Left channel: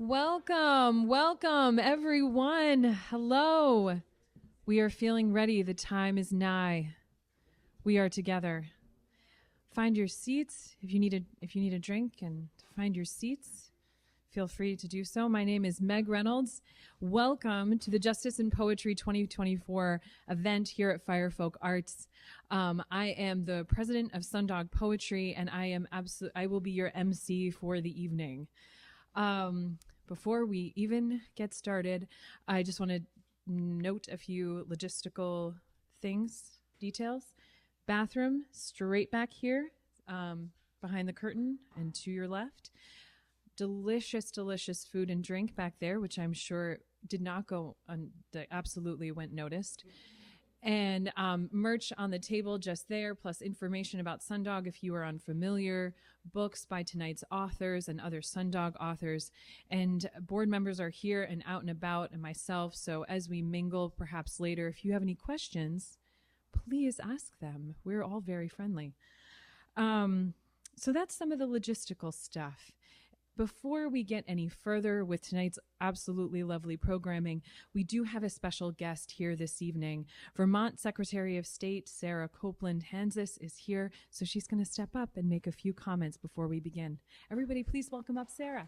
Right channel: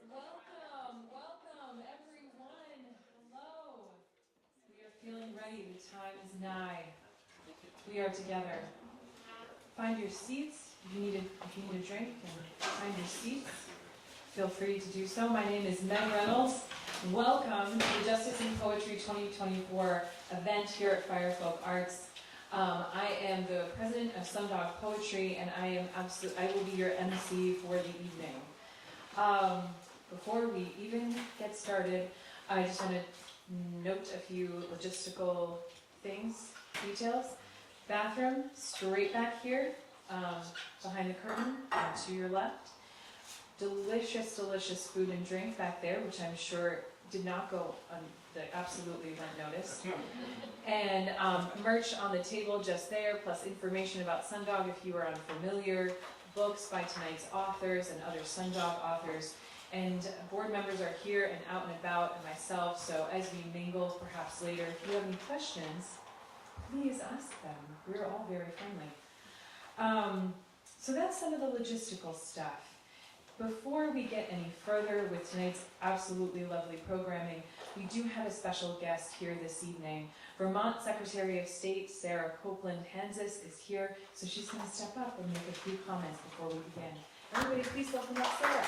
Welcome, welcome everyone. Hello. We are feeling ready. The time is nigh. We are together. Find your seats. If you need a drink and find your seats, feel free to do so. My name is Meg Reynolds. Welcome to the Justice in Poetry 2024 event here at Firefolks Arts. I am the president of Sundog Poetry, and I will be your MC for the evening. Before we even get started, I just want to note a few logistical details. Bathroom, straight back here, behind the curtain and to your left. Delicious, delicious food and drink back there, which I'm sure did not go, that absolutely went noticed. And merch on the table just there, plus information about Sundog if you are unfamiliar, books by tonight's authors and other Sundog authors. And board members are here and out and about, and myself, so as we mingle perhaps later, if you have any questions, please ask them. We're all very friendly. So that's some of the logistical stuff. Before we get any further with tonight's absolutely lovely programming, we do have a special guest here this evening. Vermont Secretary of State Sarah Copeland Hanzas is here, so she's going to step up and make a few comments before we begin. Everybody, please welcome up Sarah.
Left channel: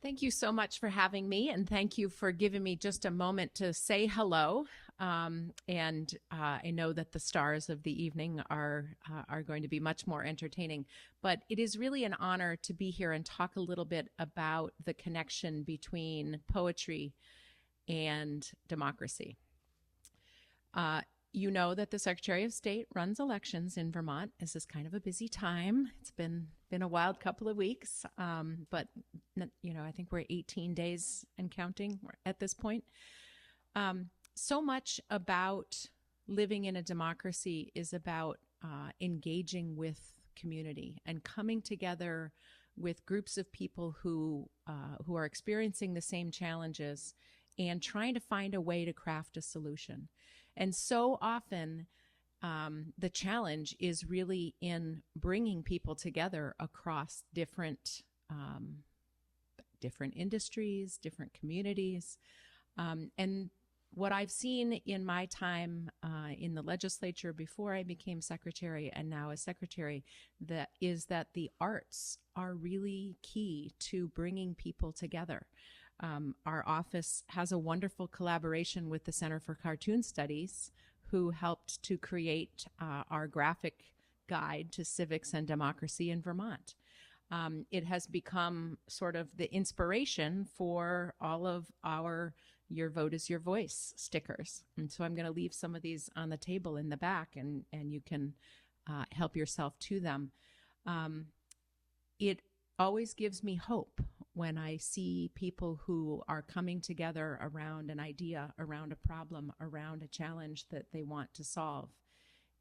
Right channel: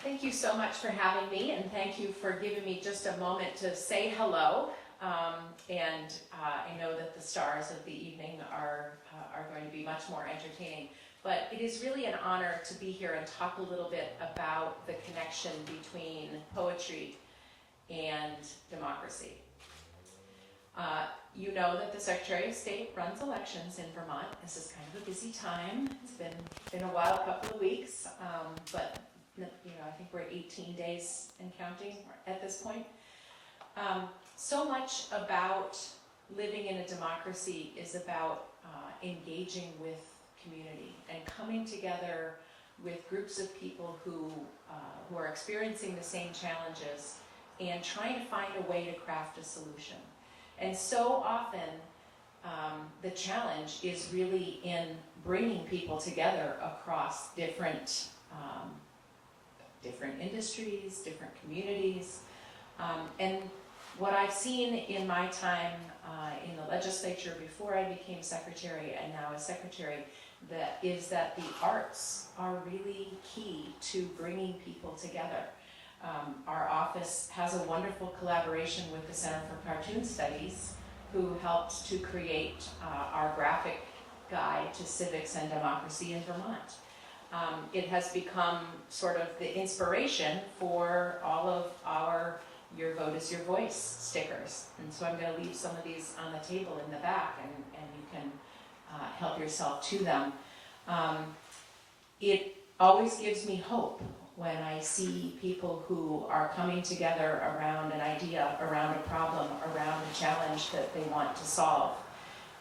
Thank you so much for having me, and thank you for giving me just a moment to say hello. I know that the stars of the evening are going to be much more entertaining, but it is really an honor to be here and talk a little bit about the connection between poetry and democracy. You know that the Secretary of State runs elections in Vermont. This is kind of a busy time. It's been a wild couple of weeks, but I think we're at 18 days and counting at this point. So much about living in a democracy is about engaging with community and coming together with groups of people who are experiencing the same challenges and trying to find a way to craft a solution. And so often the challenge is really in bringing people together across different industries, different communities, and what I've seen in my time in the legislature before I became secretary and now as secretary, that the arts are really key to bringing people together. Our office has a wonderful collaboration with the Center for Cartoon Studies, who helped to create our graphic guide to civics and democracy in Vermont. It has become sort of the inspiration for all of our Your Vote is Your Voice stickers. And so I'm going to leave some of these on the table in the back, and you can help yourself to them. It always gives me hope when I see people who are coming together around an idea, around a problem, around a challenge that they want to solve,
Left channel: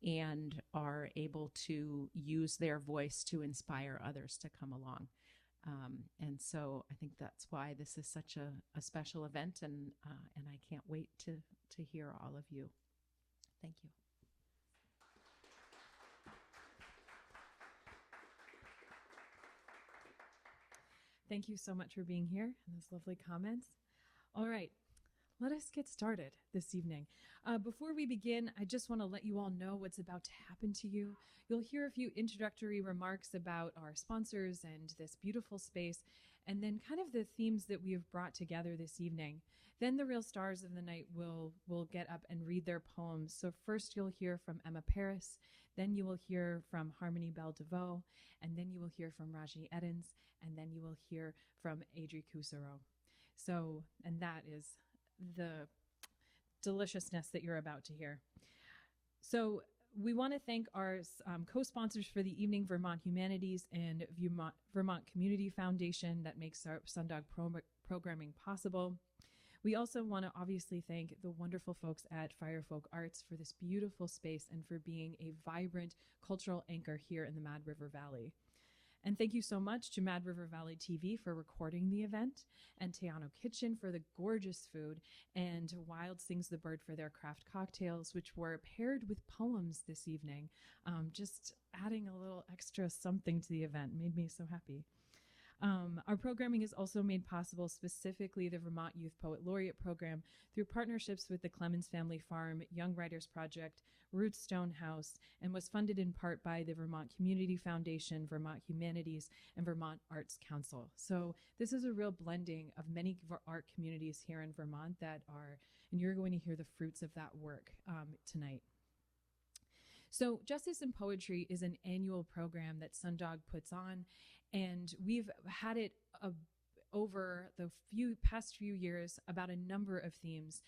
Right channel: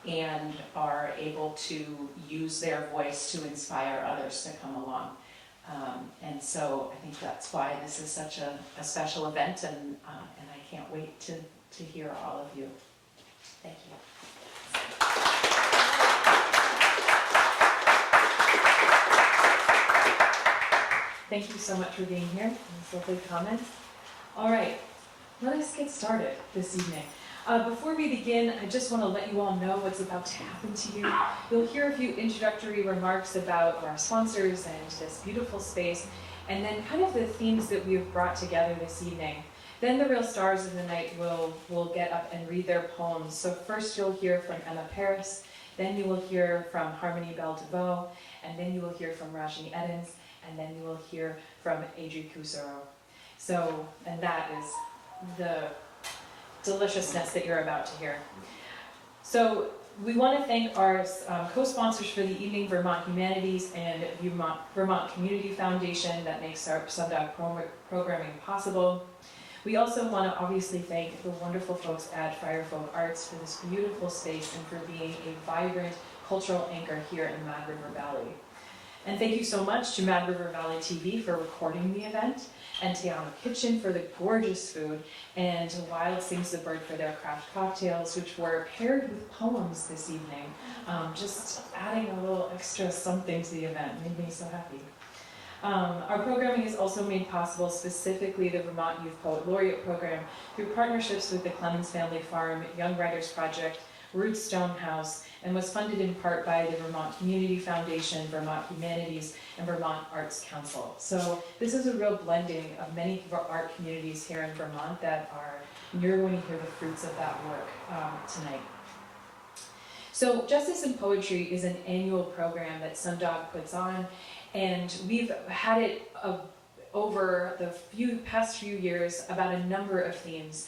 and are able to use their voice to inspire others to come along. And so I think that's why this is such a special event, and I can't wait to hear all of you. Thank you. Thank you so much for being here. Those lovely comments. All right, let us get started this evening. Before we begin, I just want to let you all know what's about to happen to you. You'll hear a few introductory remarks about our sponsors and this beautiful space, and then kind of the themes that we've brought together this evening. Then the real stars of the night will get up and read their poems. So first you'll hear from Emma Paris, then you will hear from Harmony Belle Devoe, and then you will hear from Rajnii Eddins, and then you will hear from Adrie Kusserow. So, and that is the deliciousness that you're about to hear. So we want to thank our co-sponsors for the evening, Vermont Humanities and Vermont Community Foundation, that makes our Sundog programming possible. We also want to obviously thank the wonderful folks at Firefolks Arts for this beautiful space and for being a vibrant cultural anchor here in Mad River Valley. And thank you so much to Mad River Valley TV for recording the event. and Tiana Kitchen for the gorgeous food, and Wild Sings the Bird for their craft cocktails, which were paired with poems this evening. Just adding a little extra something to the event made me so happy. Our programming is also made possible specifically the Vermont Youth Poet Laureate program through partnerships with the Clemens Family Farm, Young Writers Project, Root Stonehouse, and was funded in part by the Vermont Community Foundation, Vermont Humanities, and Vermont Arts Council. So this is a real blending of many art communities here in Vermont that are, and you're going to hear the fruits of that work tonight. So Justice in Poetry is an annual program that Sundog puts on, and we've had it over the past few years about a number of themes.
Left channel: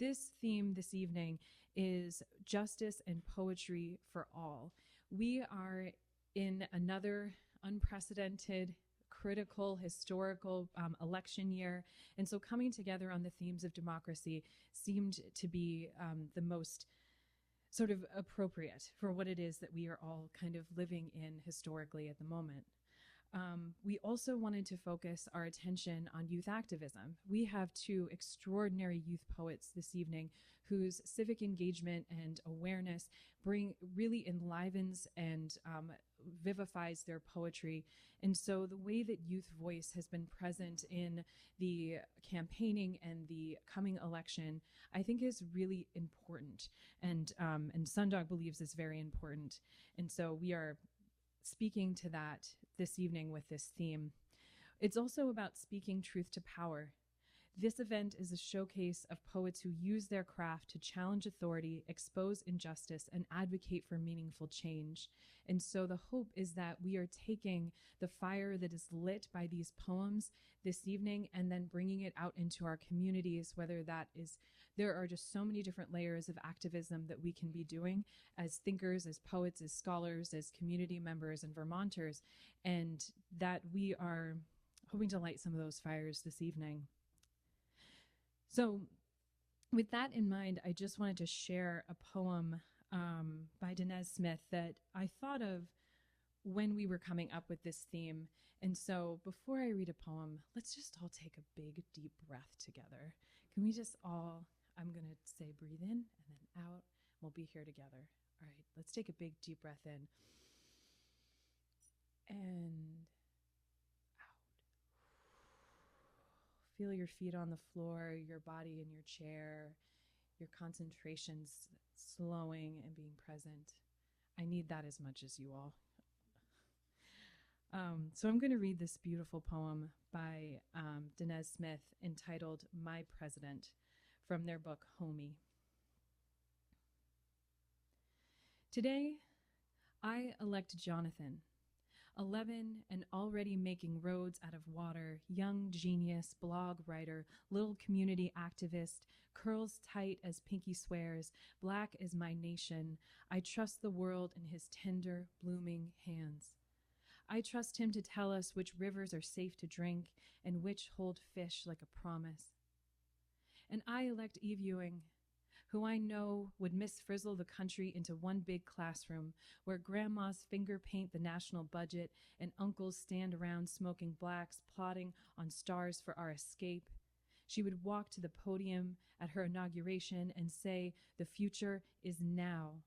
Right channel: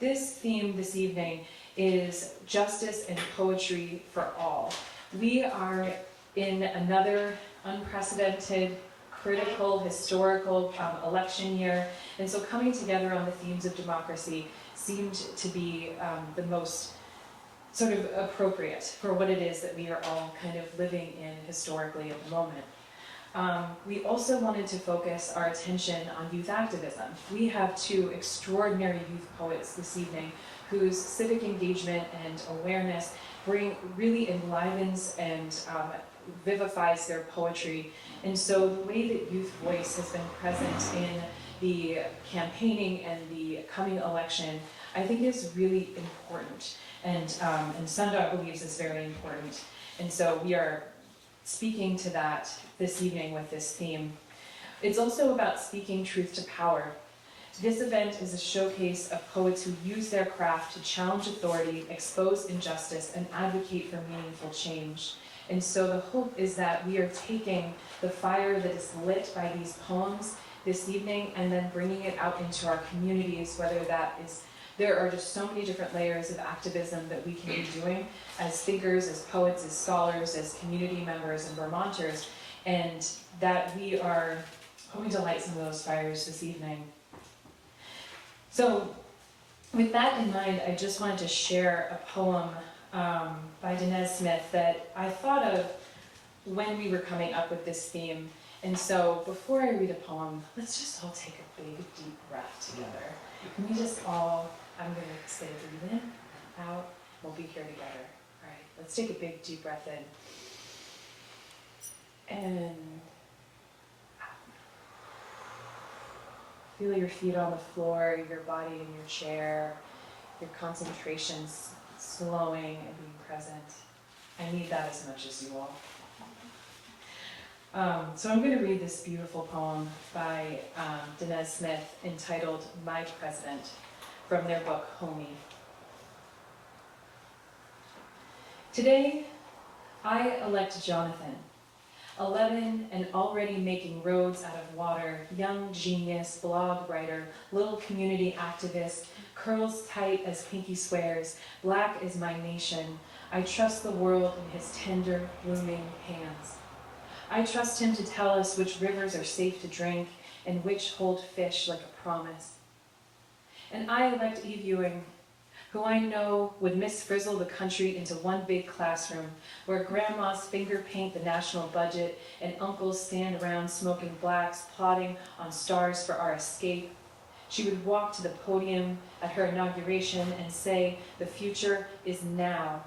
This theme this evening is Justice and Poetry for All. We are in another unprecedented, critical, historical election year, and so coming together on the themes of democracy seemed to be the most sort of appropriate for what it is that we are all kind of living in historically at the moment. We also wanted to focus our attention on youth activism. We have two extraordinary youth poets this evening whose civic engagement and awareness really enlivens and vivifies their poetry. And so the way that youth voice has been present in the campaigning and the coming election, I think is really important. And Sundog believes it's very important. And so we are speaking to that this evening with this theme. It's also about speaking truth to power. This event is a showcase of poets who use their craft to challenge authority, expose injustice, and advocate for meaningful change. And so the hope is that we are taking the fire that is lit by these poems this evening and then bringing it out into our communities, whether that is, there are just so many different layers of activism that we can be doing as thinkers, as poets, as scholars, as community members and Vermonters, and that we are hoping to light some of those fires this evening. So with that in mind, I just wanted to share a poem by Devoe Smith that I thought of when we were coming up with this theme. And so before I read a poem, let's just all take a big, deep breath together. Can we just all, I'm going to say breathe in and out, we'll be here together. All right, let's take a big, deep breath in. And feel your feet on the floor, your body in your chair, your concentration slowing and being present. I need that as much as you all. So I'm going to read this beautiful poem by Devoe Smith entitled My President from their book Homie. Today, I elect Jonathan, 11 and already making roads out of water, young genius, blog writer, little community activist, curls tight as pinky swears, black is my nation. I trust the world in his tender, blooming hands. I trust him to tell us which rivers are safe to drink and which hold fish like a promise. And I elect Eve Ewing, who I know would misfrizzle the country into one big classroom where grandmas finger paint the national budget and uncles stand around smoking blacks, plotting on stars for our escape. She would walk to the podium at her inauguration and say, "The future is now."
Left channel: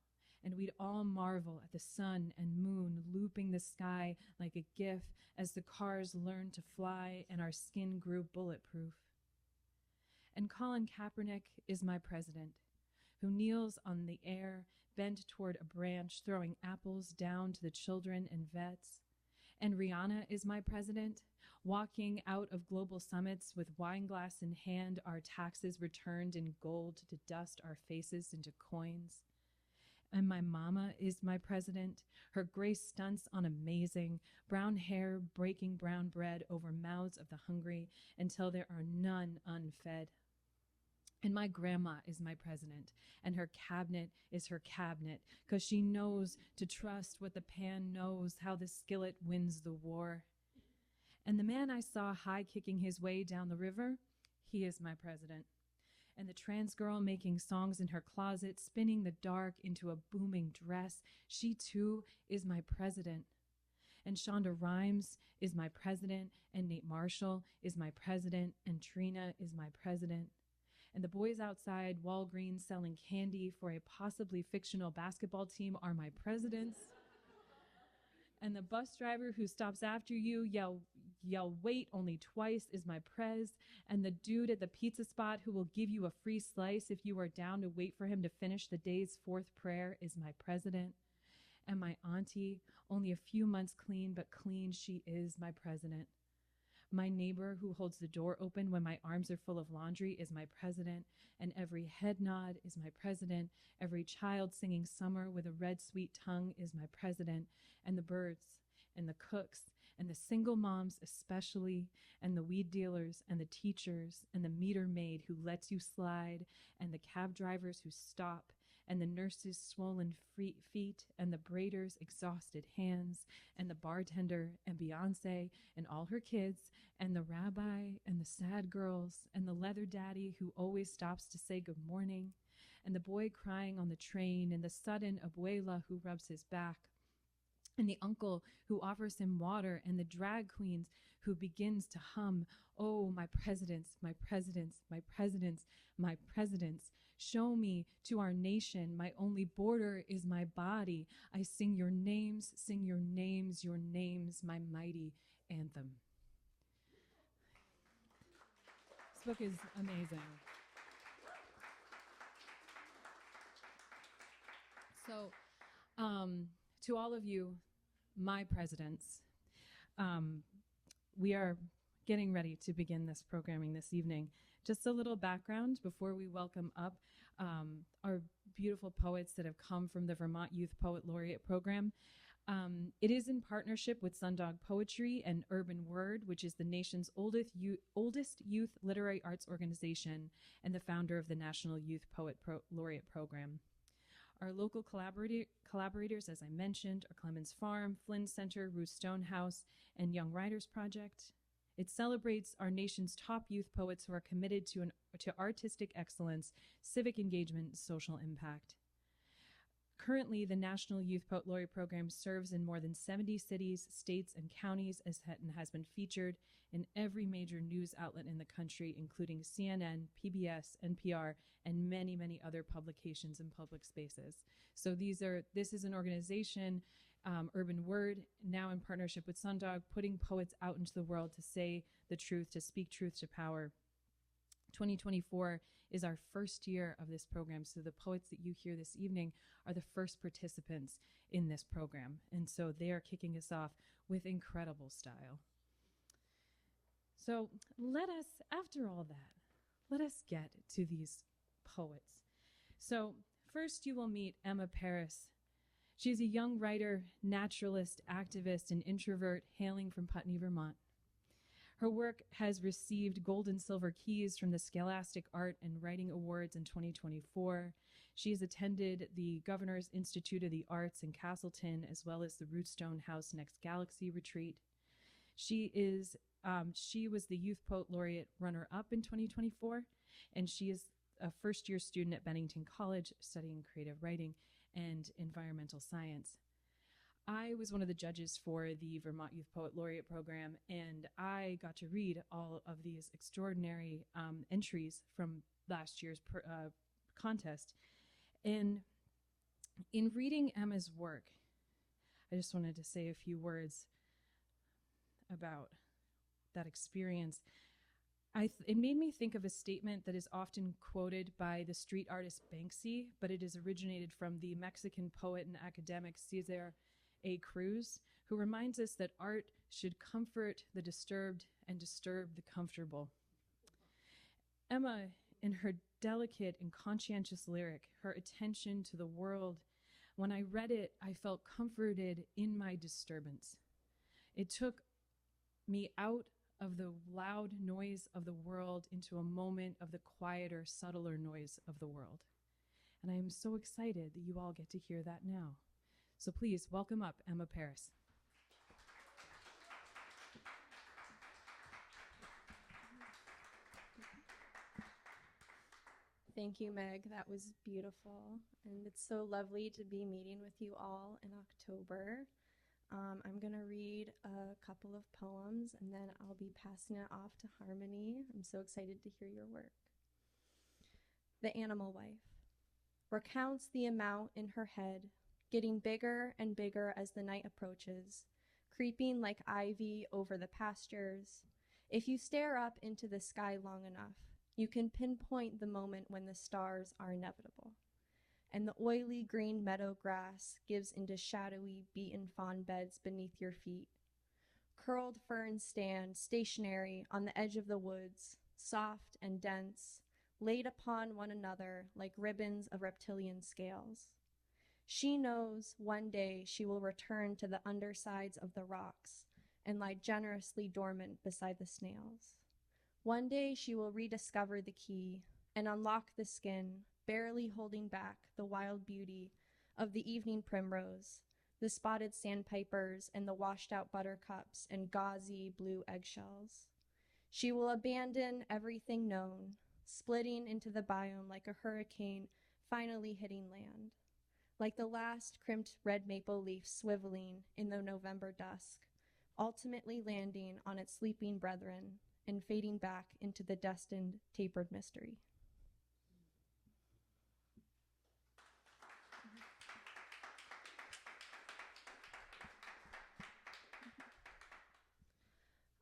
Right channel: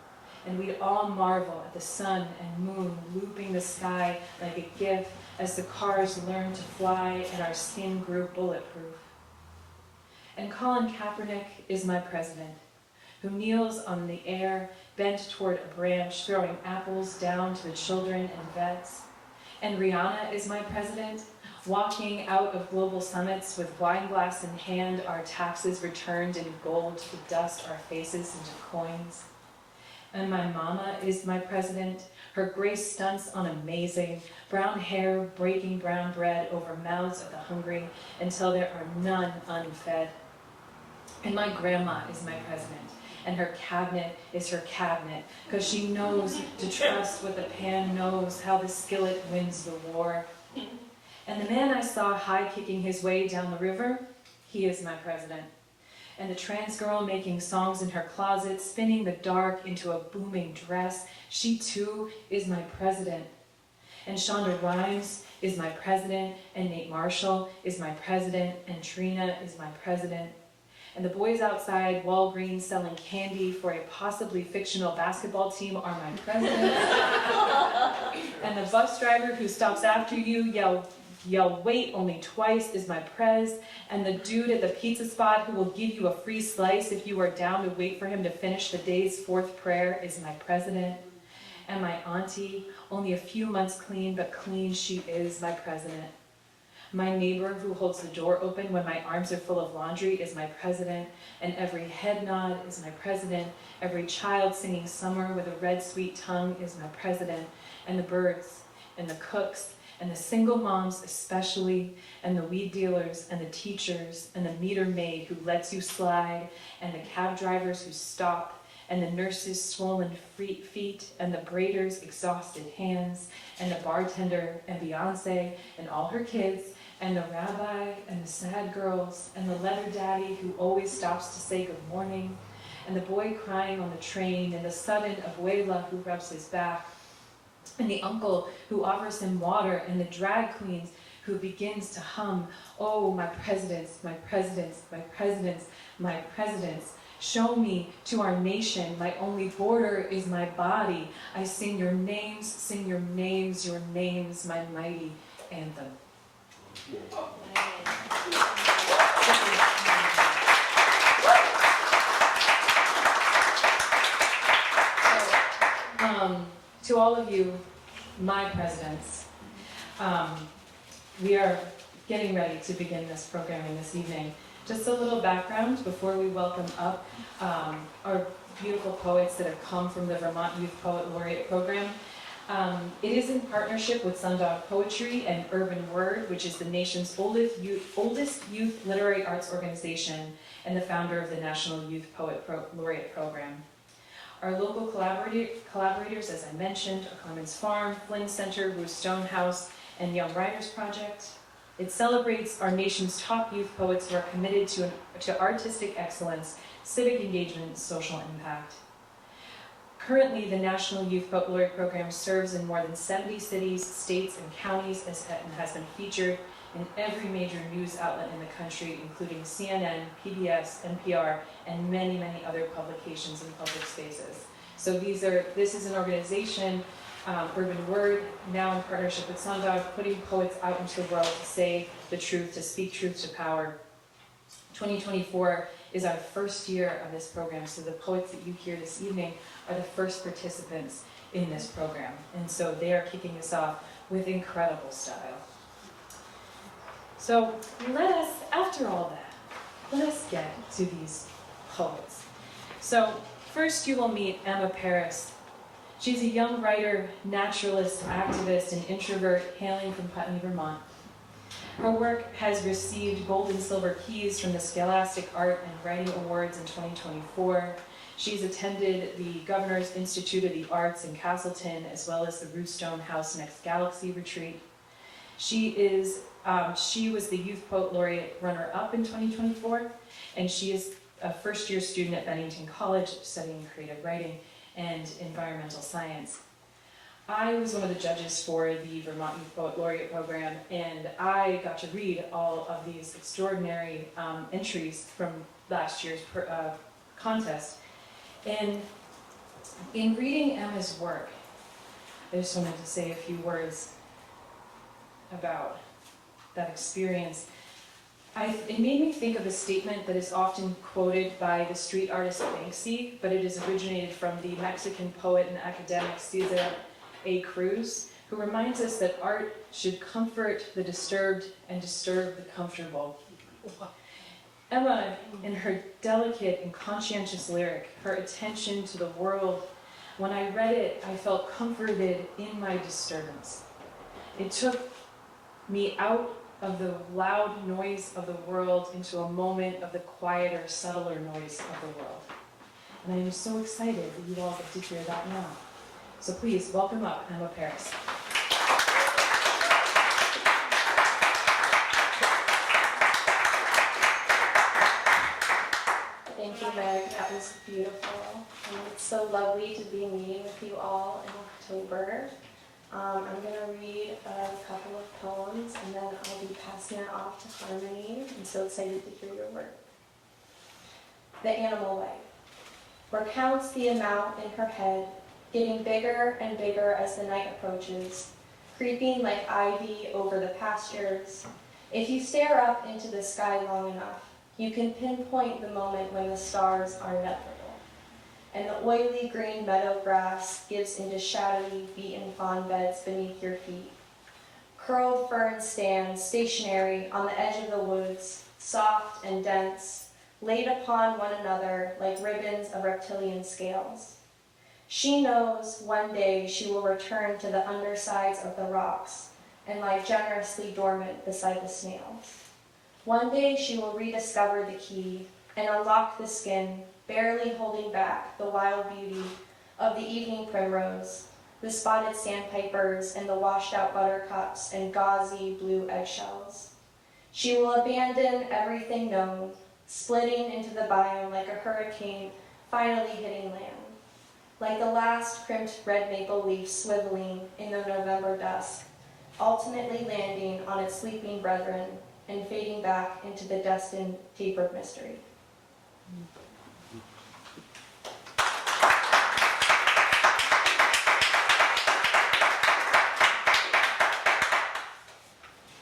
And we'd all marvel at the sun and moon looping the sky like a gift as the cars learned to fly and our skin grew bulletproof. And Colin Kaepernick is my president, who kneels on the air, bent toward a branch, throwing apples down to the children and vets. And Rihanna is my president, walking out of global summits with wine glass in hand, our taxes returned in gold to dust our faces into coins. And my mama is my president, her grace stunts on amazing, brown hair breaking brown bread over mouths of the hungry until there are none unfed. And my grandma is my president, and her cabinet is her cabinet, because she knows to trust what the pan knows, how the skillet wins the war. And the man I saw high-kicking his way down the river, he is my president. And the trans girl making songs in her closet, spinning the dark into a booming dress, she too is my president. And Shonda Rhimes is my president, and Nate Marshall is my president, and Trina is my president. And the boys outside Walgreens selling candy for a possibly fictional basketball team are my president. And the bus driver who stops after you yell wait only twice is my prez. And the dude at the pizza spot who will give you a free slice if you are down to wait for him to finish the day's fourth prayer is my president. And my auntie, only a few months clean, but clean she is my president. My neighbor who holds the door open when my arms are full of laundry is my president, and every head nod is my president. Every child singing summer with a red sweet tongue is my president, and the birds, and the cooks, and the single moms especially, and the weed dealers, and the teachers, and the meter maid who lets you slide, and the cab drivers who stop, and the nurses' swollen feet, and the braiders' exhausted hands, and the bartender, and Beyonce, and all her kids, and the rabbi, and the sad girls, and the leather daddy who always stops to say good morning, and the boy crying on the train, and the sudden abuela who rubs his back, and the uncle who offers him water, and the drag queens who begins to hum, oh, my presidents, my presidents, my presidents, my presidents. Show me to our nation, my only border is my body. I sing your names, your names, my mighty anthem. To all of you, my presidents, we are getting ready to begin this programming this evening. Just a little background before we welcome up our beautiful poets that have come from the Vermont Youth Poet Laureate program. It is in partnership with Sundog Poetry and Urban Word, which is the nation's oldest youth literary arts organization and the founder of the National Youth Poet Laureate program. Our local collaborators, as I mentioned, are Clemens Farm, Flynn Center, Ruth Stonehouse, and Young Writers Project. It celebrates our nation's top youth poets who are committed to artistic excellence, civic engagement, and social impact. Currently, the National Youth Poet Laureate program serves in more than 70 cities, states, and counties and has been featured in every major news outlet in the country, including CNN, PBS, NPR, and many, many other publications and public spaces. So this is an organization, Urban Word, now in partnership with Sundog, putting poets out into the world to say the truth, to speak truth to power. 2024 is our first year of this program, so the poets that you hear this evening are the first participants in this program. And so they are kicking us off with incredible style. So after all that, let us get to these poets. So first you will meet Emma Paris. She's a young writer, naturalist, activist, and introvert hailing from Putney, Vermont. Her work has received gold and silver keys from the Scholastic Art and Writing Awards in 2024. She's attended the Governor's Institute of the Arts in Castleton, as well as the Ruth Stonehouse Next Galaxy Retreat. She was the Youth Poet Laureate runner-up in 2024, and she is a first-year student at Bennington College studying creative writing and environmental science. I was one of the judges for the Vermont Youth Poet Laureate program, and I got to read all of these extraordinary entries from last year's contest. And in reading Emma's work, I just wanted to say a few words about that experience. It made me think of a statement that is often quoted by the street artist Banksy, but it is originated from the Mexican poet and academic Cesar A. Cruz, who reminds us that art should comfort the disturbed and disturb the comfortable. Emma, in her delicate and conscientious lyric, her attention to the world, when I read it, I felt comforted in my disturbance. It took me out of the loud noise of the world into a moment of the quieter, subtler noise of the world. And I am so excited that you all get to hear that now. So please, welcome up Emma Paris. Thank you, Meg. That was beautiful. And it's so lovely to be meeting with you all in October. I'm going to read a couple of poems and then I'll be passing it off to Harmony. I'm so excited to hear your work. The Animal Way. Recounts the amount in her head, getting bigger and bigger as the night approaches, creeping like ivy over the pastures. If you stare up into the sky long enough, you can pinpoint the moment when the stars are negligible, and the oily green meadow grass gives into shadowy, beaten fawn beds beneath your feet. Curled fern stands stationary on the edge of the woods, soft and dense, laid upon one another like ribbons of reptilian scales. She knows one day she will return to the undersides of the rocks and lie generously dormant beside the snails. One day she will rediscover the key and unlock the skin, barely holding back the wild beauty of the evening primrose, the spotted sandpipers, and the washed-out buttercups and gauzy blue eggshells. She will abandon everything known, splitting into the biome like a hurricane finally hitting land, like the last crimped red maple leaf swiveling in the November dusk, ultimately landing on its sleeping brethren and fading back into the destined tapered mystery.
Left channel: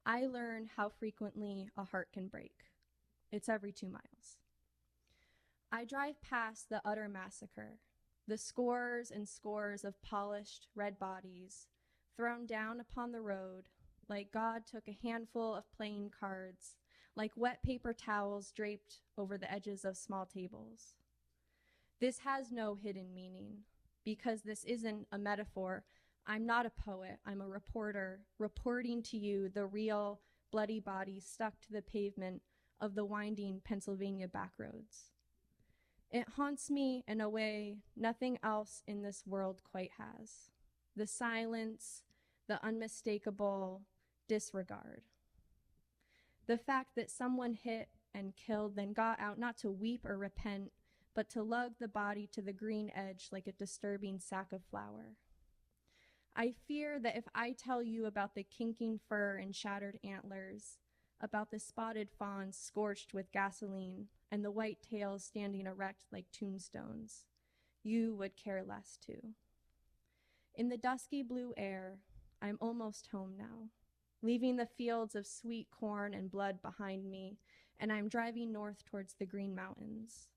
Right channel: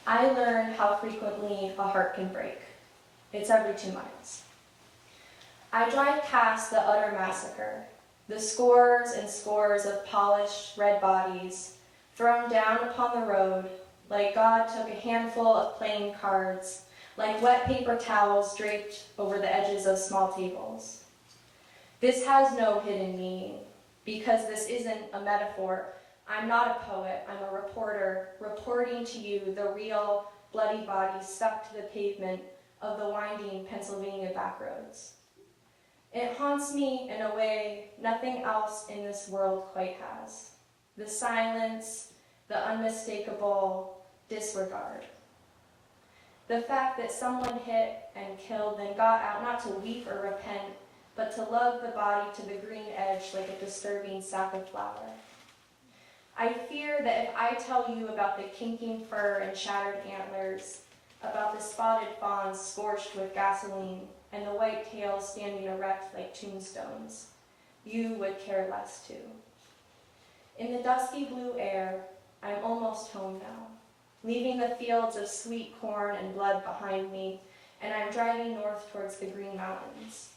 I learned how frequently a heart can break. It's every 2 miles. I drive past the utter massacre, the scores and scores of polished red bodies thrown down upon the road like God took a handful of playing cards, like wet paper towels draped over the edges of small tables. This has no hidden meaning, because this isn't a metaphor. I'm not a poet, I'm a reporter, reporting to you the real bloody bodies stuck to the pavement of the winding Pennsylvania backroads. It haunts me in a way nothing else in this world quite has. The silence, the unmistakable disregard. The fact that someone hit and killed, then got out not to weep or repent, but to lug the body to the green edge like a disturbing sack of flour. I fear that if I tell you about the kinking fur and shattered antlers, about the spotted fawns scorched with gasoline, and the white tails standing erect like tombstones, you would care less too. In the dusky blue air, I'm almost home now, leaving the fields of sweet corn and blood behind me, and I'm driving north towards the Green Mountains.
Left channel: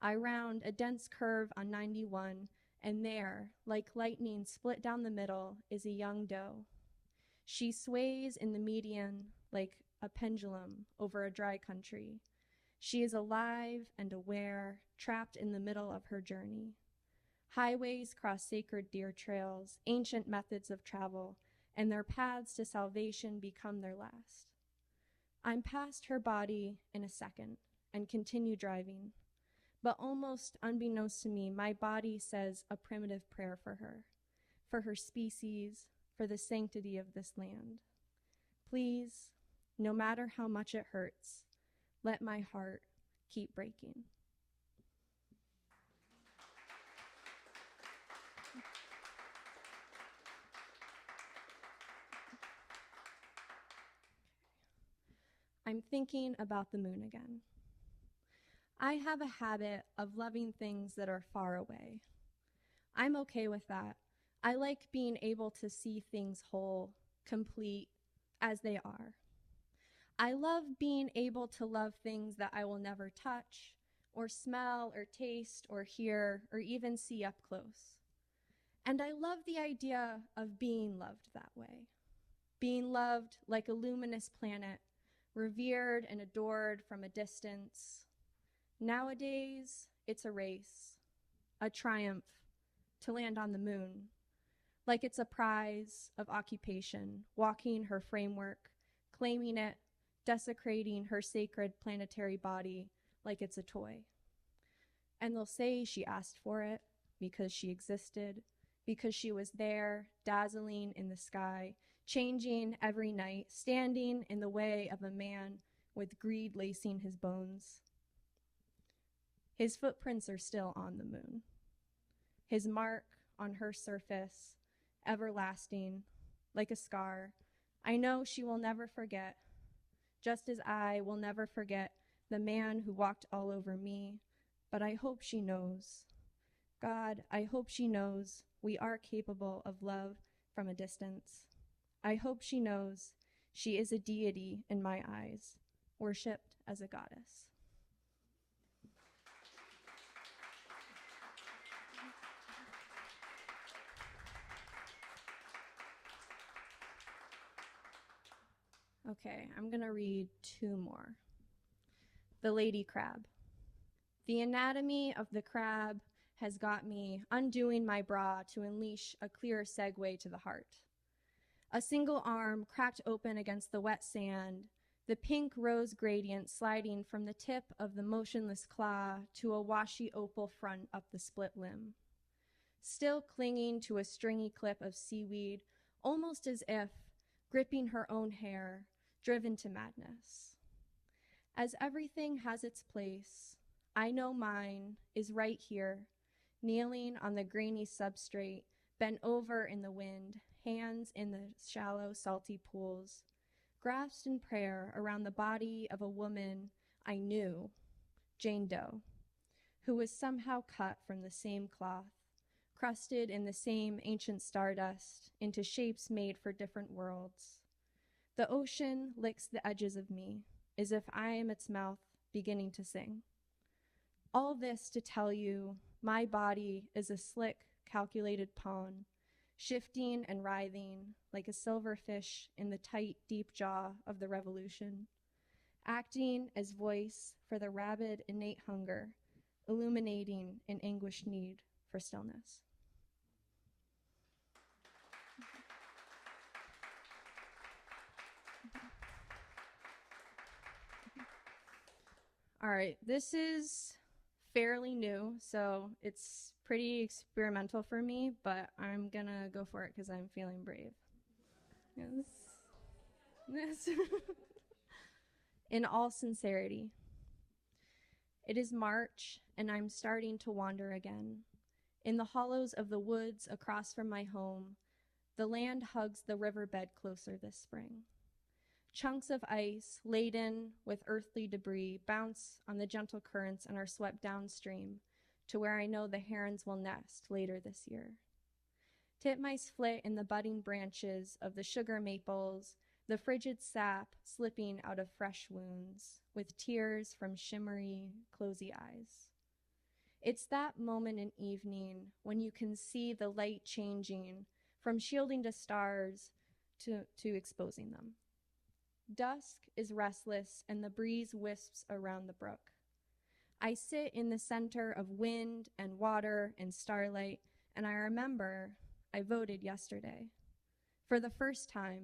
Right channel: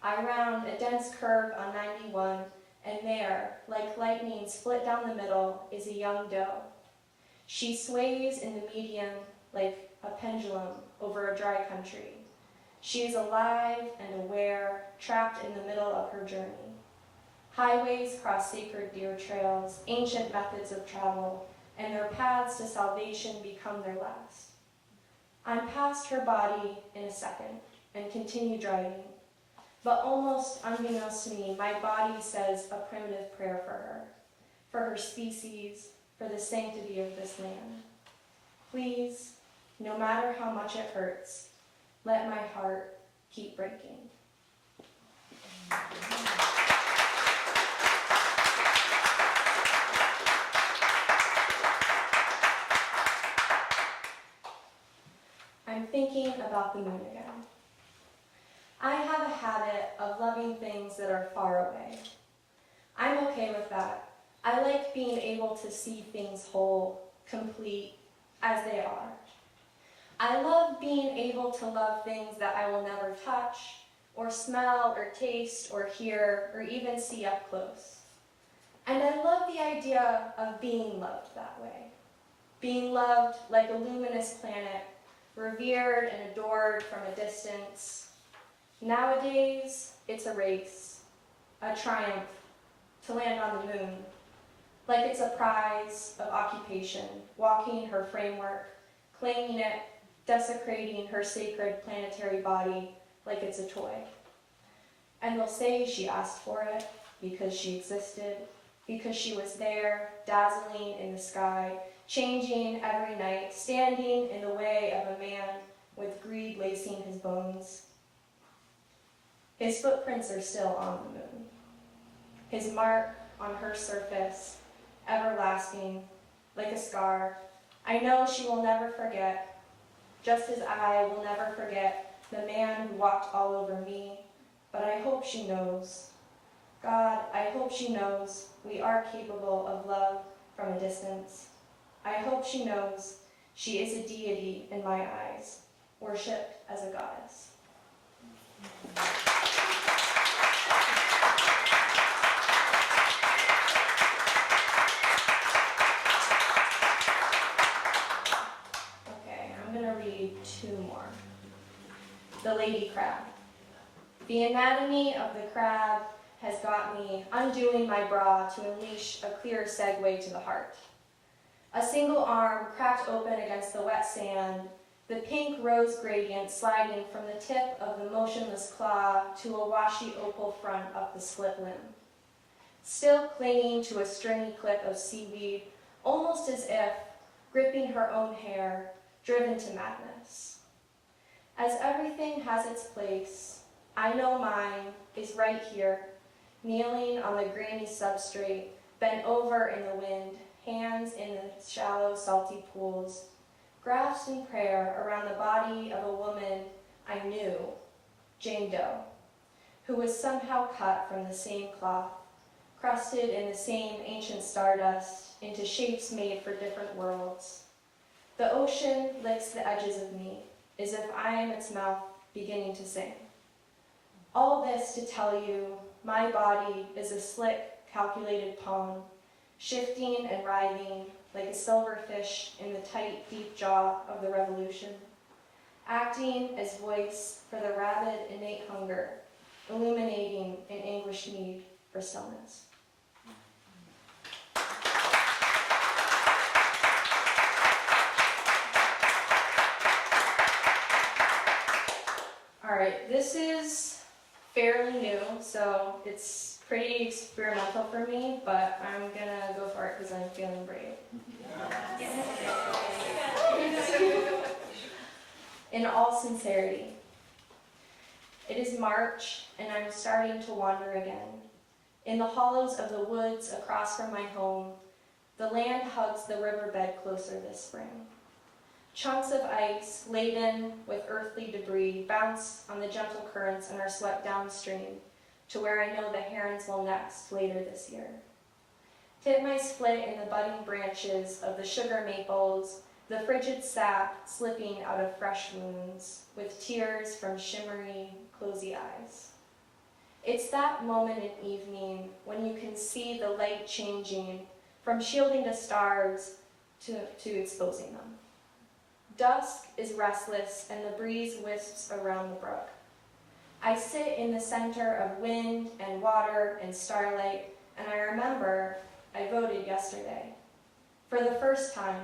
I round a dense curve on 91, and there, like lightning split down the middle, is a young doe. She sways in the median like a pendulum over a dry country. She is alive and aware, trapped in the middle of her journey. Highways cross sacred deer trails, ancient methods of travel, and their paths to salvation become their last. I'm past her body in a second and continue driving, but almost unbeknownst to me, my body says a primitive prayer for her species, for the sanctity of this land. Please, no matter how much it hurts, let my heart keep breaking. I'm thinking about the moon again. I have a habit of loving things that are far away. I'm okay with that. I like being able to see things whole, complete, as they are. I love being able to love things that I will never touch, or smell, or taste, or hear, or even see up close. And I love the idea of being loved that way. Being loved like a luminous planet, revered and adored from a distance. Nowadays, it's a race, a triumph, to land on the moon, like it's a prize of occupation, walking her framework, claiming it, desecrating her sacred planetary body like it's a toy. And they'll say she asked for it because she existed, because she was there, dazzling in the sky, changing every night, standing in the way of a man with greed lacing his bones. His footprints are still on the moon. His mark on her surface, everlasting, like a scar. I know she will never forget, just as I will never forget the man who walked all over me, but I hope she knows. God, I hope she knows we are capable of love from a distance. I hope she knows she is a deity in my eyes, worshipped as a goddess. Okay, I'm gonna read two more. The lady crab. The anatomy of the crab has got me undoing my bra to unleash a clear segue to the heart. A single arm cracked open against the wet sand, the pink rose gradient sliding from the tip of the motionless claw to a washy opal front up the split limb. Still clinging to a stringy clip of seaweed, almost as if gripping her own hair, driven to madness. As everything has its place, I know mine is right here, kneeling on the grainy substrate, bent over in the wind, hands in the shallow, salty pools, grasped in prayer around the body of a woman I knew, Jane Doe, who was somehow cut from the same cloth, crusted in the same ancient stardust into shapes made for different worlds. The ocean licks the edges of me, as if I am its mouth beginning to sing. All this to tell you, my body is a slick, calculated poem, shifting and writhing like a silverfish in the tight, deep jaw of the revolution, acting as voice for the rabid, innate hunger, illuminating an anguished need for stillness. All right, this is fairly new, so it's pretty experimental for me, but I'm gonna go for it because I'm feeling brave. Yes. In all sincerity, it is March and I'm starting to wander again. In the hollows of the woods across from my home, the land hugs the riverbed closer this spring. Chunks of ice laden with earthly debris bounce on the gentle currents and are swept downstream to where I know the herons will nest later this year. Titmice flit in the budding branches of the sugar maples, the frigid sap slipping out of fresh wounds, with tears from shimmery, closey eyes. It's that moment in evening when you can see the light changing from shielding the stars to exposing them. Dusk is restless and the breeze wisps around the brook. I sit in the center of wind and water and starlight, and I remember I voted yesterday. For the first time,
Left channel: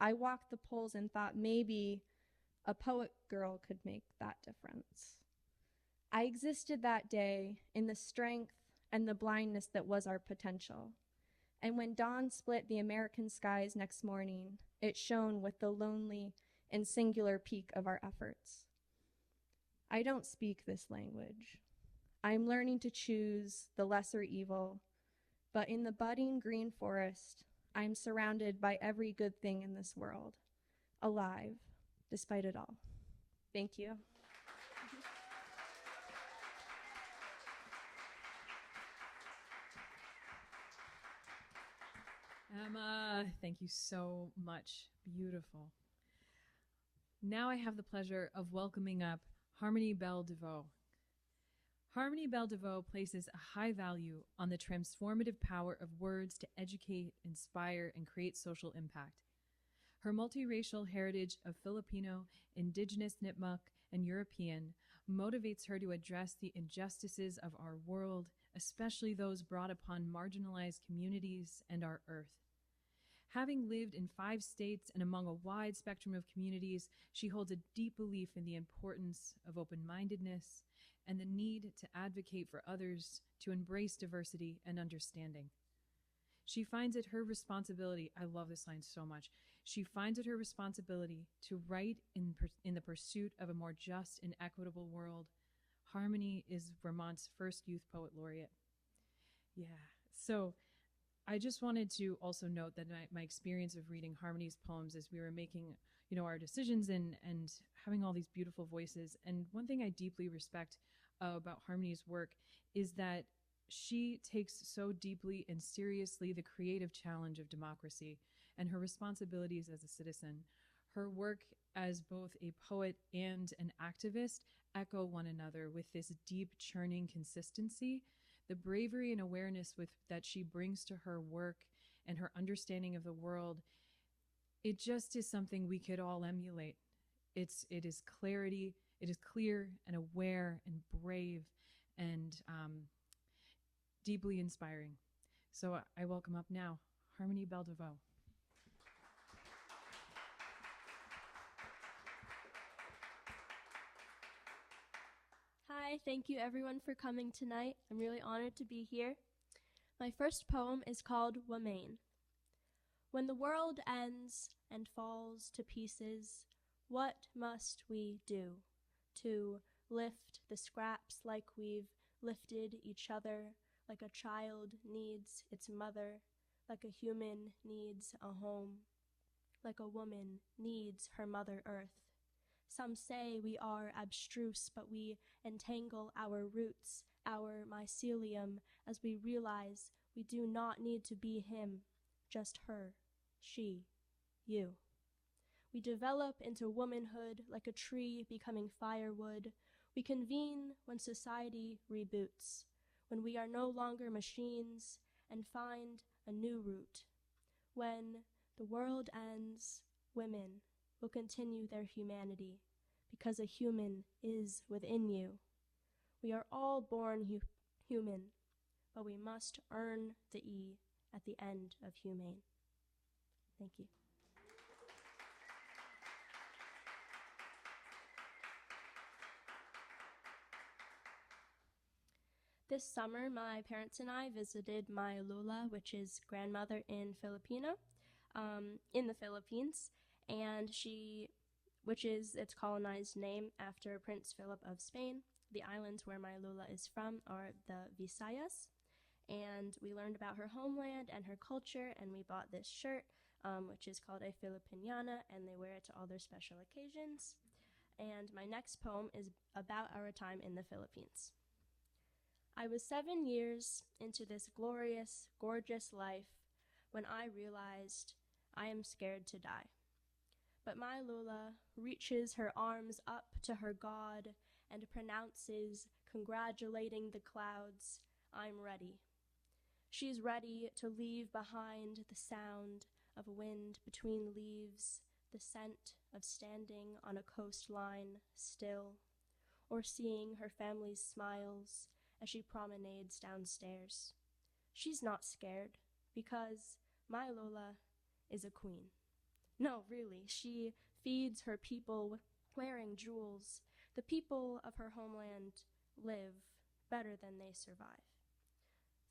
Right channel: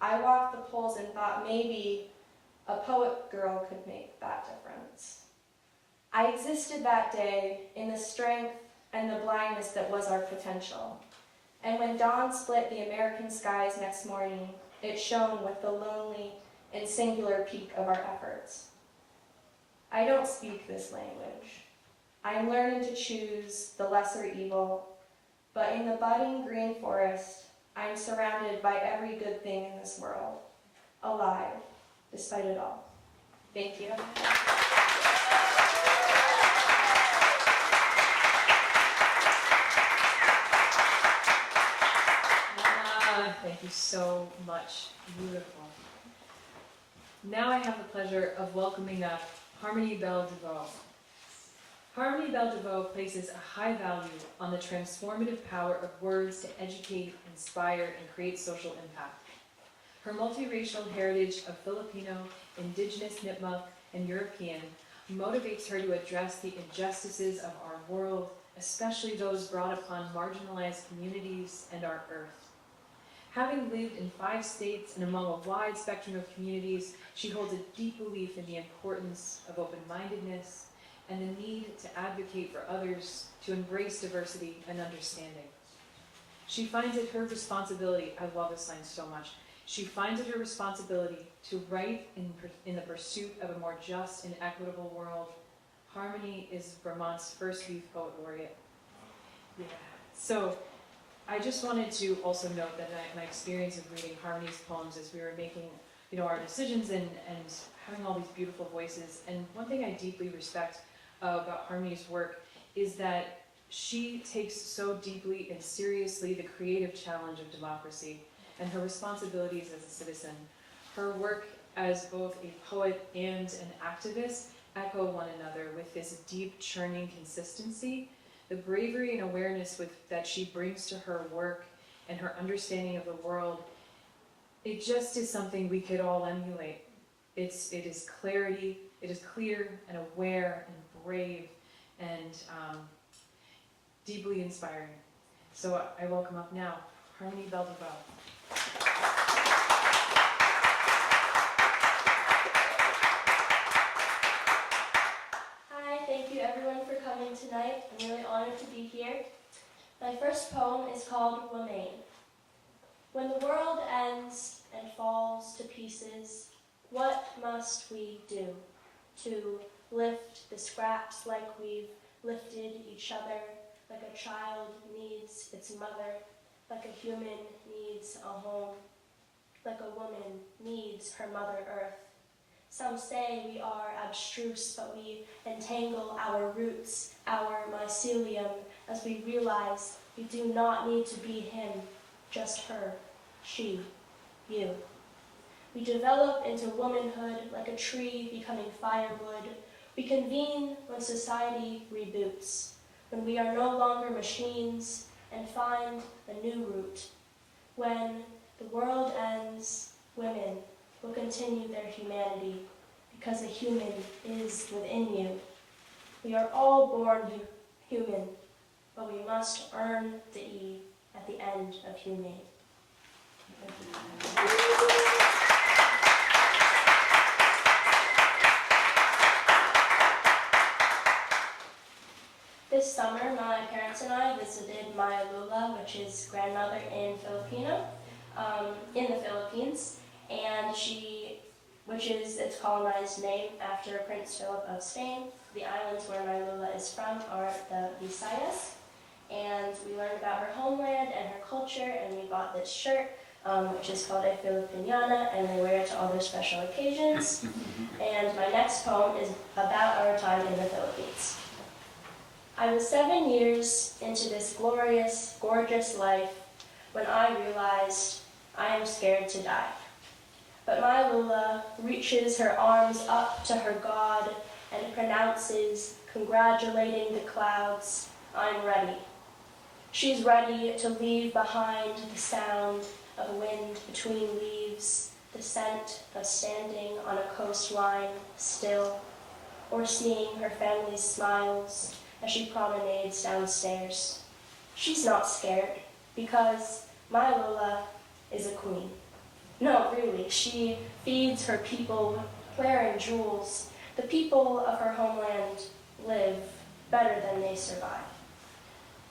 I walked the polls and thought maybe a poet girl could make that difference. I existed that day in the strength and the blindness that was our potential. And when dawn split the American skies next morning, it shone with the lonely and singular peak of our efforts. I don't speak this language. I am learning to choose the lesser evil, but in the budding green forest, I am surrounded by every good thing in this world, alive, despite it all. Thank you. Thank you so much. Beautiful. Now I have the pleasure of welcoming up Harmony Belle Devoe. Harmony Belle Devoe places a high value on the transformative power of words to educate, inspire, and create social impact. Her multiracial heritage of Filipino, Indigenous, Nipmuc, and European motivates her to address the injustices of our world, especially those brought upon marginalized communities and our earth. Having lived in 5 states and among a wide spectrum of communities, she holds a deep belief in the importance of open-mindedness and the need to advocate for others to embrace diversity and understanding. She finds it her responsibility, I love this line so much, she finds it her responsibility to write in the pursuit of a more just and equitable world. Harmony is Vermont's first youth poet laureate. Yeah. So, I just wanted to also note that my experience of reading Harmony's poems as we were making, our decisions and having all these beautiful voices. And one thing I deeply respect about Harmony's work is that she takes so deeply and seriously the creative challenge of democracy and her responsibilities as a citizen. Her work as both a poet and an activist echo one another with this deep, churning consistency. The bravery and awareness that she brings to her work and her understanding of the world, it just is something we could all emulate. It is clarity, it is clear and aware and brave and deeply inspiring. So I welcome up now Harmony Belle Devoe. Thank you everyone for coming tonight. I'm really honored to be here. My first poem is called Womaine. When the world ends and falls to pieces, what must we do to lift the scraps like we've lifted each other, like a child needs its mother, like a human needs a home, like a woman needs her Mother Earth? Some say we are abstruse, but we entangle our roots, our mycelium, as we realize we do not need to be him, just her, she, you. We develop into womanhood like a tree becoming firewood. We convene when society reboots, when we are no longer machines and find a new route. When the world ends, women will continue their humanity, because a human is within you. We are all born human, but we must earn the E at the end of humane. This summer, my parents and I visited my Lula, which is grandmother in in the Philippines, and its colonized name after Prince Philip of Spain. The islands where my Lula is from are the Visayas, and we learned about her homeland and her culture, and we bought this shirt, which is called a Filipiniana, and they wear it to all their special occasions. And my next poem is about our time in the Philippines. I was 7 years into this glorious, gorgeous life when I realized I am scared to die. But my Lula reaches her arms up to her God and pronounces, congratulating the clouds, I'm ready. She's ready to leave behind the sound of wind between leaves, the scent of standing on a coastline still, or seeing her family's smiles as she promenades downstairs. She's not scared, because my Lula is a queen. No, really, she feeds her people wearing jewels. The people of her homeland live better than they survive.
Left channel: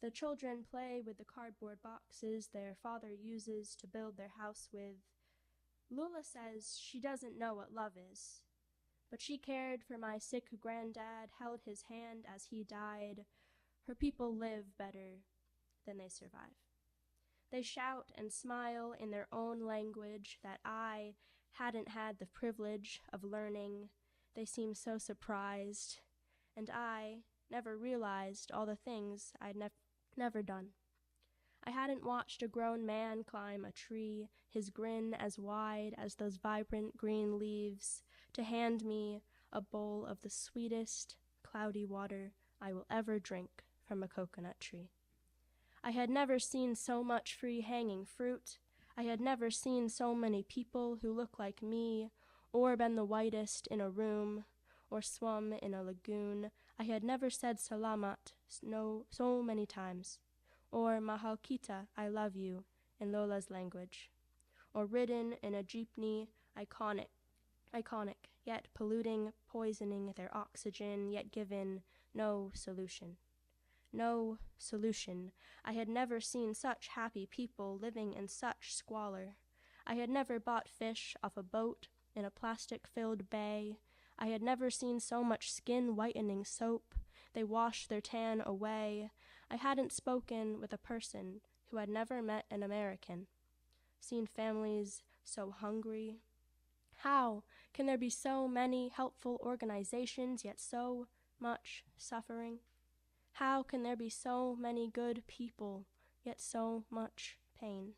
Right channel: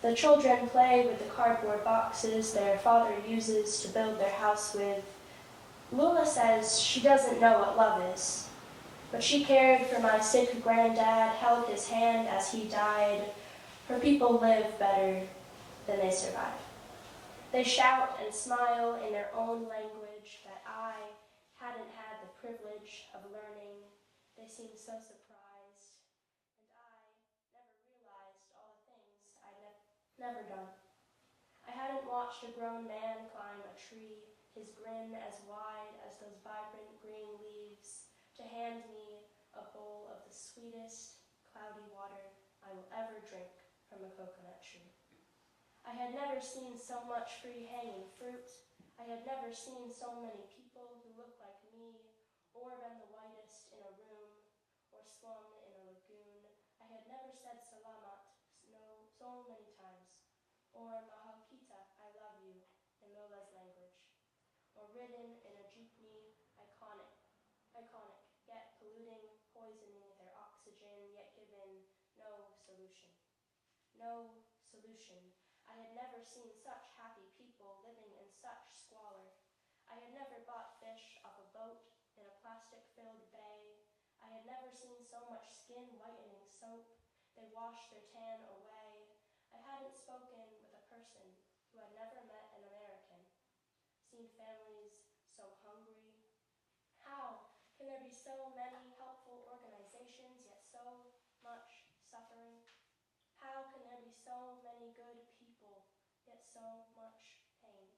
The children play with the cardboard boxes their father uses to build their house with. Lula says she doesn't know what love is, but she cared for my sick granddad, held his hand as he died. Her people live better than they survive. They shout and smile in their own language that I hadn't had the privilege of learning. They seem so surprised, and I never realized all the things I'd never done. I hadn't watched a grown man climb a tree, his grin as wide as those vibrant green leaves, to hand me a bowl of the sweetest, cloudy water I will ever drink from a coconut tree. I had never seen so much free hanging fruit. I had never seen so many people who looked like me, or been the whitest in a room, or swum in a lagoon. I had never said salamat so many times, or mahal kita, I love you, in Lola's language, or ridden in a jeepney, iconic, yet polluting, poisoning their oxygen, yet given no solution. No solution. I had never seen such happy people living in such squalor. I had never bought fish off a boat in a plastic-filled bay. I had never seen so much skin-whitening soap. They washed their tan away. I hadn't spoken with a person who had never met an American, seen families so hungry. How can there be so many helpful organizations, yet so much suffering? How can there be so many good people, yet so much pain?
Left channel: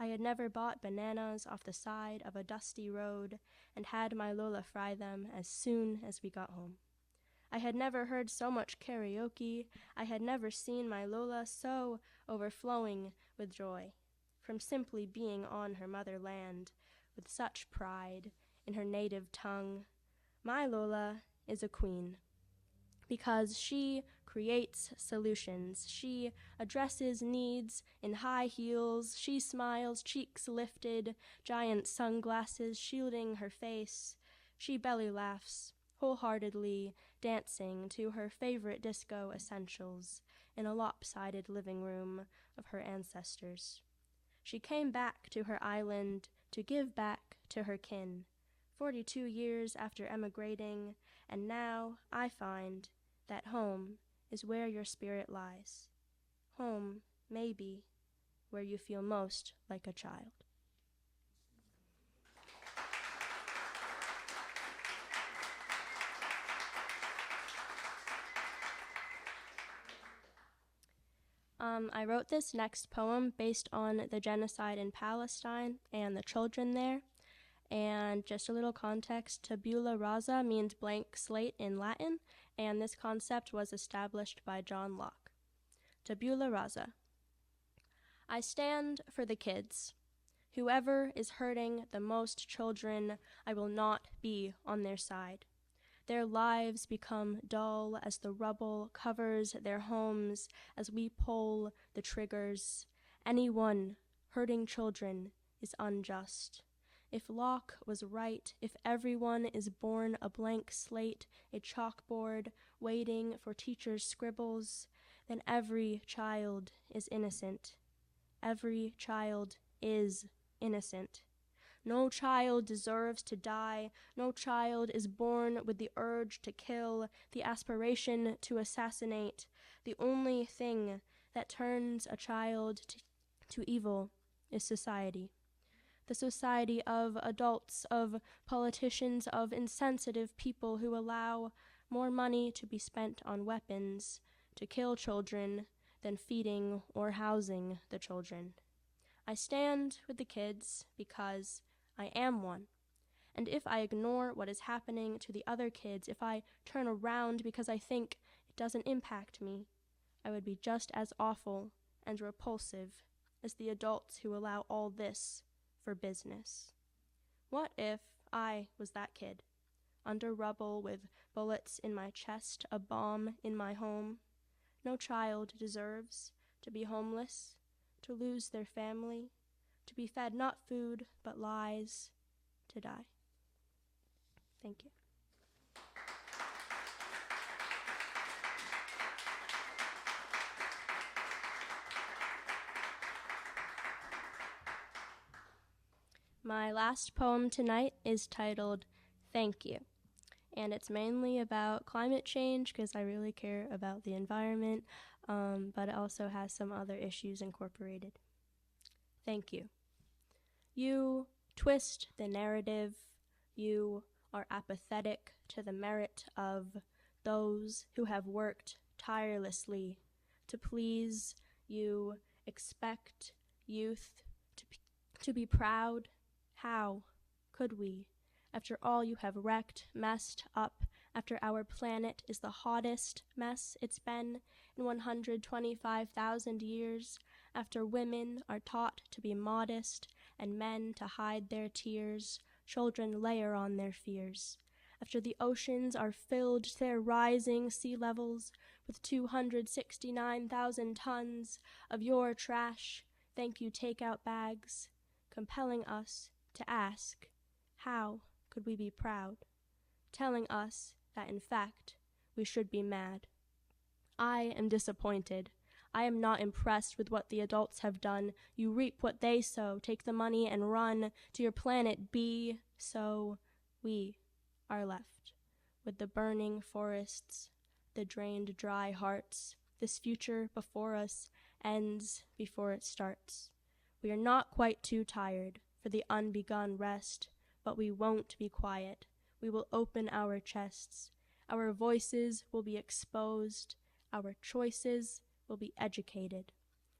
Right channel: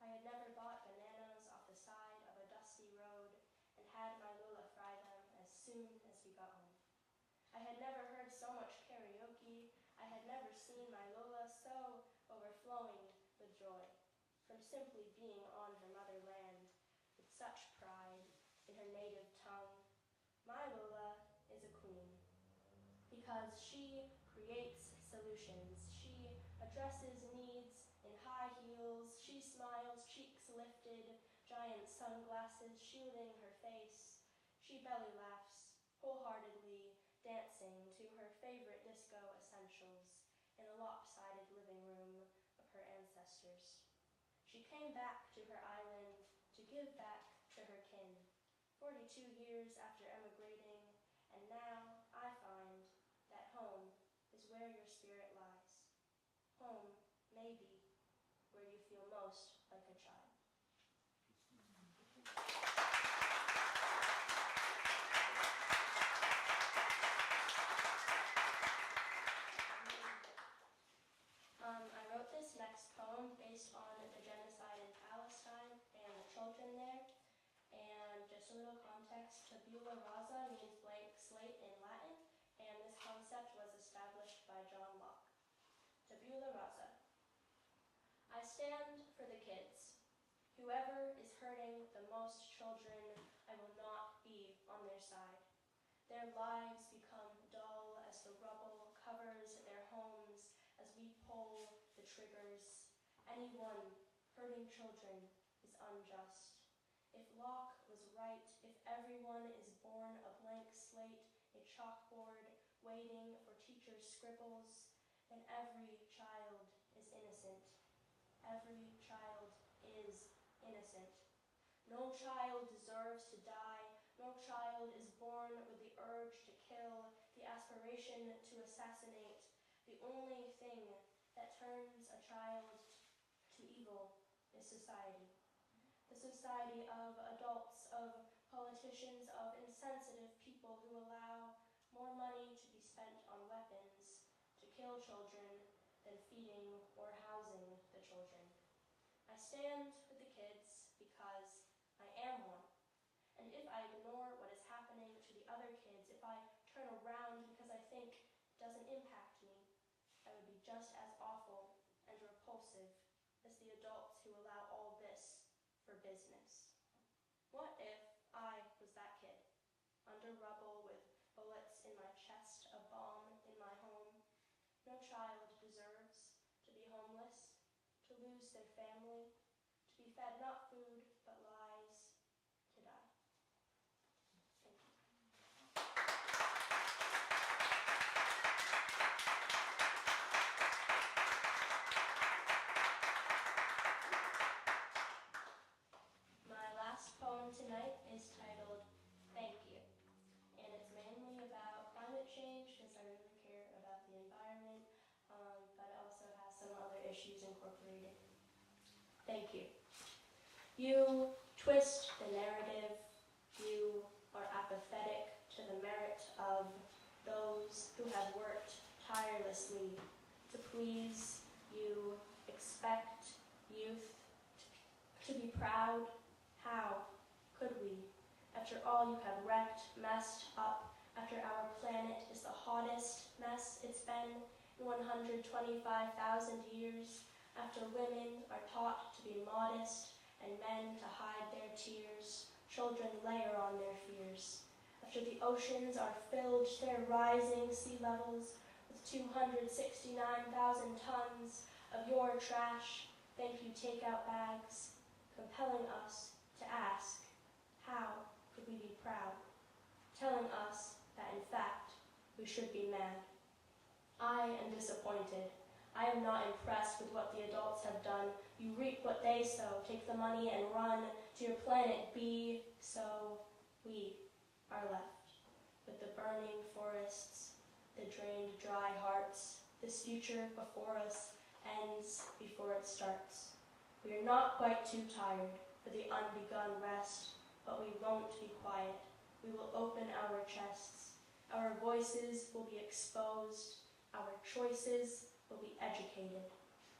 I had never bought bananas off the side of a dusty road and had my Lola fry them as soon as we got home. I had never heard so much karaoke. I had never seen my Lola so overflowing with joy from simply being on her motherland with such pride in her native tongue. My Lola is a queen because she creates solutions. She addresses needs in high heels. She smiles, cheeks lifted, giant sunglasses shielding her face. She belly laughs wholeheartedly, dancing to her favorite disco essentials in a lopsided living room of her ancestors. She came back to her island to give back to her kin, 42 years after emigrating, and now I find that home is where your spirit lies. Home, maybe, where you feel most like a child. I wrote this next poem based on the genocide in Palestine and the children there. And just a little context, tabula rasa means blank slate in Latin, and this concept was established by John Locke. Tabula rasa. I stand for the kids. Whoever is hurting the most children, I will not be on their side. Their lives become dull as the rubble covers their homes as we pull the triggers. Anyone hurting children is unjust. If Locke was right, if everyone is born a blank slate, a chalkboard waiting for teachers' scribbles, then every child is innocent. Every child is innocent. No child deserves to die. No child is born with the urge to kill, the aspiration to assassinate. The only thing that turns a child to evil is society. The society of adults, of politicians, of insensitive people who allow more money to be spent on weapons to kill children than feeding or housing the children. I stand with the kids because I am one. And if I ignore what is happening to the other kids, if I turn around because I think it doesn't impact me, I would be just as awful and repulsive as the adults who allow all this for business. What if I was that kid, under rubble with bullets in my chest, a bomb in my home? No child deserves to be homeless, to lose their family, to be fed not food but lies, to die. Thank you. My last poem tonight is titled Thank You, and it's mainly about climate change because I really care about the environment, but it also has some other issues incorporated. Thank you. You twist the narrative. You are apathetic to the merit of those who have worked tirelessly to please. You expect youth to be proud. How could we, after all you have wrecked, messed up, after our planet is the hottest mess it's been in 125,000 years, after women are taught to be modest and men to hide their tears, children layer on their fears, after the oceans are filled to their rising sea levels with 269,000 tons of your trash, thank you takeout bags, compelling us to ask, how could we be proud? Telling us that in fact we should be mad. I am disappointed. I am not impressed with what the adults have done. You reap what they sow, take the money and run to your planet B, so we are left with the burning forests, the drained dry hearts, this future before us ends before it starts. We are not quite too tired for the unbegun rest, but we won't be quiet. We will open our chests. Our voices will be exposed. Our choices will be educated.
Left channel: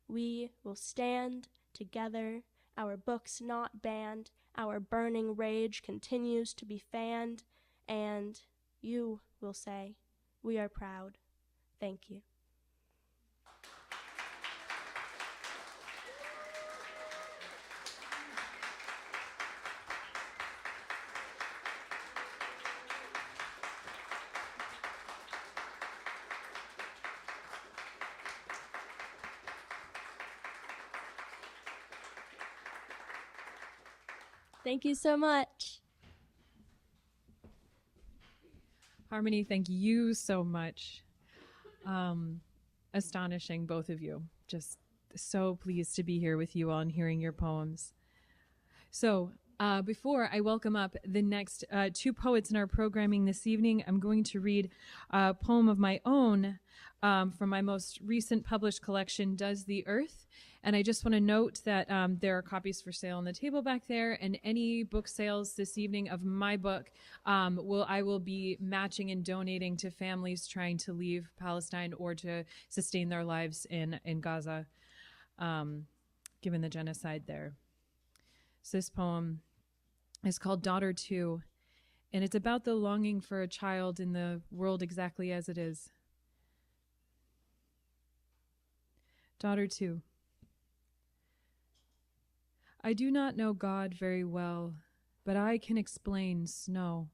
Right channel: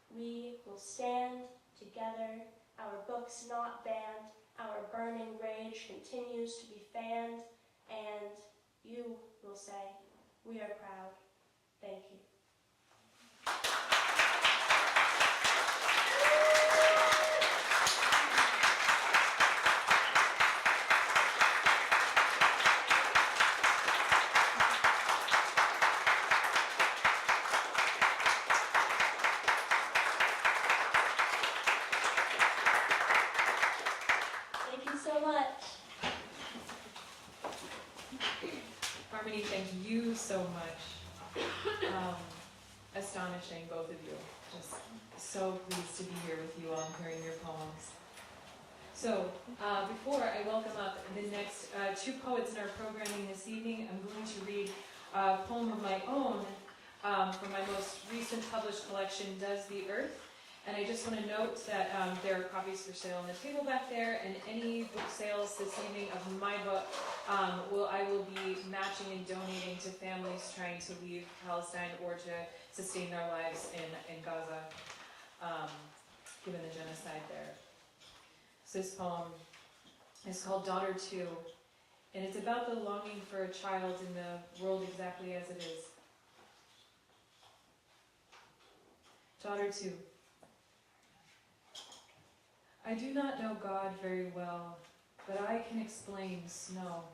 We will stand together, our books not banned, our burning rage continues to be fanned, and you will say, we are proud. Thank you. Thank you so much. Harmony, thank you so much. Astonishing, both of you. Just so pleased to be here with you all and hearing your poems. So, before I welcome up the next two poets in our programming this evening, I'm going to read a poem of my own from my most recent published collection, Does the Earth? And I just want to note that there are copies for sale on the table back there, and any book sales this evening of my book I will be matching and donating to families trying to leave Palestine or to sustain their lives in Gaza, given the genocide there. So this poem is called Daughter 2, and it's about the longing for a child in the world exactly as it is. Daughter 2. I do not know God very well, but I can explain snow.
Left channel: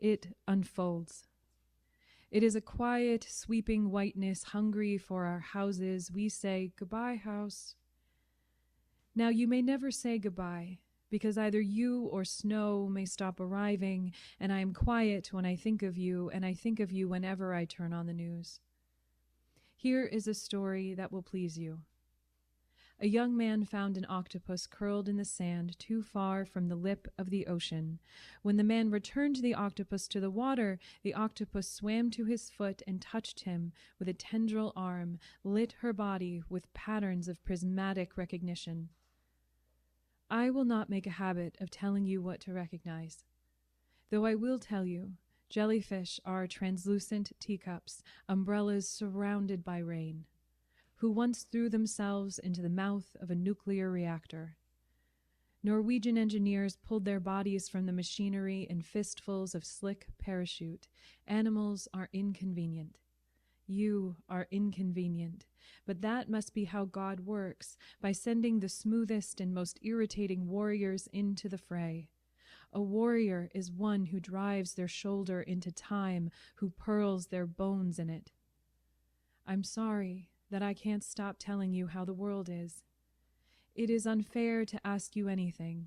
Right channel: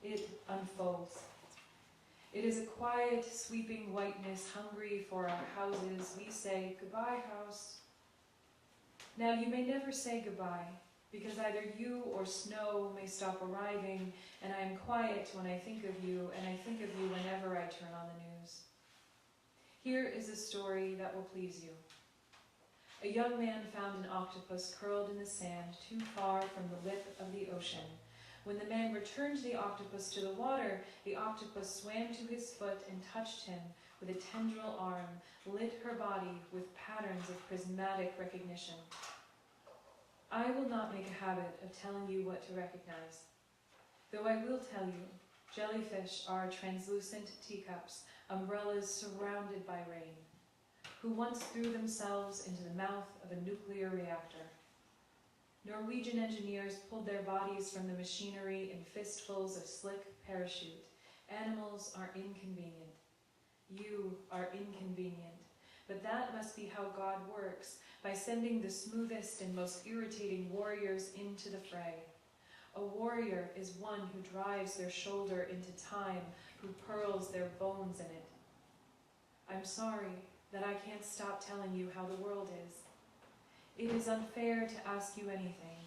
It unfolds. It is a quiet, sweeping whiteness hungry for our houses. We say, goodbye, house. Now you may never say goodbye, because either you or snow may stop arriving, and I am quiet when I think of you, and I think of you whenever I turn on the news. Here is a story that will please you. A young man found an octopus curled in the sand too far from the lip of the ocean. When the man returned the octopus to the water, the octopus swam to his foot and touched him with a tendril arm, lit her body with patterns of prismatic recognition. I will not make a habit of telling you what to recognize, though I will tell you, jellyfish are translucent teacups, umbrellas surrounded by rain, who once threw themselves into the mouth of a nuclear reactor. Norwegian engineers pulled their bodies from the machinery in fistfuls of slick parachute. Animals are inconvenient. You are inconvenient. But that must be how God works, by sending the smoothest and most irritating warriors into the fray. A warrior is one who drives their shoulder into time, who pearls their bones in it. I'm sorry that I can't stop telling you how the world is. It is unfair to ask you anything.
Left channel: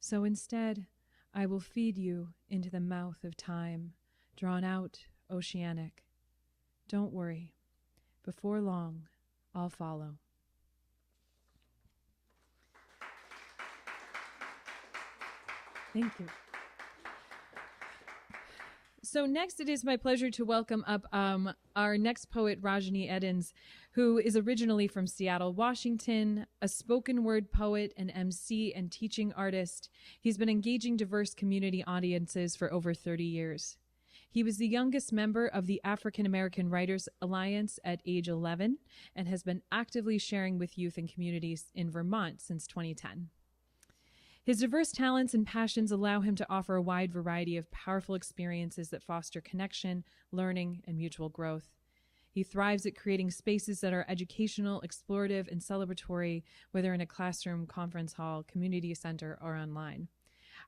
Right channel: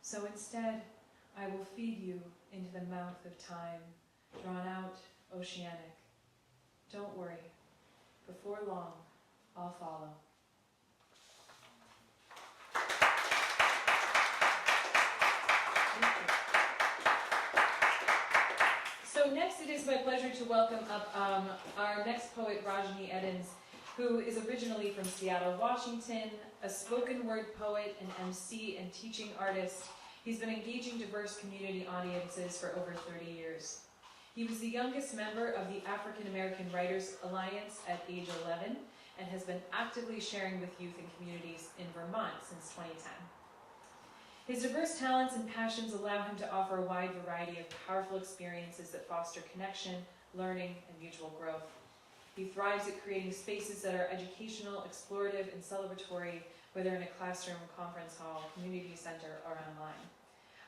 So instead, I will feed you into the mouth of time, drawn out, oceanic. Don't worry. Before long, I'll follow. Thank you. So next, it is my pleasure to welcome up our next poet, Rajnii Eddins, who is originally from Seattle, Washington, a spoken word poet, an MC, and teaching artist. He's been engaging diverse community audiences for over 30 years. He was the youngest member of the African American Writers Alliance at age 11 and has been actively sharing with youth and communities in Vermont since 2010. His diverse talents and passions allow him to offer a wide variety of powerful experiences that foster connection, learning, and mutual growth. He thrives at creating spaces that are educational, explorative, and celebratory, whether in a classroom, conference hall, community center, or online.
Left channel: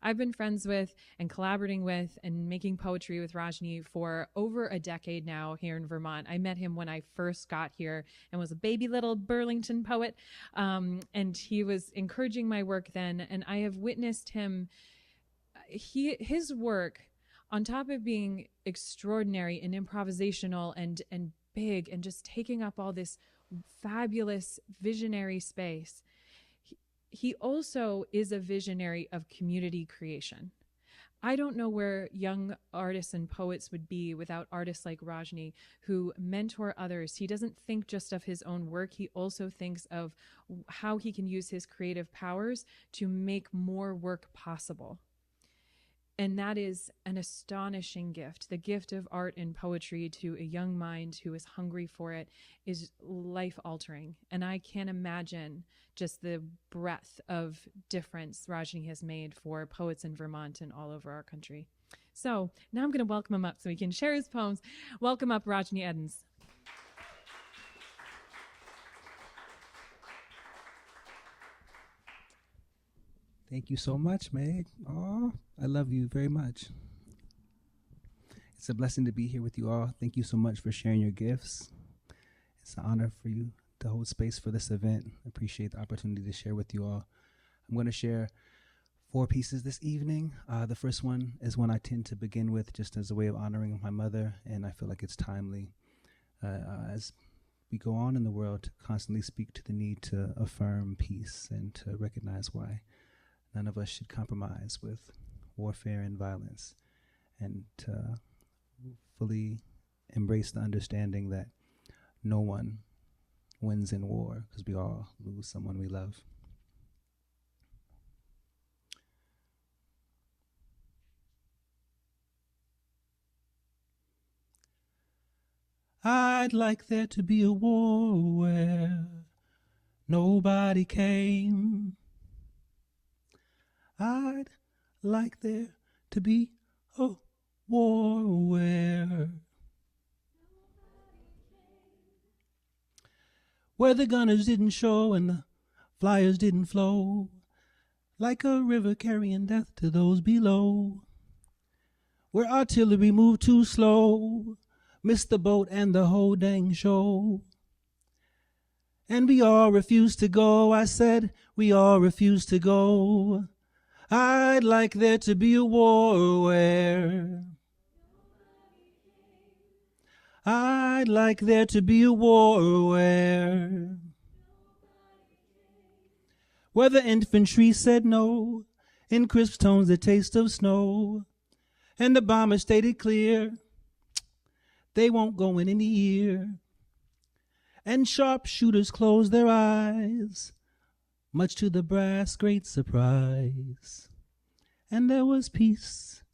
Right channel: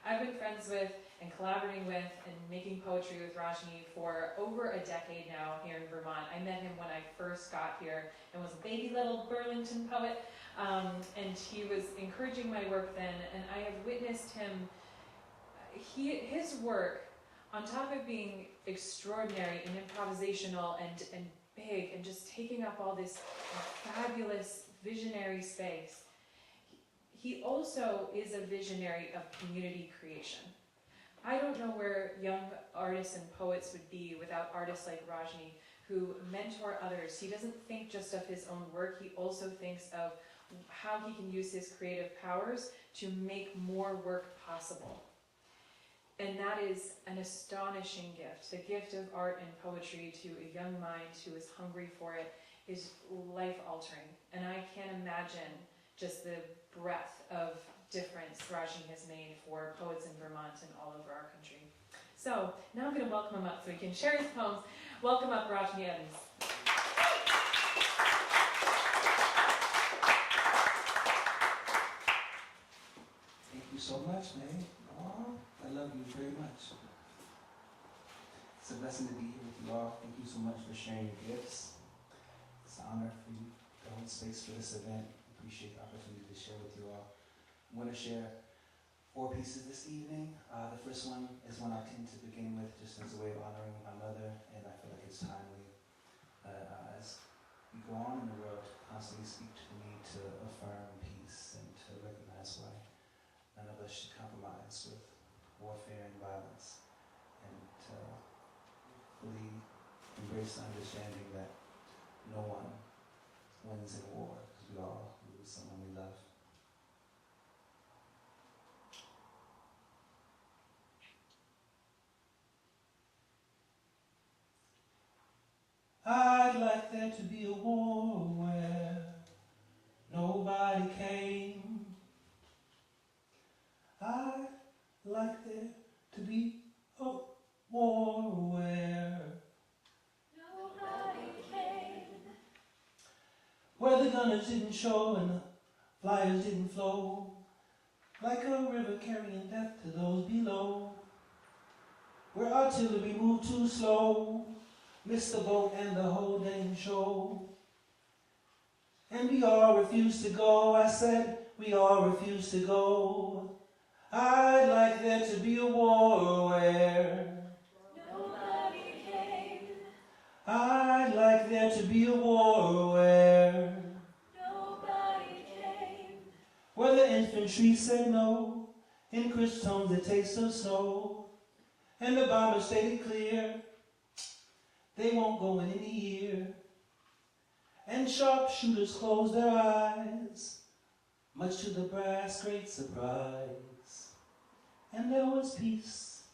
I've been friends with and collaborating with and making poetry with Rajnii for over a decade now here in Vermont. I met him when I first got here and was a baby little Burlington poet, and he was encouraging my work then, and I have witnessed him, his work, on top of being extraordinary and improvisational and big and just taking up all this fabulous visionary space, he also is a visionary of community creation. I don't know where young artists and poets would be without artists like Rajnii, who mentor others. He doesn't think just of his own work. He also thinks of how he can use his creative powers to make more work possible. And that is an astonishing gift. The gift of art and poetry to a young mind who is hungry for it is life-altering. And I can't imagine just the breadth of difference Rajnii has made for poets in Vermont and all over our country. So now I'm going to welcome him up so he can share his poems. Welcome up, Rajnii Eddins. Thank you so much, Meg. Oh, I love you very much. It's a blessing to be here with you all. Thank you so much for sharing your gifts. It's an honor for you to hold space for this event. I appreciate the opportunity to share with you all. I'm going to share 4 pieces this evening. The first one is one I tend to begin with just as a way of honoring my mother, and I feel like it's timely as we go on in the world to constantly speak to the need to affirm peace and to recognize why none of us should compromise with warfare and violence, and to fully embrace the understanding that no one wins in war because we all lose someone we love. I'd like there to be a war where nobody came. I'd like there to be a war where the gunners didn't show and the flyers didn't flow like a river carrying death to those below, where artillery moved too slow, missed the boat and the whole dang show. And we all refused to go. I said we all refused to go. I'd like there to be a war where nobody came. I'd like there to be a war where nobody came. Where the infantry said no, in crisp tones the taste of snow, and the bombers stated clear, they won't go in any year. And sharpshooters closed their eyes, much to the brass' great surprise. And there was peace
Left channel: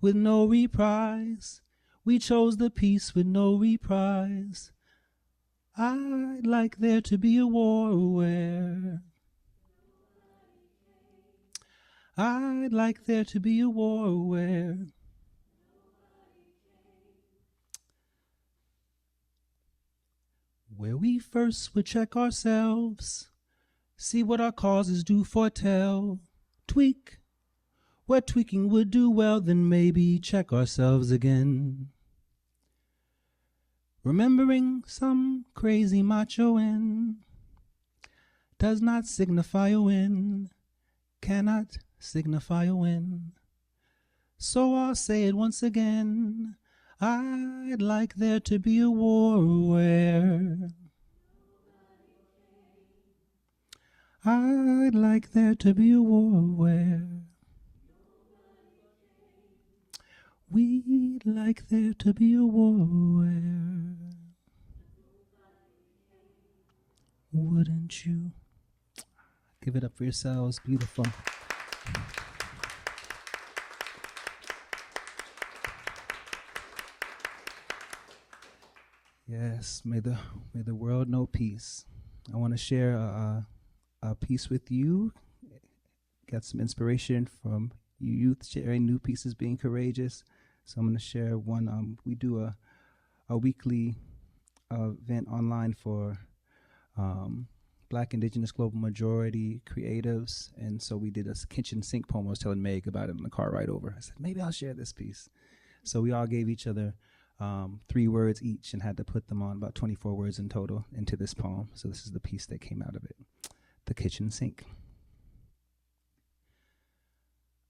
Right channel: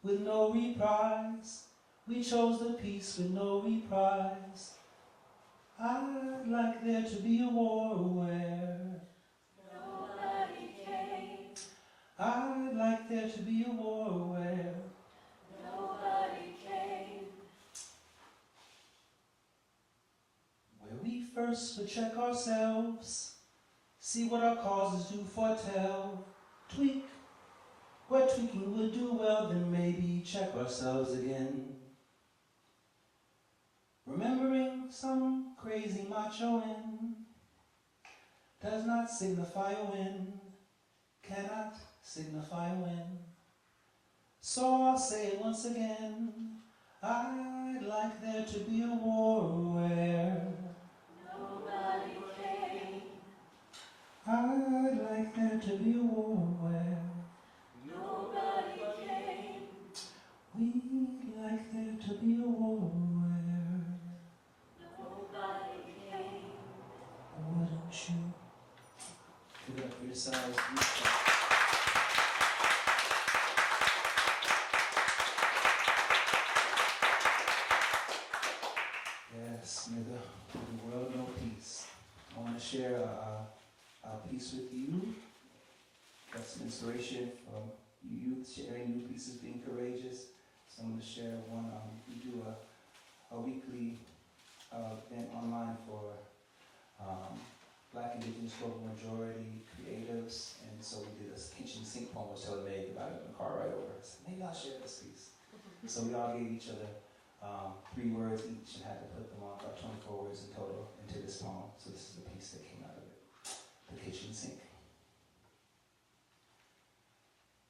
with no reprise. We chose the peace with no reprise. I'd like there to be a war where nobody came. I'd like there to be a war where nobody came. Where we first would check ourselves, see what our causes do foretell, tweak where tweaking would do well, then maybe check ourselves again. Remembering some crazy macho in does not signify a win, cannot signify a win. So I'll say it once again. I'd like there to be a war where nobody came. I'd like there to be a war where nobody came. We'd like there to be a war where nobody came. Wouldn't you? Give it up for yourselves. Beautiful. Yes, may the world know peace. I want to share a piece with you. Got some inspiration from you youth sharing new pieces, being courageous. So I'm going to share one. We do a weekly event online for Black, Indigenous, Global Majority creatives. And so we did a kitchen sink poem. I was telling Meg about it in the car ride over. I said, maybe I'll share this piece. So we all gave each other 3 words each and had to put them on, about 24 words in total, into this poem. So this is the piece that came out of it. The kitchen sink.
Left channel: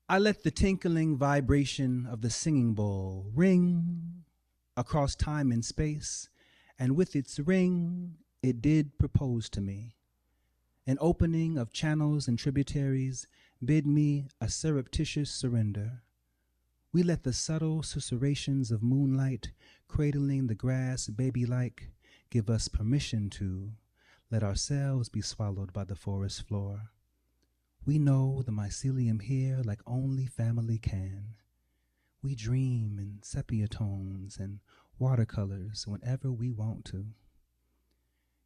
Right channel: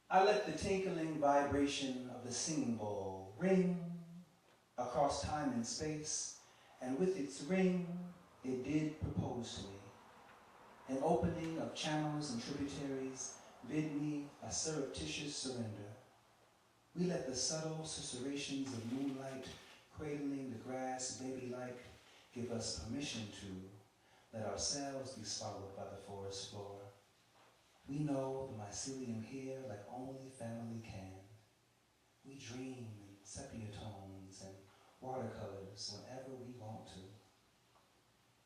I let the tinkling vibration of the singing bowl ring across time and space, and with its ring, it did propose to me. An opening of channels and tributaries bid me a surreptitious surrender. We let the subtle susurrations of moonlight cradling the grass baby-like give us permission to let ourselves be swallowed by the forest floor. We know the mycelium here like only family can. We dream in sepia tones and watercolors whenever we want to.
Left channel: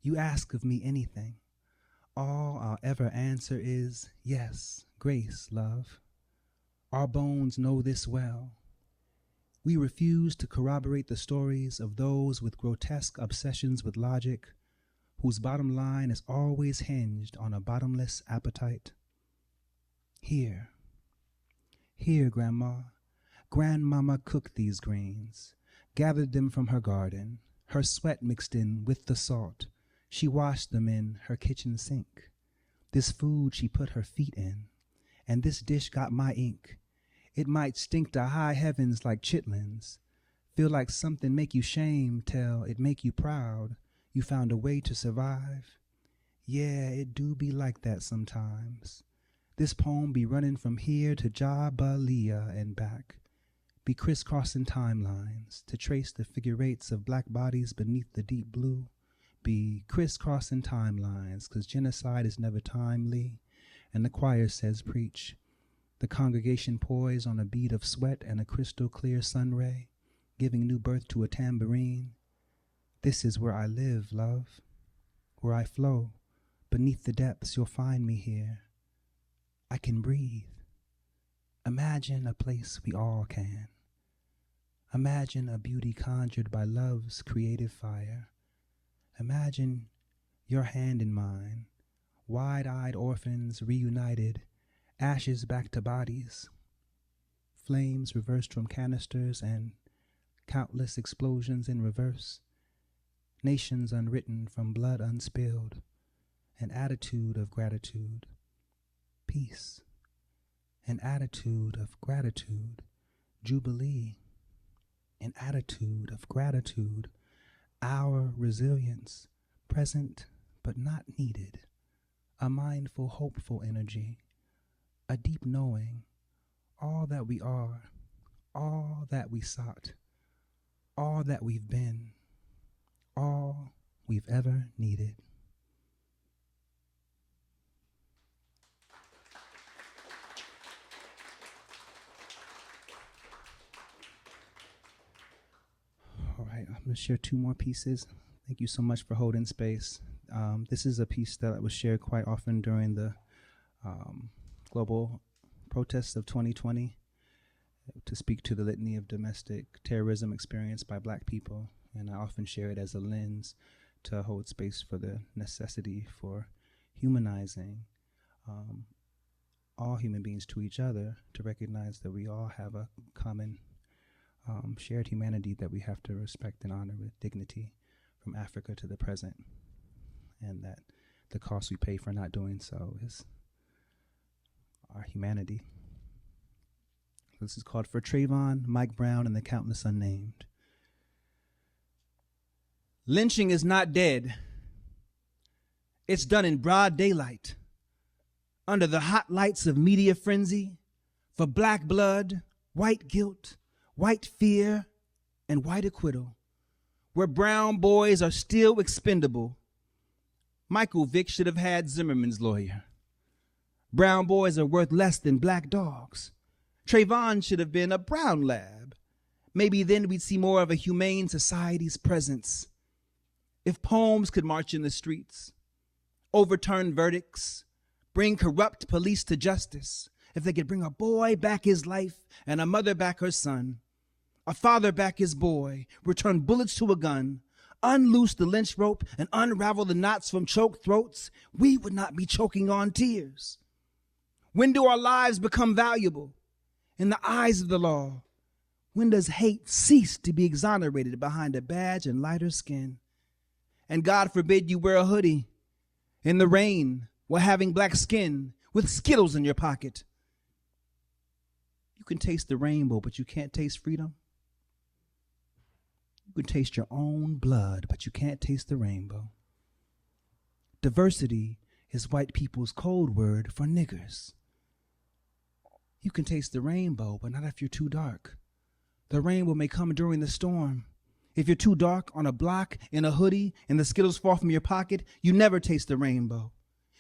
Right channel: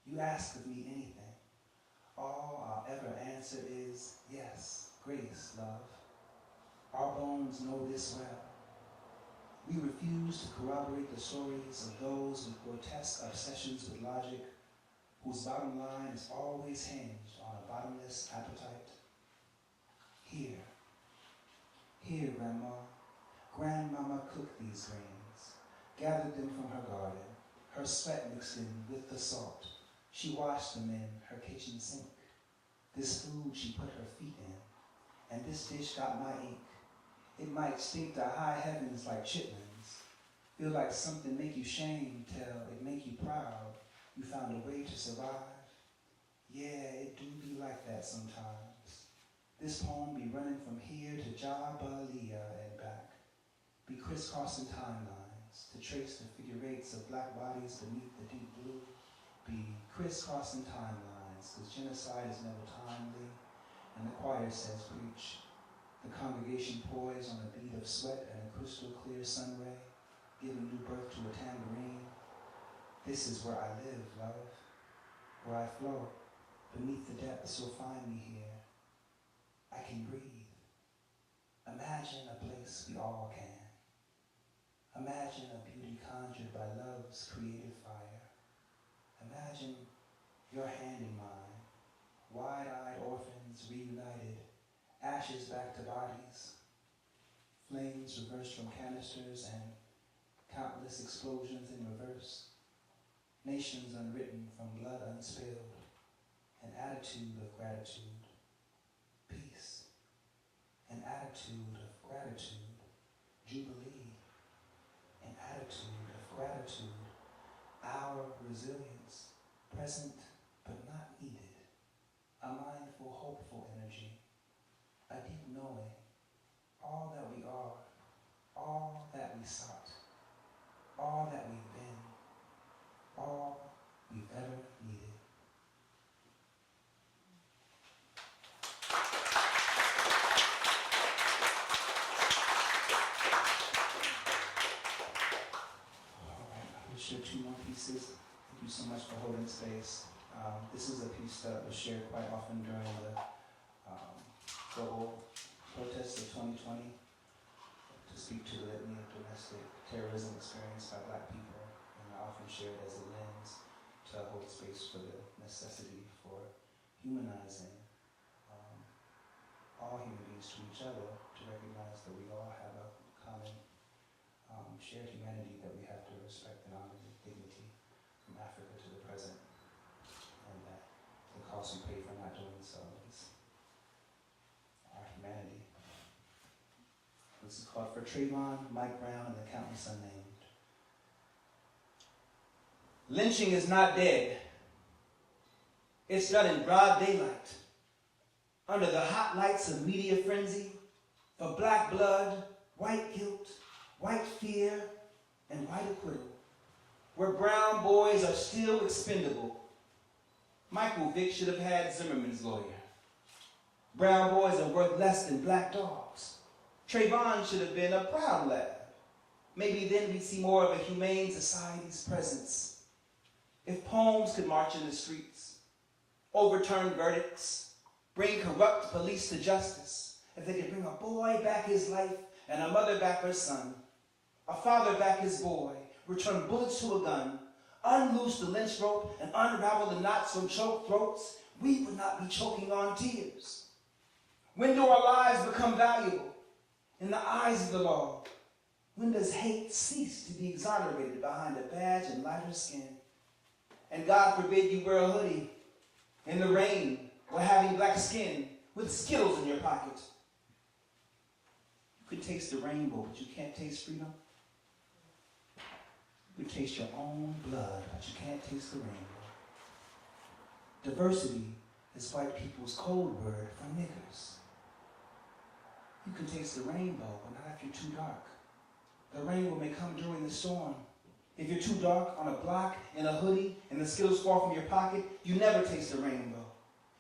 You ask of me anything. All I'll ever answer is yes, grace, love. Our bones know this well. We refuse to corroborate the stories of those with grotesque obsessions with logic, whose bottom line is always hinged on a bottomless appetite. Here, Grandma. Grandmama cooked these grains, gathered them from her garden, her sweat mixed in with the salt. She washed them in her kitchen sink. This food she put her feet in, and this dish got my ink. It might stink to high heavens like chitlins, feel like something make you shame till it make you proud. You found a way to survive. Yeah, it do be like that sometimes. This poem be running from here to Jabalia and back, be crisscrossing timelines to trace the figure eights of black bodies beneath the deep blue, be crisscrossing timelines, 'cause genocide is never timely, and the choir says preach. The congregation poise on a bead of sweat and a crystal clear sun ray, giving new birth to a tambourine. This is where I live, love, where I flow. Beneath the depths, you'll find me here. I can breathe. Imagine a place we all can. Imagine a beauty conjured by love's creative fire. Imagine your hand in mine, wide-eyed orphans reunited, ashes back to bodies, flames reversed from canisters and countless explosions in reverse, nations unwritten from blood unspilled, an attitude of gratitude, peace, an attitude of gratitude, jubilee, an attitude of gratitude, our resilience, present but not needed, a mindful, hopeful energy, a deep knowing, all that we are, all that we sought, all that we've been, all we've ever needed. All right, we'll share two more pieces. Thank you so much for holding space. This is a piece that was shared quite often during the global protests of 2020 to speak to the litany of domestic terrorism experienced by Black people. And I often share it as a lens to hold space for the necessity for humanizing all human beings to each other, to recognize that we all have a common shared humanity that we have to respect and honor with dignity from Africa to the present, and that the cost we pay for not doing so is our humanity. This is called For Trayvon, Mike Brown, and the Countless Unnamed. Lynching is not dead. It's done in broad daylight, under the hot lights of media frenzy, for black blood, white guilt, white fear, and white acquittal, where brown boys are still expendable. Michael Vick should have had Zimmerman's lawyer. Brown boys are worth less than black dogs. Trayvon should have been a brown lab. Maybe then we'd see more of a humane society's presence. If poems could march in the streets, overturn verdicts, bring corrupt police to justice, if they could bring a boy back his life and a mother back her son, a father back his boy, return bullets to a gun, unloose the lynch rope and unravel the knots from choked throats, we would not be choking on tears. When do our lives become valuable in the eyes of the law? When does hate cease to be exonerated behind a badge and lighter skin? And God forbid you wear a hoodie in the rain while having black skin with Skittles in your pocket. You can taste the rainbow, but you can't taste freedom. You can taste your own blood, but you can't taste the rainbow. Diversity is white people's code word for niggers. You can taste the rainbow, but not if you're too dark. The rainbow may come during the storm. If you're too dark on a block in a hoodie and the Skittles fall from your pocket, you never taste the rainbow.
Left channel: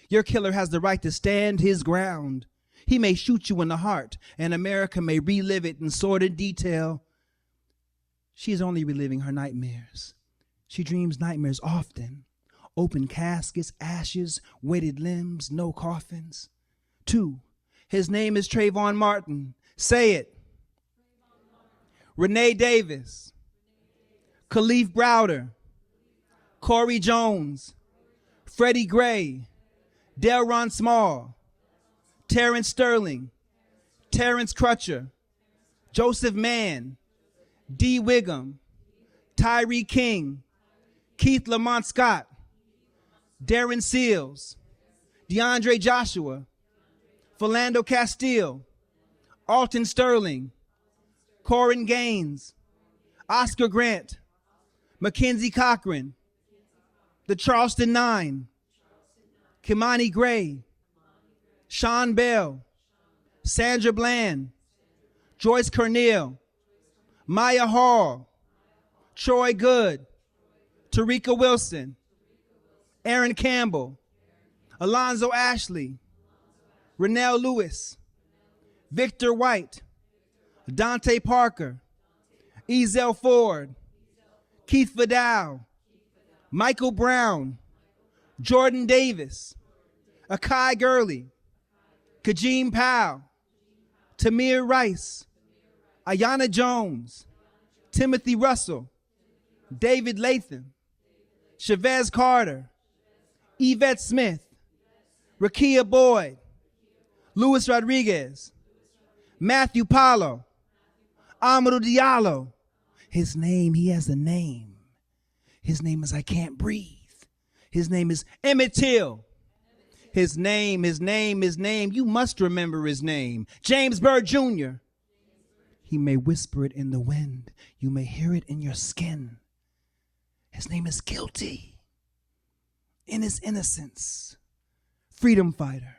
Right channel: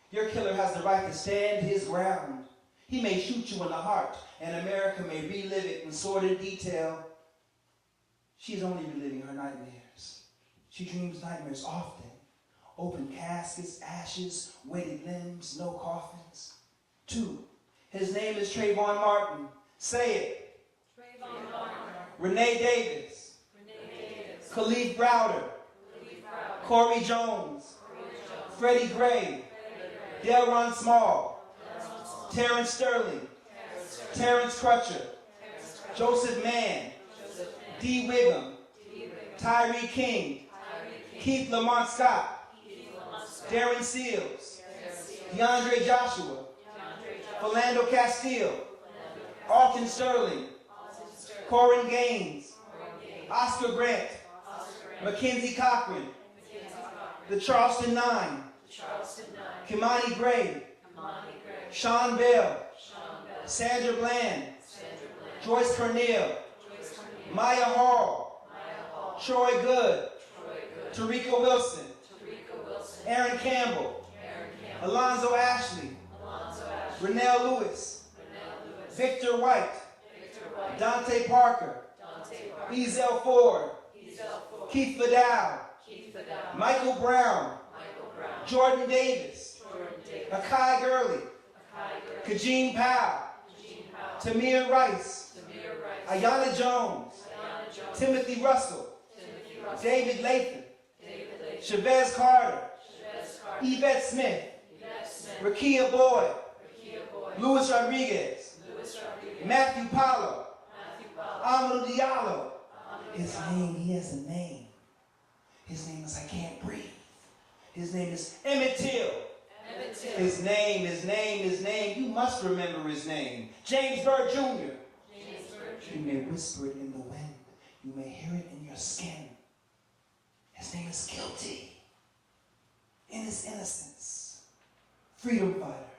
Your killer has the right to stand his ground. He may shoot you in the heart, and America may relive it in sordid detail. She's only reliving her nightmares. She dreams nightmares often. Open caskets, ashes, weighted limbs, no coffins. 2, his name is Trayvon Martin. Say it. Trayvon Martin. Renee Davis. Khalif Browder. Corey Jones. Freddie Gray. Delron Small. Terrence Sterling. Terrence Crutcher. Joseph Mann. Dee Wiggum. Tyree King. Keith Lamont Scott. Darren Seals. DeAndre Joshua. Philando Castile. Alton Sterling. Corin Gaines. Oscar Grant. Mackenzie Cochran. The Charleston Nine. Kimani Gray. Sean Bell. Sandra Bland. Joyce Cornell. Maya Hall. Troy Good. Tarika Wilson. Aaron Campbell. Alonzo Ashley. Renell Lewis. Victor White. Dante Parker. Ezel Ford. Keith Vidal. Michael Brown. Jordan Davis. Akai Gurley. Kajim Powell. Tamir Rice. Ayanna Jones. Timothy Russell. David Latham. Chavez Carter. Yvette Smith. Rakia Boyd. Luis Rodriguez. Matthew Paulo. Amadou Diallo. His name, he has a name. His name is I Can't Breathe. His name is Emmett Till. His name, you must remember his name. James Byrd Jr. He may whisper it in the wind. You may hear it in your skin. His name is Guilty. In his innocence. Freedom fighter.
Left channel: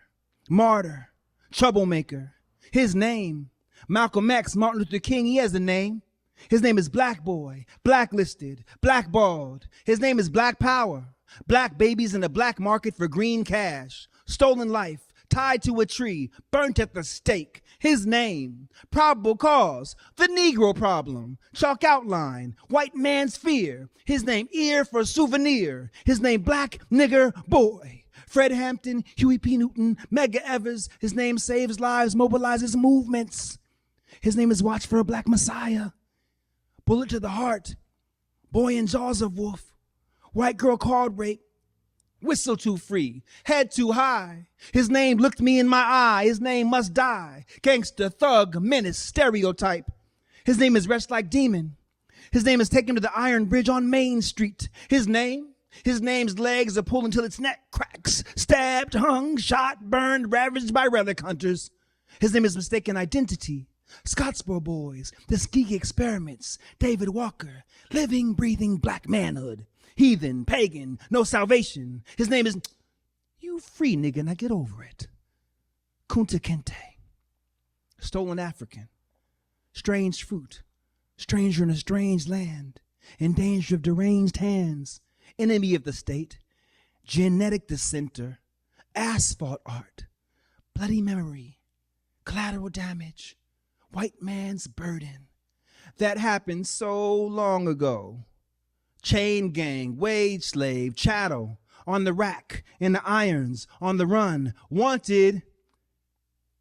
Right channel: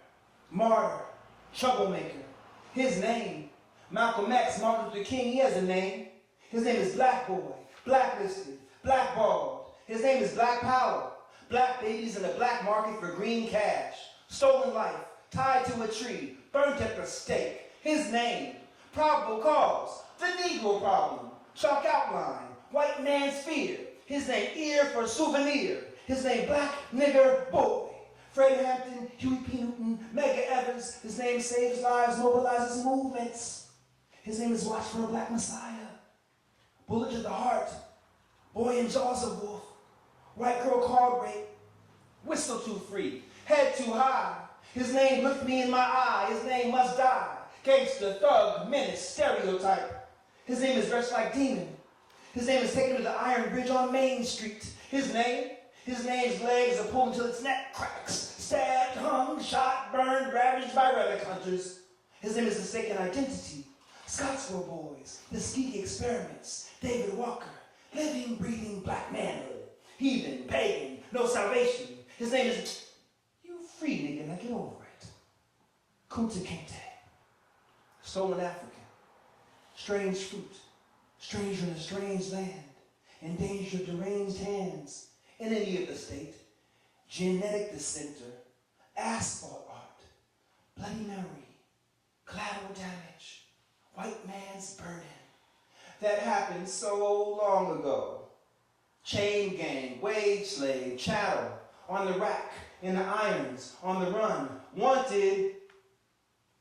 Martyr. Troublemaker. His name, Malcolm X, Martin Luther King, he has a name. His name is Black Boy, Blacklisted, Blackballed. His name is Black Power. Black babies in the black market for green cash. Stolen life, tied to a tree, burnt at the stake. His name, probable cause, the Negro problem. Chalk outline, white man's fear. His name, ear for souvenir. His name, Black Nigger Boy. Fred Hampton, Huey P. Newton, Medgar Evers. His name saves lives, mobilizes movements. His name is Watch for a Black Messiah. Bullet to the heart. Boy in Jaws of Wolf. White girl card rape. Whistle too free. Head too high. His name looked me in my eye. His name must die. Gangster, thug, menace, stereotype. His name is Wretched Like Demon. His name is taken to the Iron Bridge on Main Street. His name's legs are pulled until its neck cracks. Stabbed, hung, shot, burned, ravaged by relic hunters. His name is Mistaken Identity. Scottsboro Boys, The Tuskegee Experiments, David Walker, Living, Breathing Black Manhood. Heathen, pagan, no salvation. His name is, you free nigga, now get over it. Kunta Kinte. Stolen African. Strange fruit. Stranger in a strange land. In danger of deranged hands. Enemy of the state. Genetic dissenter. Asphalt art. Bloody memory. Collateral damage. White man's burden. That happened so long ago. Chain gang, wage slave, chattel, on the rack, in the irons, on the run, wanted.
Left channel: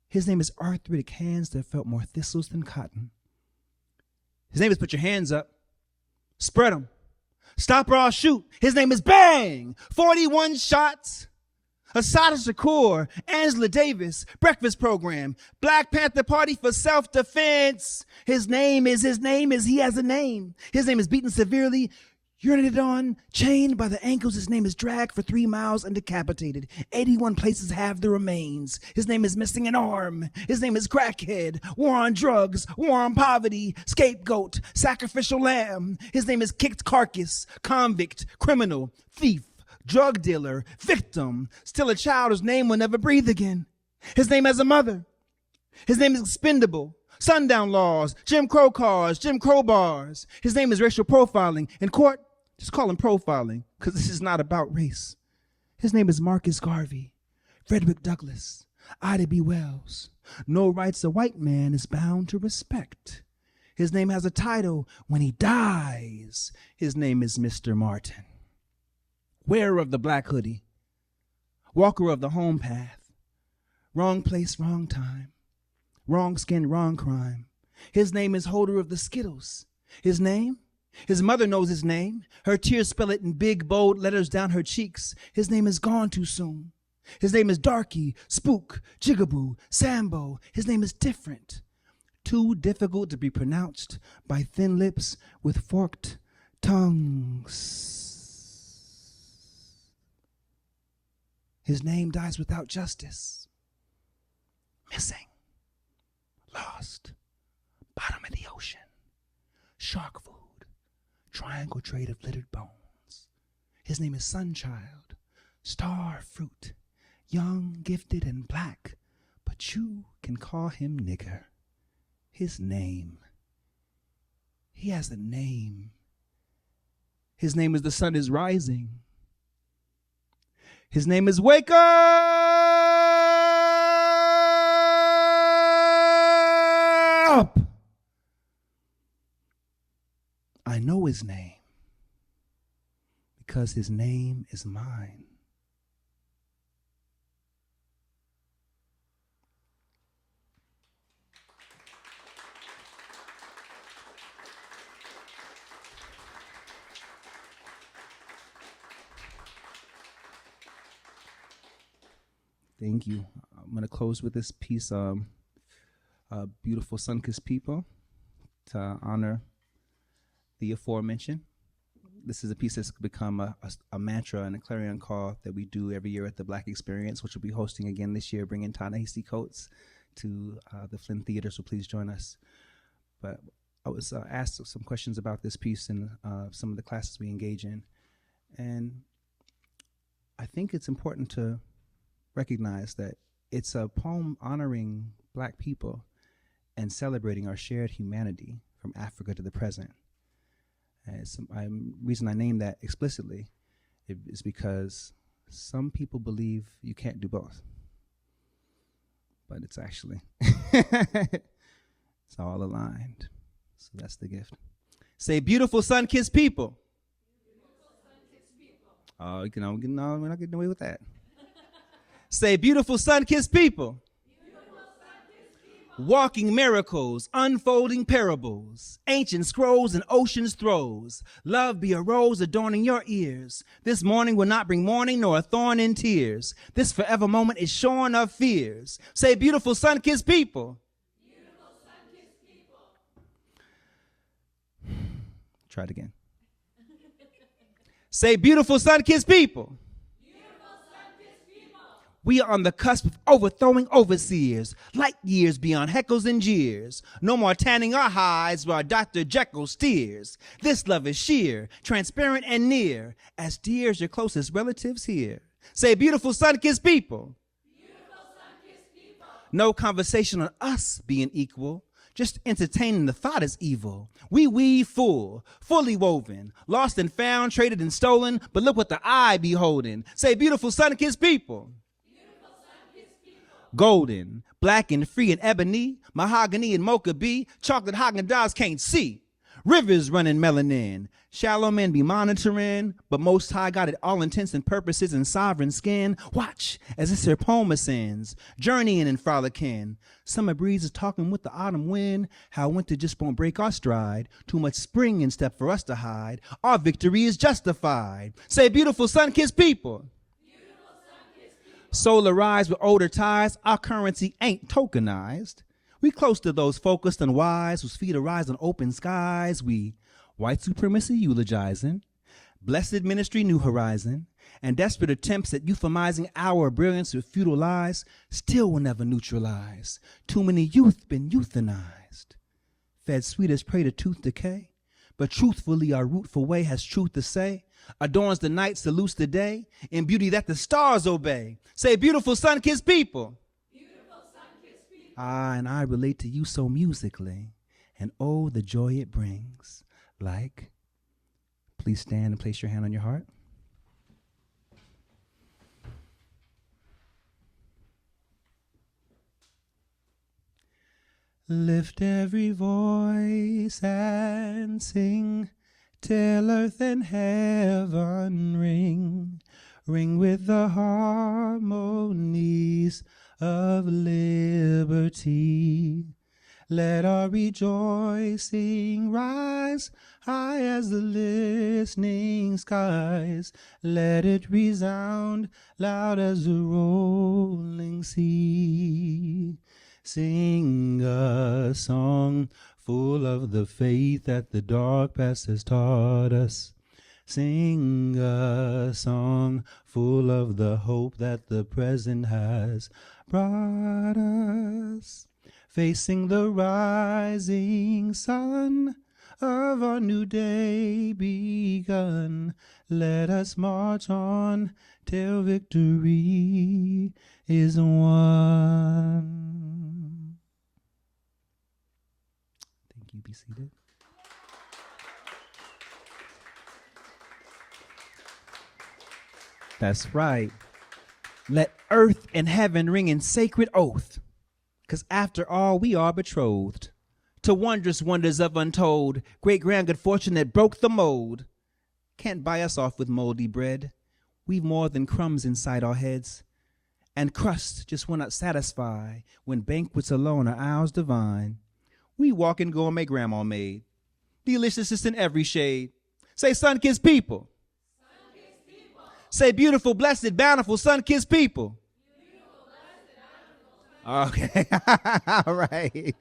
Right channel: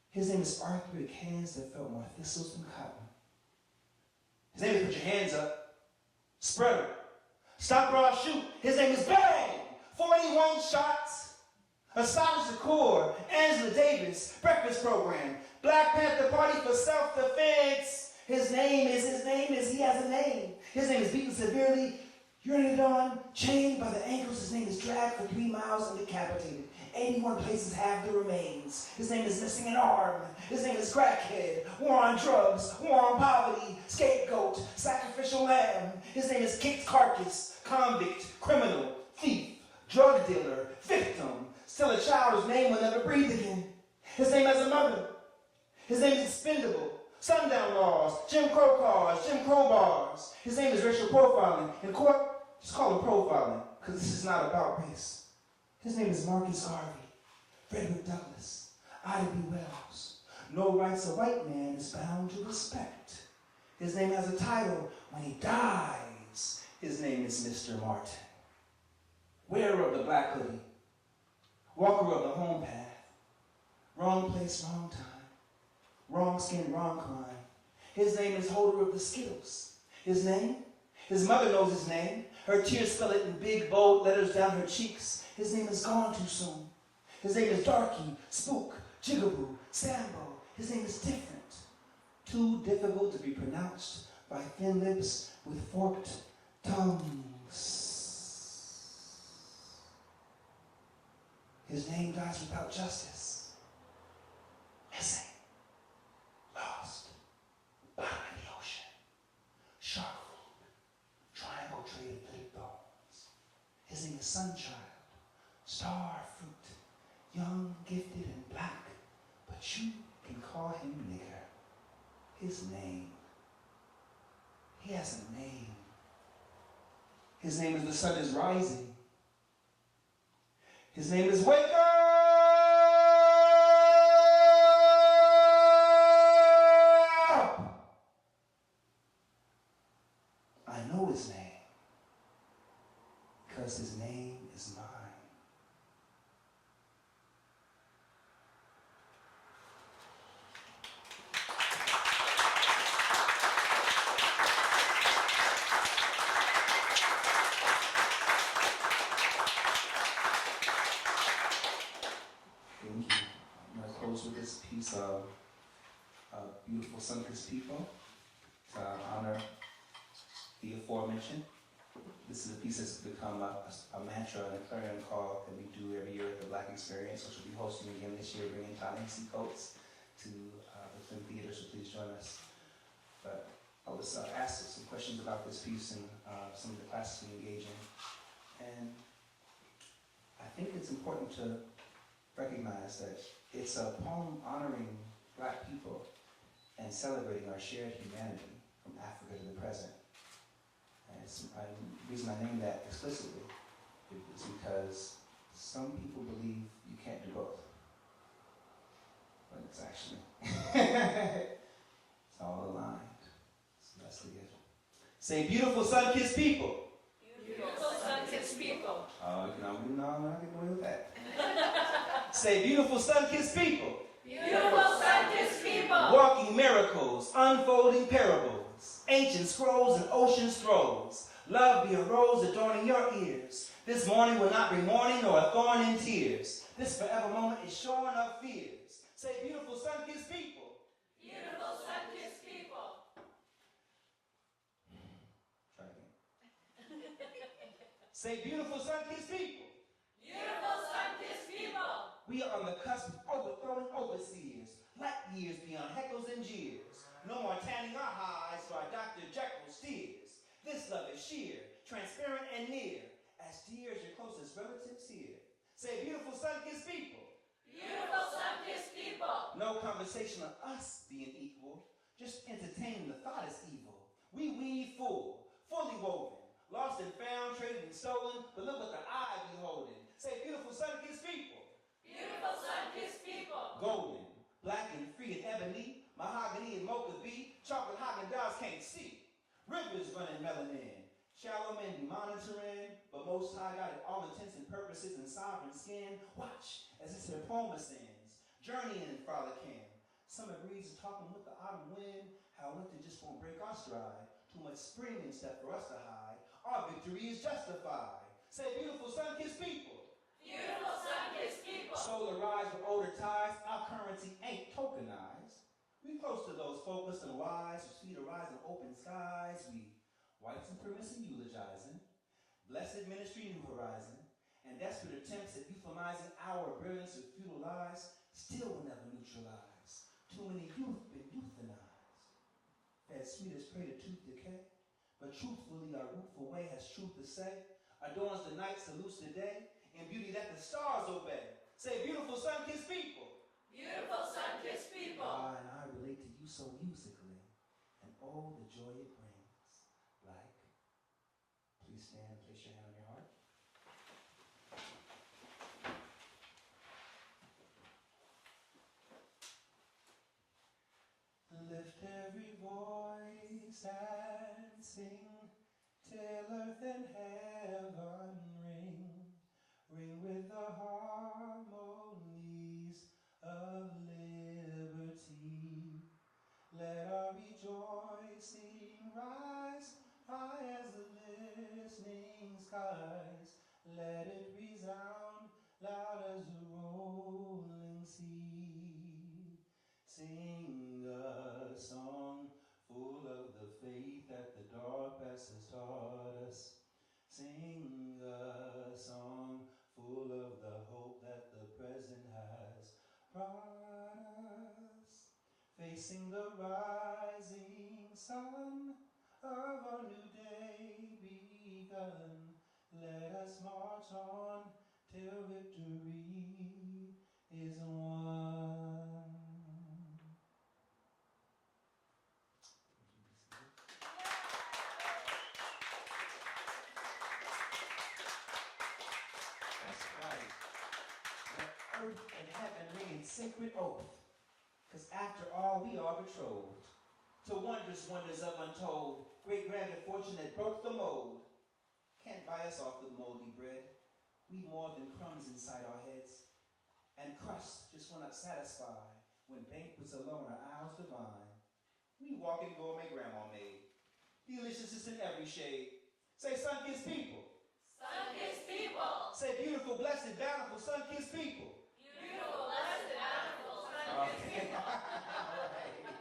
His name is Arthritic Hands That Felt More Thistles Than Cotton. His name is Put Your Hands Up. Spread them. Stop or I'll shoot. His name is Bang. 41 shots. Assata Shakur, Angela Davis, Breakfast Program, Black Panther Party for Self-Defense. His name is, he has a name. His name is Beaten Severely, urinated on, chained by the ankles. His name is dragged for 3 miles and decapitated. 81 places have the remains. His name is Missing an Arm. His name is Crackhead, War on Drugs, War on Poverty, Scapegoat, Sacrificial Lamb. His name is Kicked Carcass, Convict, Criminal, Thief, Drug Dealer, Victim, Still a Child whose name will never breathe again. His name has a mother. His name is Expendable, sundown laws, Jim Crow cars, Jim Crow bars. His name is racial profiling. In court, just call him profiling, because this is not about race. His name is Marcus Garvey, Frederick Douglass, Ida B. Wells. No rights a white man is bound to respect. His name has a title when he dies. His name is Mr. Martin. Wearer of the black hoodie, walker of the home path, wrong place, wrong time, wrong skin, wrong crime. His name is holder of the Skittles. His name? His mother knows his name. Her tears spell it in big, bold letters down her cheeks. His name is gone too soon. His name is Darky, Spook, Jigaboo, Sambo. His name is different. Too difficult to be pronounced by thin lips with forked tongues. His name dies without justice. Missing. Lost. Bottom of the ocean. Shark food. Triangle trade of littered bones. His name is Sunchild. Star fruit. Young, gifted, and black. But you can call him nigger. His name. He has a name. His name is the sun is rising. His name is Wake Up! I know his name because his name is mine. Thank you. I'm going to close with this piece of Beautiful Sun-Kissed People to honor the aforementioned. This is a piece that's become a mantra and a clarion call that we do every year at the Black Experience, which we'll be hosting again this year, bringing Ta-Nehisi Coates to the Flynn Theater, so please join us. But I was asked some questions about this piece in some of the classes we engage in. And I think it's important to recognize that it's a poem honoring Black people and celebrating our shared humanity from Africa to the present. And the reason I name that explicitly is because some people believe you can't do both. But it's actually, it's all aligned. So that's the gift. Say, beautiful sun-kissed people. Beautiful sun-kissed people. Oh, I'm not getting away with that. Say, beautiful sun-kissed people. Beautiful sun-kissed people. Walking miracles, unfolding parables, ancient scrolls and ocean's throes. Love be a rose adorning your ears. This morning will not bring mourning nor a thorn in tears. This forever moment is shorn of fears. Say, beautiful sun-kissed people. Beautiful sun-kissed people. Try it again. Say, beautiful sun-kissed people. We are on the cusp of overthrowing overseers, light years beyond heckles and jeers. No more tanning our hides while Dr. Jekyll steers. This love is sheer, transparent and near, as dear as your closest relatives here. Say, beautiful sun-kissed people. Beautiful sun-kissed people. No conversation on us being equal. Just entertaining the thought is evil. We weave full, fully woven, lost and found, traded and stolen, but look what the eye beholding. Say, beautiful sun-kissed people. Golden, black and free and ebony, mahogany and mocha bee, chocolate Haagen-Dazs can't see. Rivers running melanin, shallow men be monitoring, but Most High got it all intents and purposes in sovereign skin. Watch as this here poem ascends, journeying and frolicking. Summer breeze is talking with the autumn wind, how winter just won't break our stride. Too much spring in step for us to hide. Our victory is justified. Say, beautiful sun-kissed people. Solar rise with older ties, our currency ain't tokenized. We close to those focused and wise whose feet arise on open skies. We white supremacy eulogizing, blessed ministry new horizon, and desperate attempts at euphemizing our brilliance with futile lies still will never neutralize. Too many youth been euthanized. Fed sweet as prey to tooth decay, but truthfully our rootful way has truth to say. Adorns the night, salutes the day, in beauty that the stars obey. Say, beautiful sun-kissed people. Beautiful sun-kissed people. And I relate to you so musically, and oh, the joy it brings. Like, please stand and place your hand on your heart. Lift every voice and sing, till earth and heaven ring, ring with the harmonies of liberty. Let our rejoicing rise high as the listening skies. Let it resound loud as the rolling sea. Sing a song full of the faith that the dark past has taught us. Sing a song full of the hope that the present has brought us. Facing the rising sun of our new day begun, let us march on till victory is won. Thank you. Be seated. That's right. Let earth and heaven ring in sacred oath, 'cause after all we are betrothed to wondrous wonders of untold, great grand good fortune that broke the mold. Can't buy us off with moldy bread. We've more than crumbs inside our heads, and crust just will not satisfy when banquets alone are ours divine. We walk in gourmet grandma made, deliciousness in every shade. Say sun-kissed people. Sun-kissed people. Say beautiful, blessed, bountiful, sun-kissed people. Beautiful, blessed, bountiful, sun-kissed Okay, all right.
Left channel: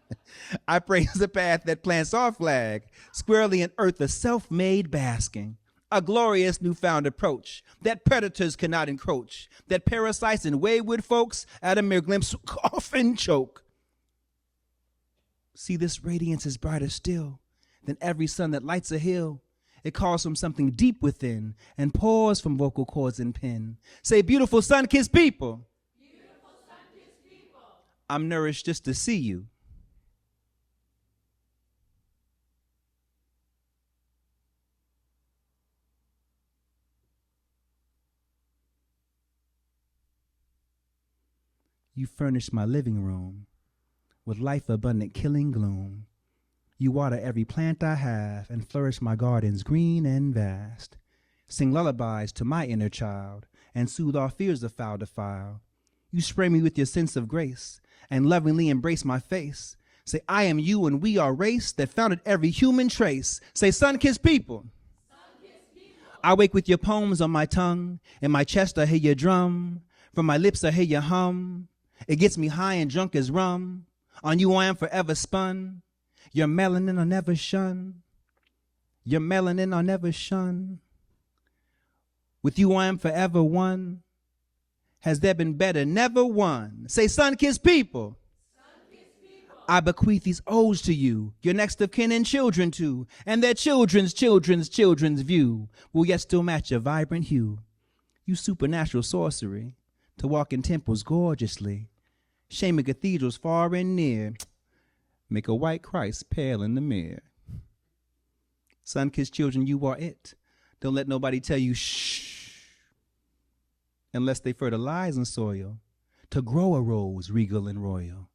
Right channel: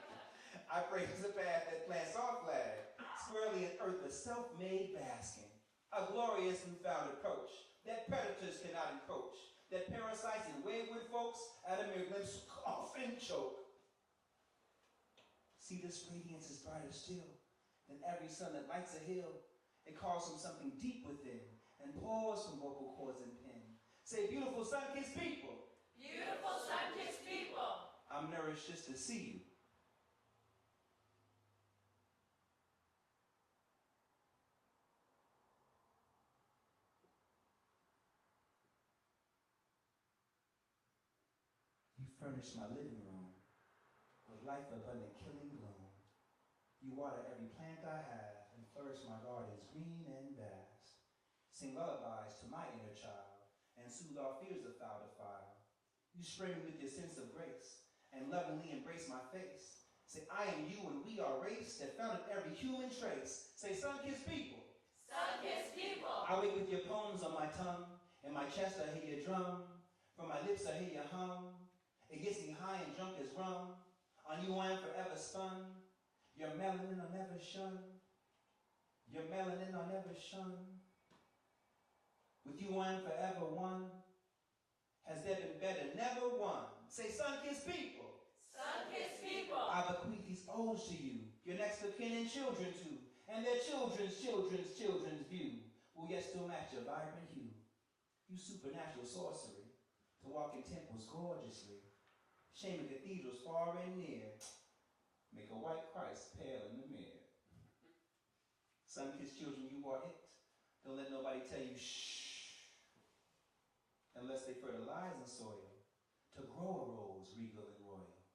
I praise the path that plants our flag, squarely in earth a self-made basking, a glorious newfound approach that predators cannot encroach, that parasites and wayward folks at a mere glimpse often choke. See, this radiance is brighter still than every sun that lights a hill. It calls from something deep within and pours from vocal cords and pen. Say, beautiful sun-kissed people. Beautiful, sun-kissed people. I'm nourished just to see you. You furnish my living room with life abundant killing gloom. You water every plant I have and flourish my gardens green and vast. Sing lullabies to my inner child and soothe our fears of foul defile. You spray me with your sense of grace and lovingly embrace my face. Say, I am you and we are race that founded every human trace. Say, sun-kissed people. Sun-kissed people. I wake with your poems on my tongue. In my chest I hear your drum. From my lips I hear your hum. It gets me high and drunk as rum. On you I am forever spun. Your melanin I'll never shun. Your melanin I'll never shun. With you I am forever one. Has there been better? Never one. Say, sun-kissed people. Sun-kissed people. I bequeath these odes to you, your next of kin and children too, and their children's children's children's view will yet still match your vibrant hue. You supernatural sorcery to walk in temples gorgeously, shaming cathedrals far and near, make a white Christ pale in the mirror. Sun-kissed children, you are it. Don't let nobody tell you shh, unless they fertilize in soil, to grow a rose regal and royal,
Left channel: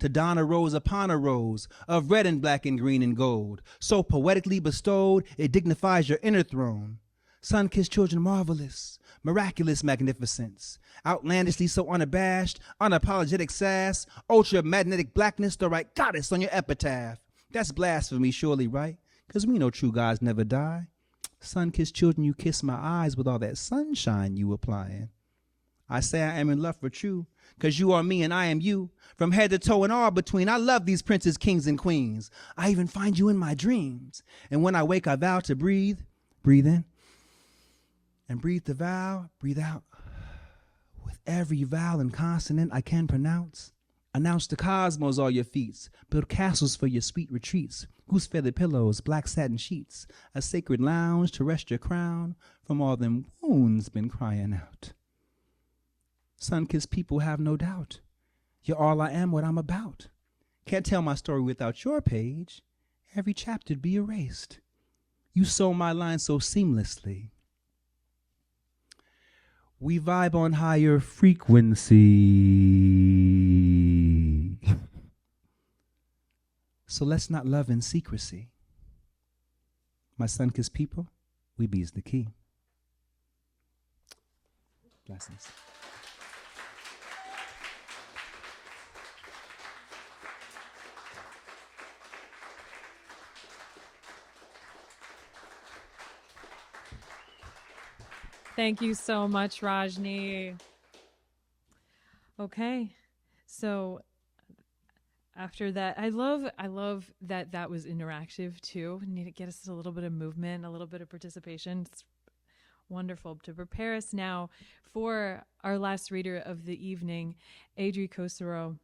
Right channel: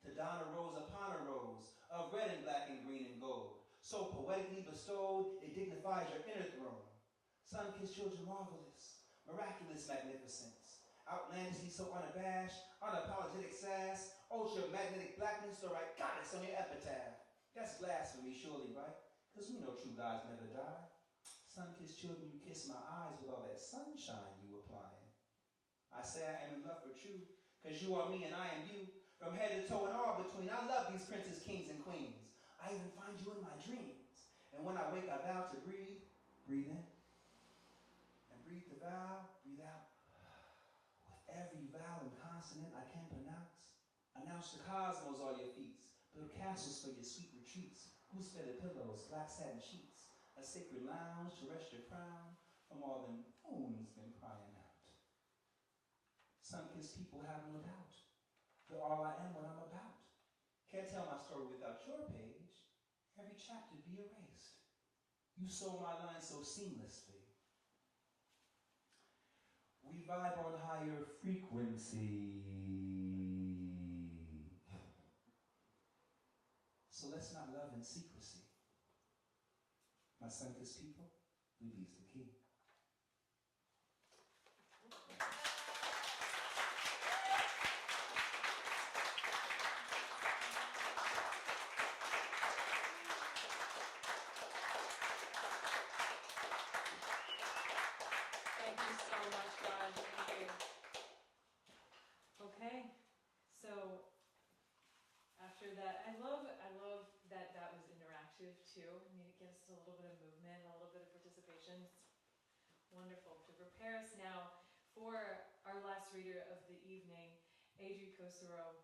to don a rose upon a rose of red and black and green and gold, so poetically bestowed it dignifies your inner throne. Sun-kissed children, marvelous, miraculous magnificence, outlandishly so unabashed, unapologetic sass, ultra-magnetic blackness, the right goddess on your epitaph. That's blasphemy, surely, right? Because we know true gods never die. Sun-kissed children, you kiss my eyes with all that sunshine you applying. I say I am in love for true, because you are me and I am you, from head to toe and all between. I love these princes, kings, and queens. I even find you in my dreams. And when I wake, I vow to breathe in, and breathe the vow, breathe out. Every vowel and consonant I can pronounce. Announce the cosmos all your feats. Build castles for your sweet retreats. Goose feather pillows, black satin sheets. A sacred lounge to rest your crown from all them wounds been crying out. Sun-kissed people have no doubt. You're all I am, what I'm about. Can't tell my story without your page. Every chapter'd be erased. You sew my lines so seamlessly. We vibe on higher frequency. So let's not love in secrecy. My sun-kissed people, we be's the key. Blessings. Thank you so much, Rajnii. Okay, so after that, I love that was interactive too. Need to get us a little bit of movement, a little bit of participation. It's wonderful. To prepare us now for our last reader of the evening, Adrie Kusserow.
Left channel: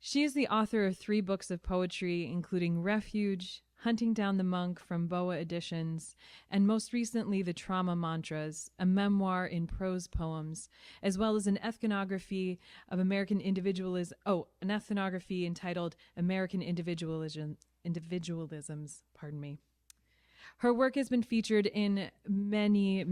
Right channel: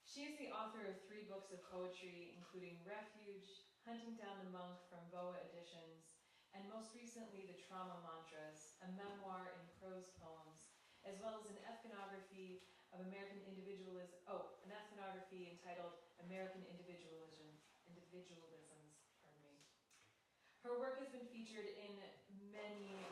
She is the author of 3 books of poetry, including Refuge, Hunting Down the Monk from Boa Editions, and most recently, The Trauma Mantras, a memoir in prose poems, as well as an ethnography of American individualism. Oh, an ethnography entitled American Individualisms. Pardon me. Her work has been featured in many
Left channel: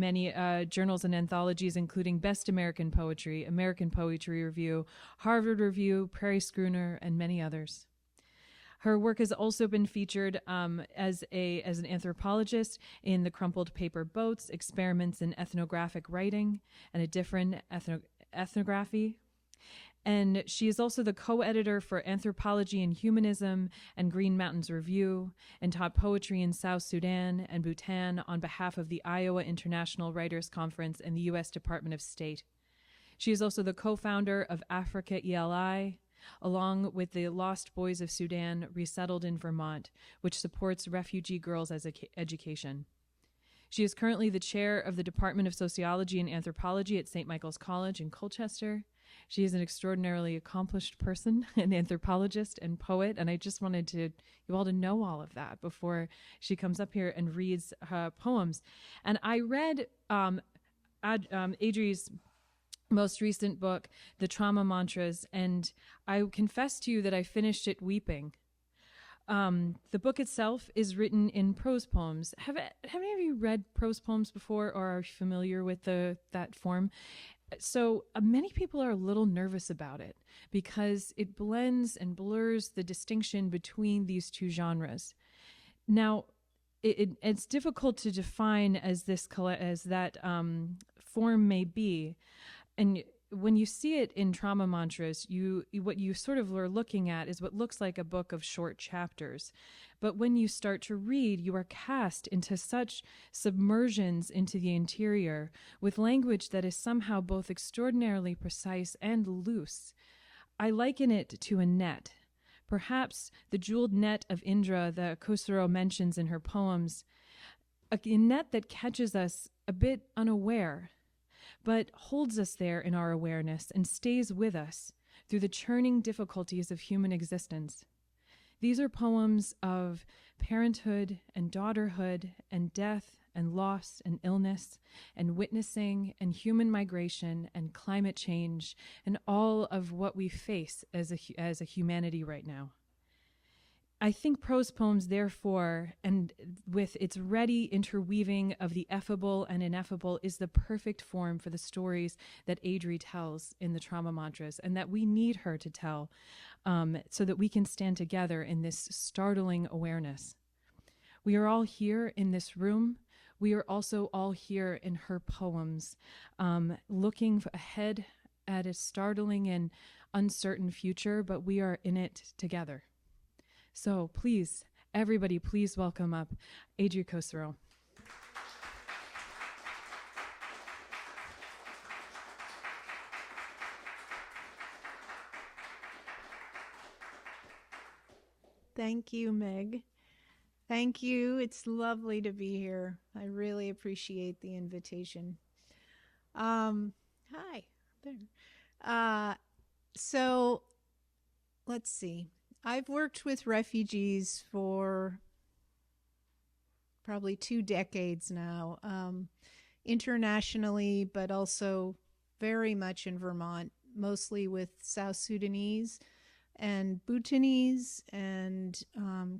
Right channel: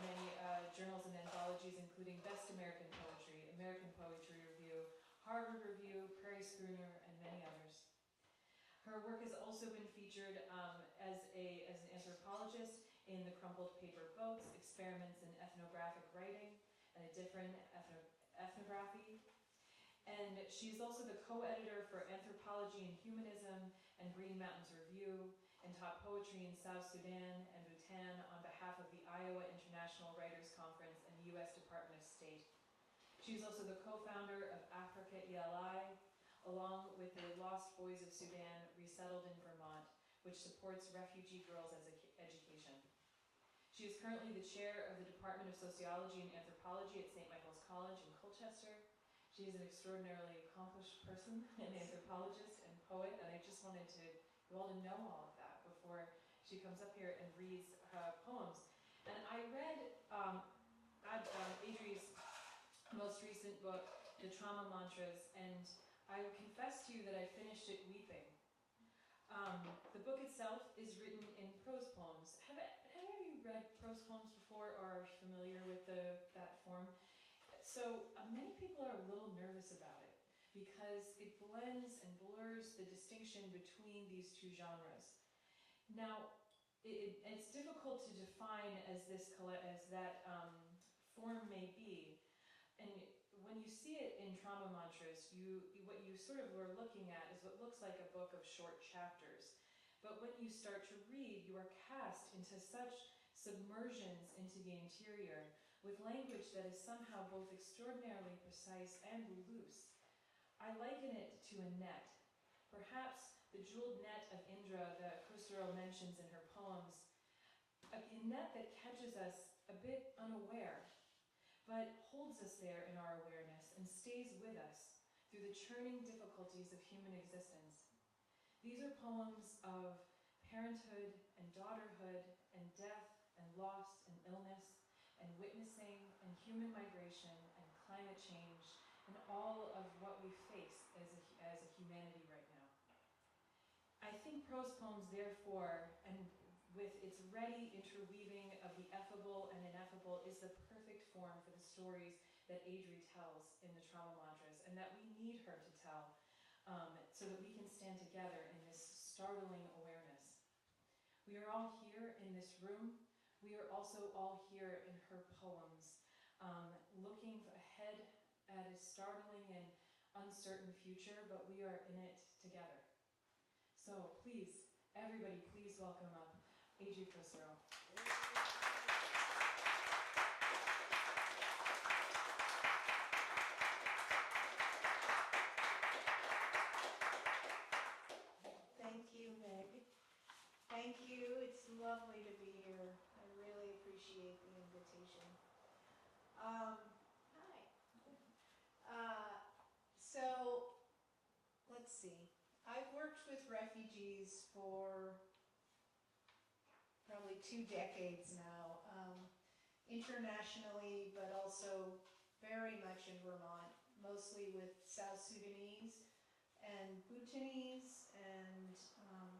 journals and anthologies, including Best American Poetry, American Poetry Review, Harvard Review, Prairie Schooner, and many others. Her work has also been featured as an anthropologist in The Crumpled Paper Boats, Experiments in Ethnographic Writing, and a different ethnography. And she is also the co-editor for Anthropology and Humanism and Green Mountains Review, and taught poetry in South Sudan and Bhutan on behalf of the Iowa International Writers Conference and the U.S. Department of State. She is also the co-founder of Africa ELI, along with the Lost Boys of Sudan, resettled in Vermont, which supports refugee girls as education. She is currently the chair of the Department of Sociology and Anthropology at St. Michael's College in Colchester. She is an extraordinarily accomplished person, an anthropologist and poet, and I just wanted you all to know all of that before she comes up here and reads her poems. And I read Adrie's most recent book, The Trauma Mantras, and I confess to you that I finished it weeping. The book itself is written in prose poems. Have any of you read prose poems before, or are familiar with that form? So many people are a little nervous about it because it blends and blurs the distinction between these two genres. Now, it's difficult to define as that form may be, and when you see it in Trauma Mantras, what you sort of are looking at is what looks like a book of short chapters. But when you start to read, you are cast into such submersions into the interior with language that is somehow both extraordinarily precise and loose. I liken it to a net. Perhaps the jeweled net of Indra that Kusserow mentions in her poems, a net that catches us a bit unaware, but holds us there in our awareness and stays with us through the churning difficulties of human existence. These are poems of parenthood and daughterhood and death and loss and illness and witnessing and human migration and climate change and all of what we face as a humanity right now. I think prose poems, therefore, and with its ready interweaving of the effable and ineffable, is the perfect form for the stories that Adrie tells in the Trauma Mantras, and that we need her to tell so that we can stand together in this startling awareness. We are all here in this room. We are also all here in her poems, looking ahead at a startling and uncertain future, but we are in it together. So please, everybody, please welcome up Adrie Kusserow. Thank you, Meg. Thank you. It's lovely to be here. I really appreciate the invitation. Hi. There. So let's see. I've worked with refugees for probably 2 decades now, internationally, but also very much in Vermont, mostly with South Sudanese and Bhutanese and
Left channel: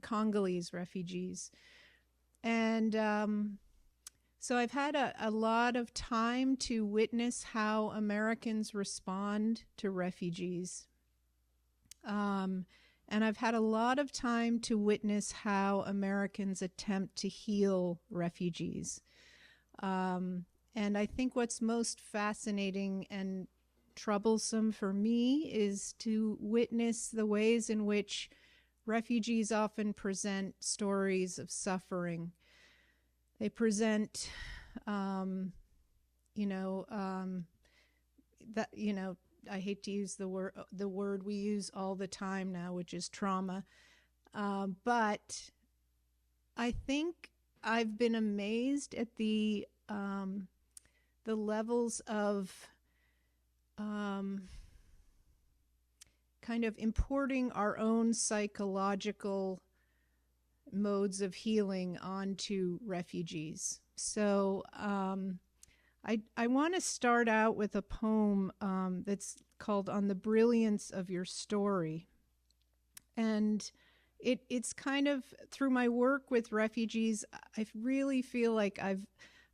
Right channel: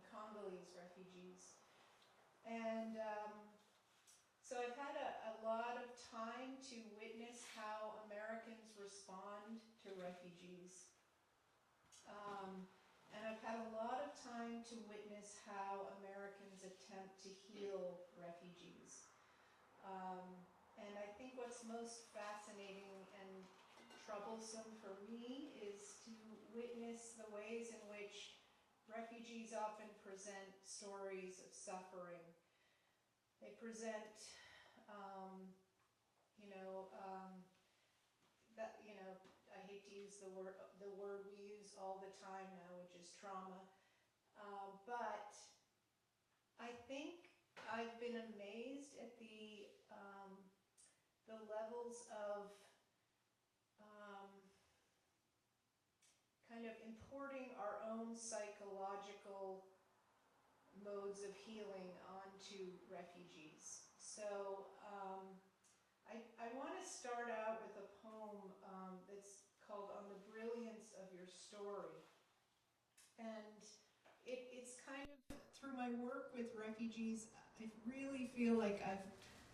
Congolese refugees. And so I've had a lot of time to witness how Americans respond to refugees. And I've had a lot of time to witness how Americans attempt to heal refugees. And I think what's most fascinating and troublesome for me is to witness the ways in which refugees often present stories of suffering. They present, I hate to use the word we use all the time now, which is trauma. But I think I've been amazed at the levels of kind of importing our own psychological modes of healing onto refugees. So I want to start out with a poem that's called On the Brilliance of Your Story. And it's kind of, through my work with refugees, I really feel like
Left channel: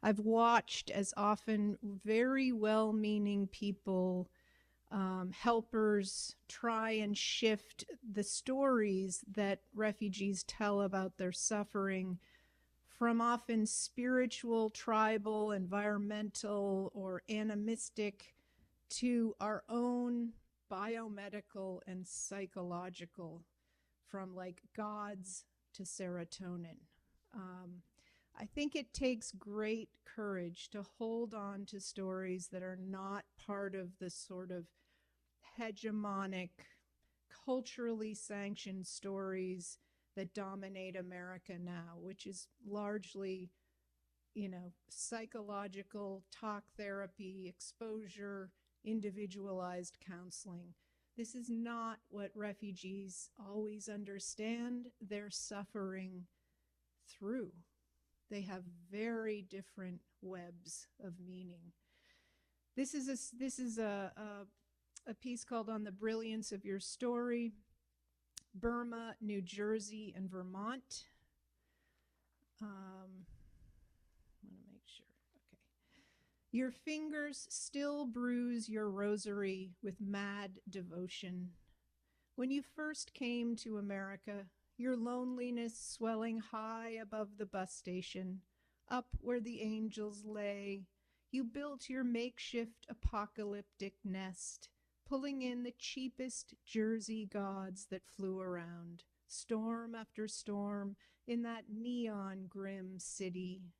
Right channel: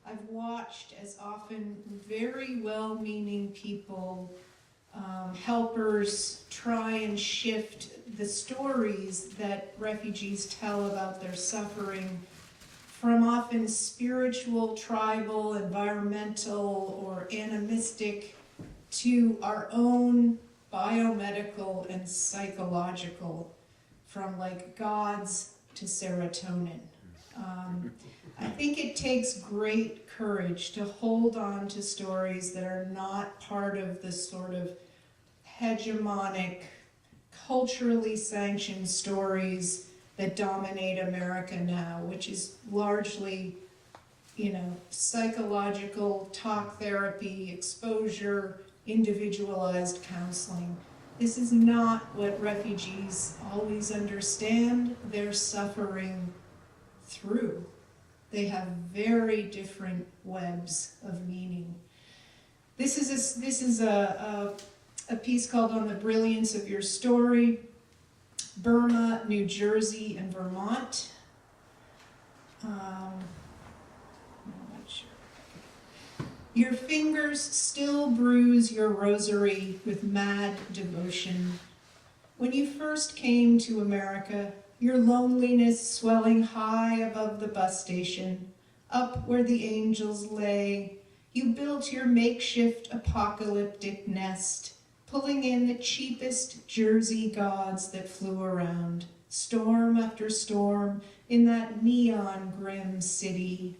I've watched as often very well-meaning people, helpers, try and shift the stories that refugees tell about their suffering from often spiritual, tribal, environmental, or animistic to our own biomedical and psychological, from like gods to serotonin. I think it takes great courage to hold on to stories that are not part of the sort of hegemonic, culturally sanctioned stories that dominate America now, which is largely, psychological, talk therapy, exposure, individualized counseling. This is not what refugees always understand their suffering through. They have very different webs of meaning. This is a piece called On the Brilliance of Your Story, Burma, New Jersey, and Vermont. I'm not sure. Your fingers still bruise your rosary with mad devotion. When you first came to America, your loneliness swelling high above the bus station, up where the angels lay, you built your makeshift apocalyptic nest, pulling in the cheapest Jersey gods that flew around, storm after storm, in that neon grim city.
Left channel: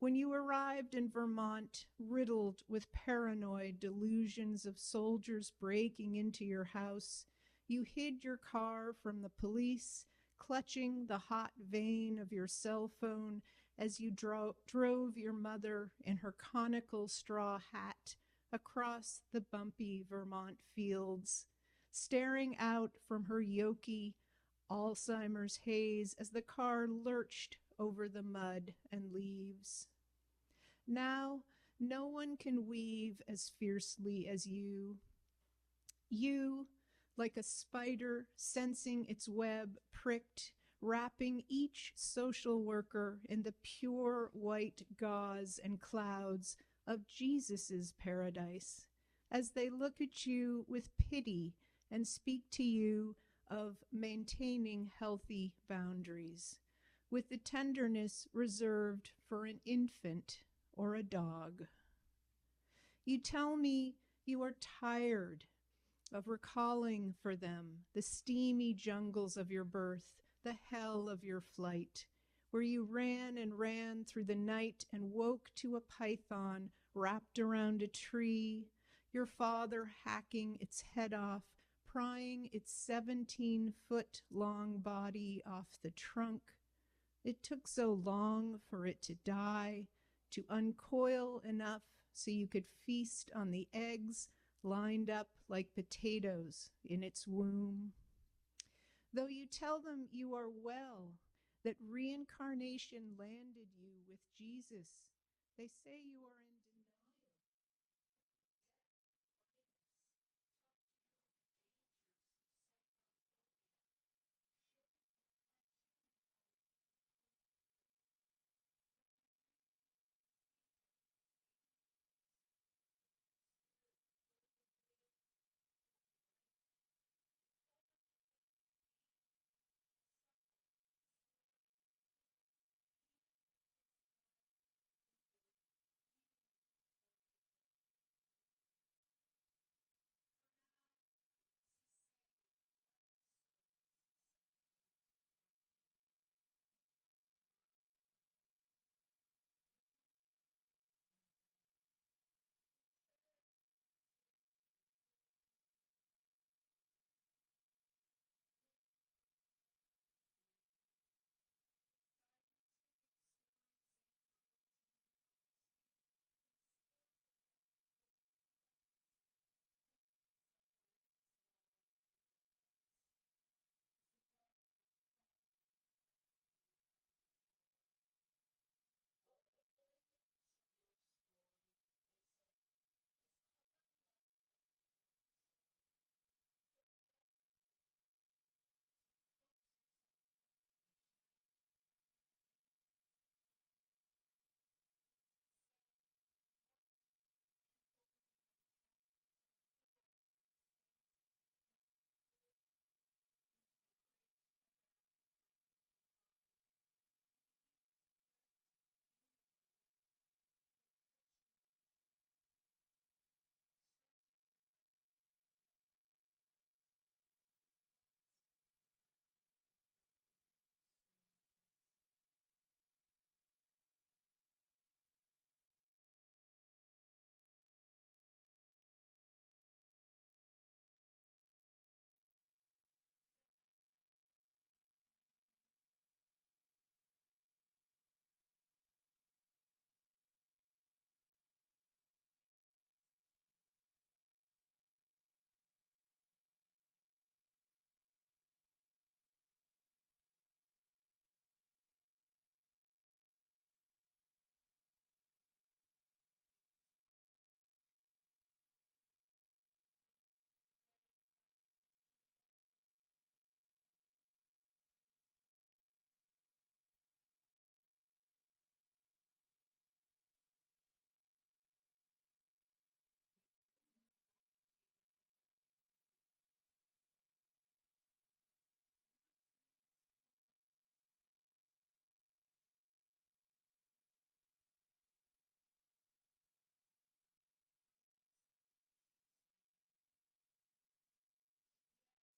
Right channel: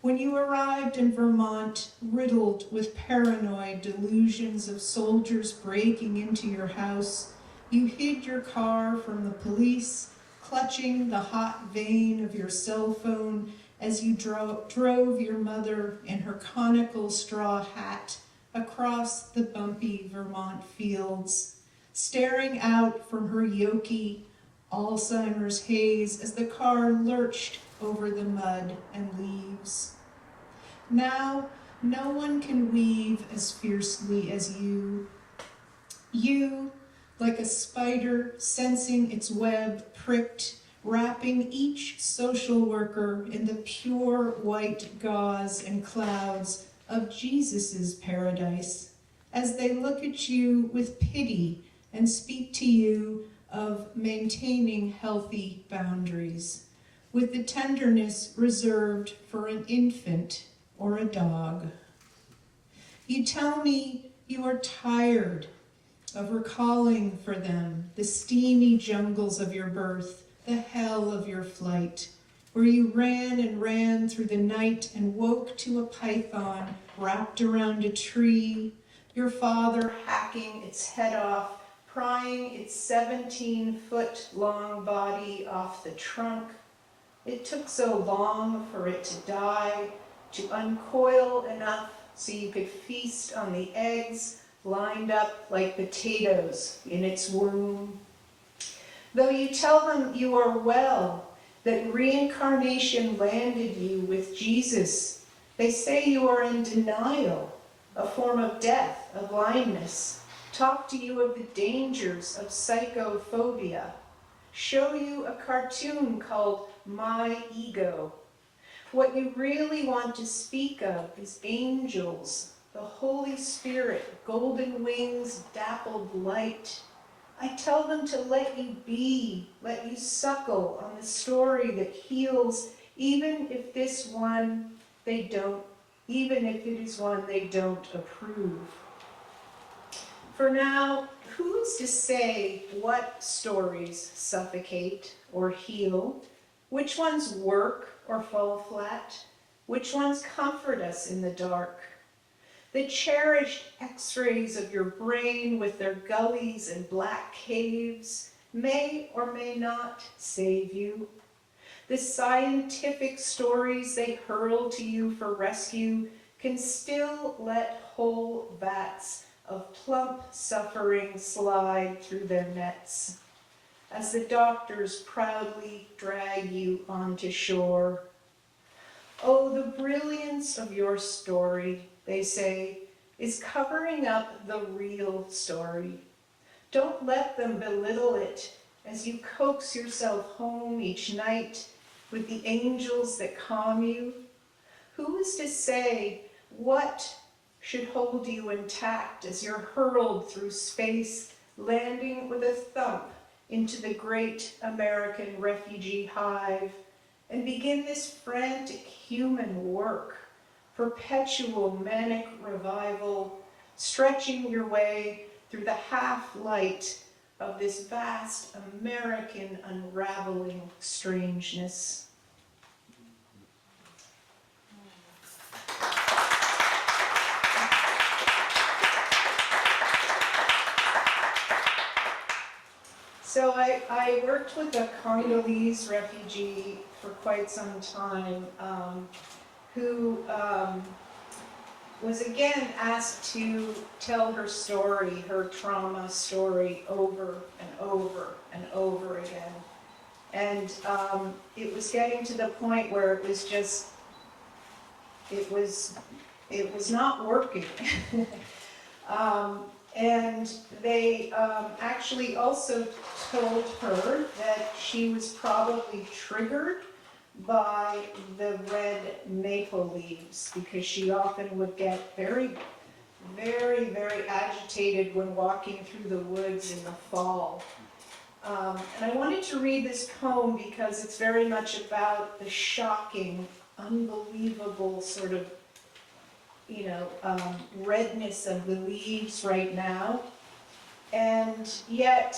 When you arrived in Vermont, riddled with paranoid delusions of soldiers breaking into your house, you hid your car from the police, clutching the hot vein of your cell phone as you drove your mother in her conical straw hat across the bumpy Vermont fields, staring out from her yoky Alzheimer's haze as the car lurched over the mud and leaves. Now, no one can weave as fiercely as you. You, like a spider sensing its web pricked, wrapping each social worker in the pure white gauze and clouds of Jesus's paradise, as they look at you with pity and speak to you of maintaining healthy boundaries, with the tenderness reserved for an infant or a dog. You tell me you are tired of recalling for them the steamy jungles of your birth, the hell of your flight, where you ran and ran through the night and woke to a python wrapped around a tree, your father hacking its head off, prying its 17-foot-long body off the trunk. It took so long for it to die, to uncoil enough so you could feast on the eggs lined up like potatoes in its womb. Though you tell them you are well, that reincarnation landed you with Jesus, they say you are in denial, a form of death, of blindness. talk to you of the dangers of psychophobia, show you a cartoon called My Ego. What you really want to speak of is angels, the Holy Spirit, golden wings, dappled light. I tell them to let you be, let you suckle on the story that heals, even if it is one they don't approve. For now, who's to say what stories suffocate or heal? Which ones work or fall flat? Which ones comfort us in the dark? The cherished x-rays of your brain with their gullies and black caves may or may not save you. The scientific stories they hurl to you for rescue can still let whole vats of plump suffering slide through their nets as the doctors proudly drag you onto shore. Oh, the brilliance of your story, they say, is covering up the real story. Don't let them belittle it as you coax yourself home each night with the angels that calm you. Who is to say what should hold you intact as you're hurled through space, landing with a thump into the great American refugee hive, and begin this frantic human work, perpetual manic revival, stretching your way through the half-light of this vast American unraveling strangeness. So I worked with a Congolese refugee for quite some time who was again asked to tell her story, her trauma story, over and over and over again. And it was getting to the point where it was just, it was not working. And they actually also told her that she was probably triggered by the red maple leaves because she often would get very, very, very agitated when walking through the woods in the fall. And I wanted to read this poem because it's very much about the shocking, unbelievable sort of redness of the leaves right now, and yet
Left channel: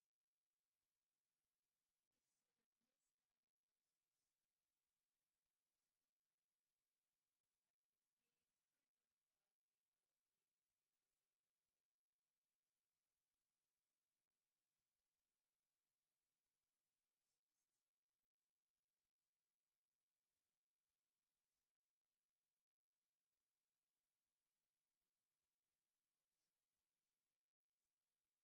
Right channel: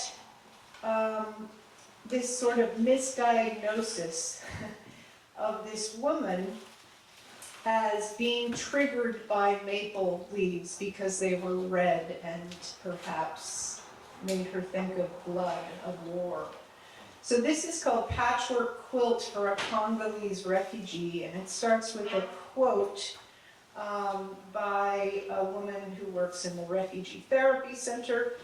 this sort of misdiagnosis of this woman as being triggered by maple leaves because they were red and perhaps made her think of blood, of war. So this is called Patchwork Quilt for a Congolese Refugee, and it starts with a quote by a woman who works in the Refugee Therapy Center.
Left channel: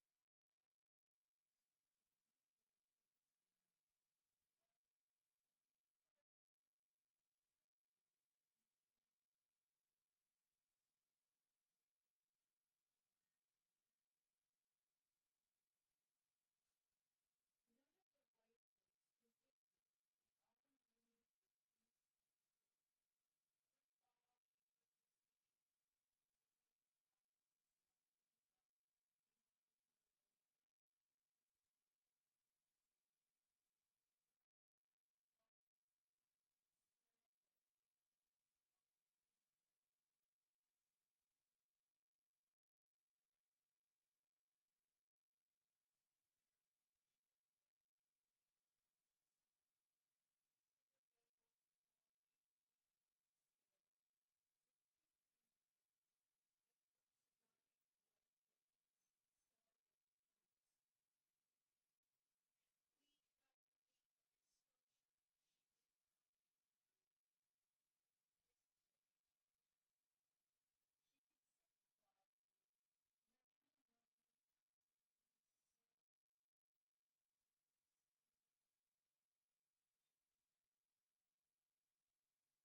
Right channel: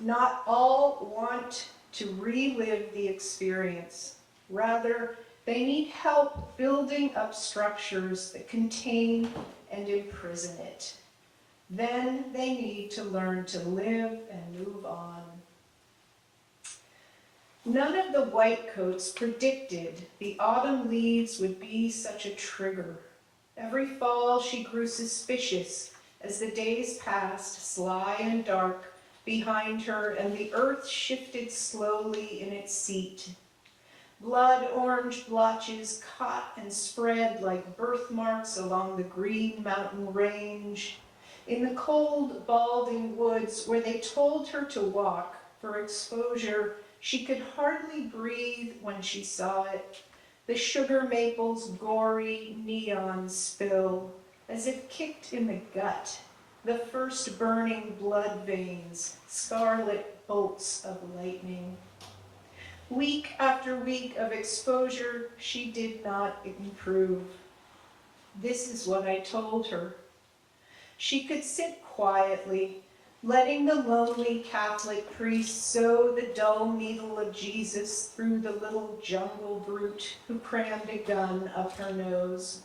Not all want to relive the experience. Rather, they need help building up structures that contain and imprison it. Then they need to learn to live and move on. None of the whitecoats predicted the autumn leaves would be such a trigger. Every fall she grew suspicious as the days passed, sly and dark, behind her, and the earth shifted slowly in its seat. Blood-orange blotches caught and spread like birthmarks along the green mountain range. In the cold, balding woods where they told her to walk for exposure, she could hardly breathe when she saw it. The sugar maple's gory neon spill, as if kicked in the gut. The first burning blood veins, scarlet bolts of lightning. Week after week of exposure, she did not improve. This is what I told her. She could sit quietly, letting the lonely Catholic priest sew the dull needle of Jesus through the little jungle brute who crammed a gun up her nose.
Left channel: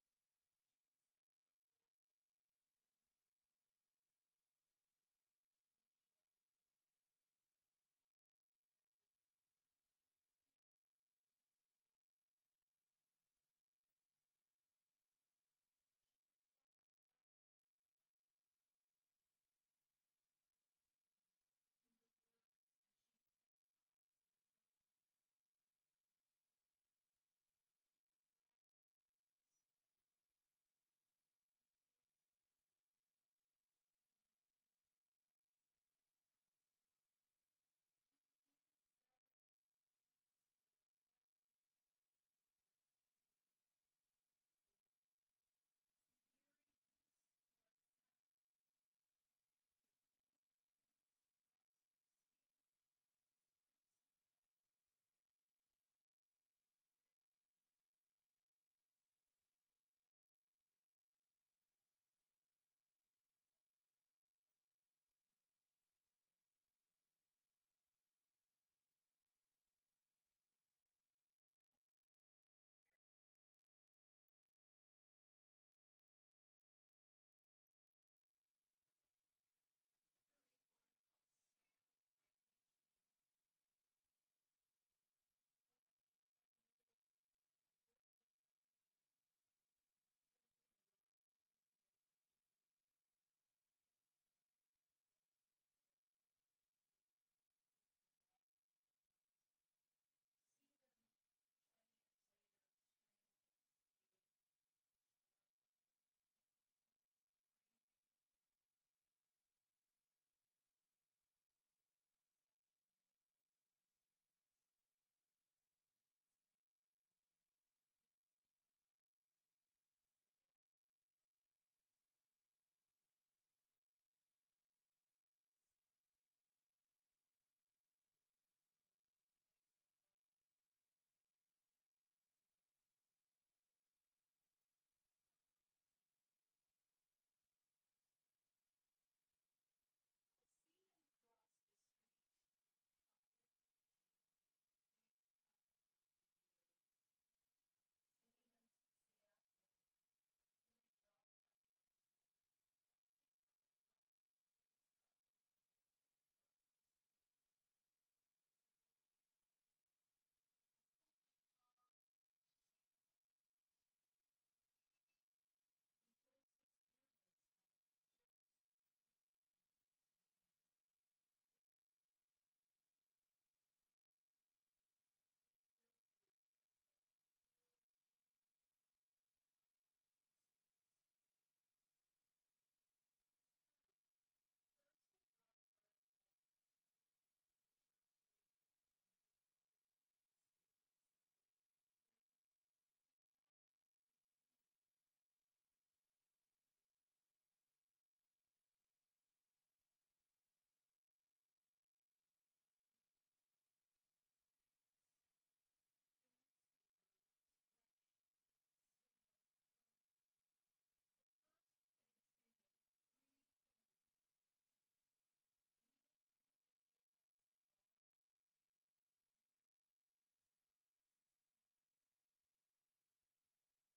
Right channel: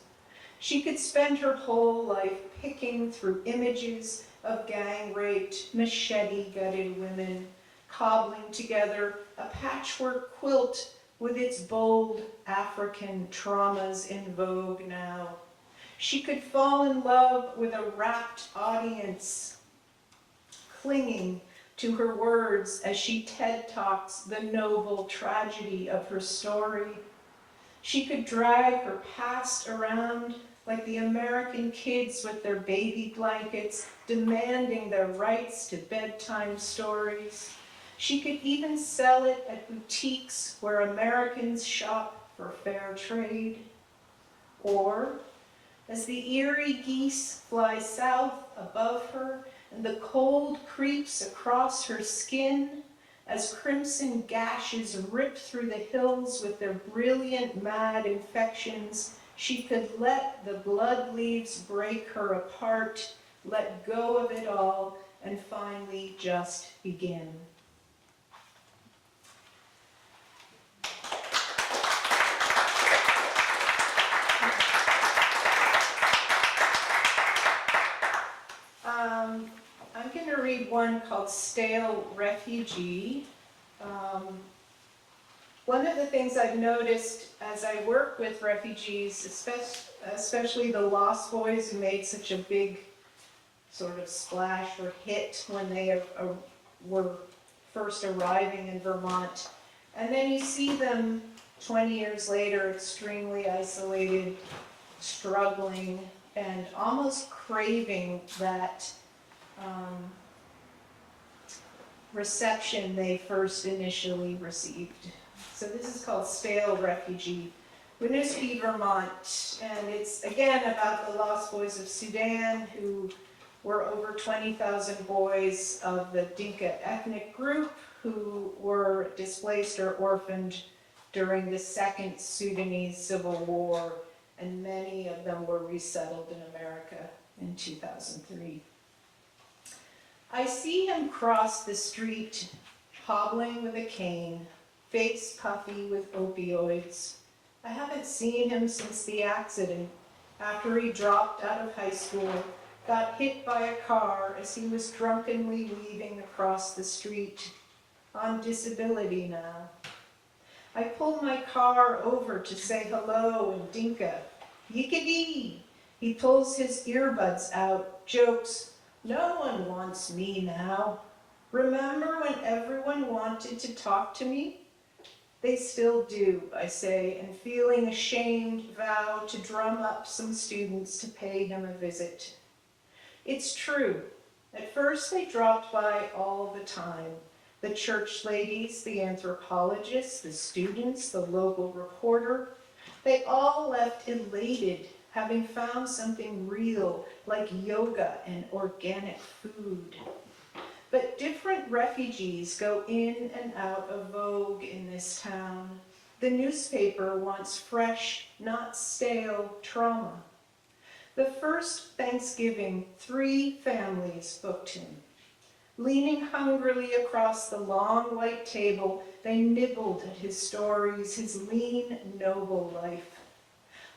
She could spend her whole life picking through images of gang-raped, machete-gutted women, cobbling together a patchwork quilt with its bold African traumas in vogue now. She could fall in love with a rapt audience, clinging to her words as she TED Talks the noble tragedy of her story. She could drag her past around like the American kids with their baby blankets, demanding their rights to bedtime stories. She could even sell it at boutiques where Americans shop for fair trade. Or, as the eerie geese fly south above her and the cold creeps across her skin, as crimson gashes rip through the hills with their brilliant mad infections, she could let the blood leaves break her apart, let go of it all, and finally just begin. I'm going to read one called Stale Refugee. One of the things I've noticed as I work with refugees, especially the Lost Boys who made such a big sort of splash or hit when they were first arriving in Vermont, and then you see them 20 years later extremely isolated, struggling, and almost craving that reception they first initially received. So this is called Stale Refugee. Winooski, Vermont, and it's again about the Lost Boys of Sudan, who were over 20,000 boys of the Dinka ethnic group who were displaced or orphaned during the Second Sudanese Civil War, and many of them were resettled in America in 2003. I see him cross the street, hobbling with a cane, face puffy with opioids. I haven't seen him since the accident, after he dropped out of high school, got hit by a car as he was drunkenly weaving across the street, on disability now. I pull my car over to say hello in Dinka. Yickadee! He pulls his earbuds out, jokes, "No one wants me now. Remember when everyone wanted to talk to me?" "They still do," I say, and feeling ashamed, vow to drum up some students to pay him a visit. It's true. At first they dropped by all the time. The church ladies, the anthropologists, the students, the local reporter. They all left elated, having found something real, like yoga and organic food. But different refugees go in and out of vogue in this town. The newspaper wants fresh, not stale trauma. The first Thanksgiving, 3 families booked him. Leaning hungrily across the long white table, they nibbled at his stories, his lean, noble life.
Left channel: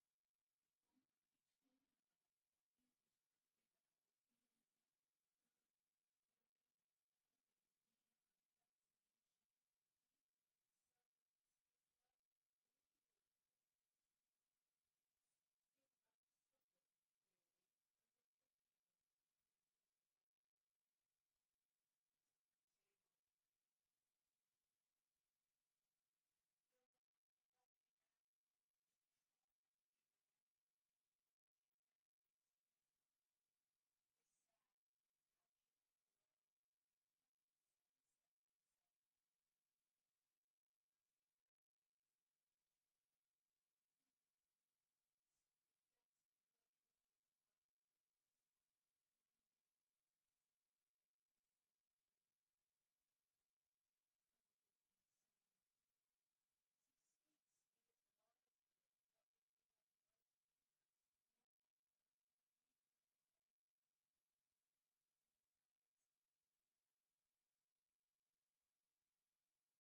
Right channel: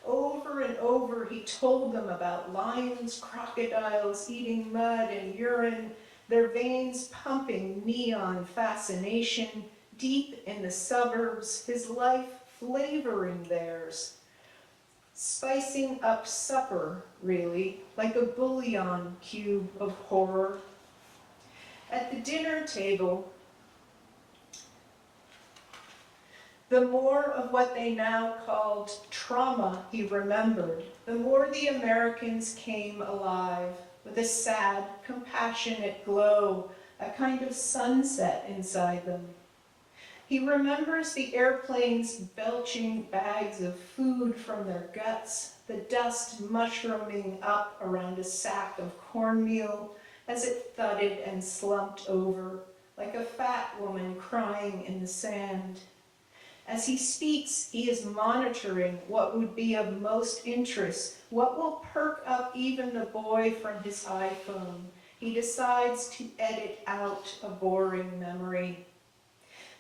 Over and over he told them about lions, crocodiles, eating mud and urine, their veins pumping neon fascination, deep in the suburbs, his life flavoring theirs. Spicing up supper, really, like a bouillon cube of horror. At the dinner table, the more of what they now called trauma he remembered, the more the Americans came alive, with a sad, compassionate glow, a kind of sunset inside them. He remembers the airplanes belching bags of food from their guts, the dust mushrooming up around a sack of cornmeal as it thudded and slumped over, like a fat woman crying in the sand. As he speaks, he is monitoring what would be of most interest, what will perk up even the boy from his iPhone. He decides to edit out a boring memory.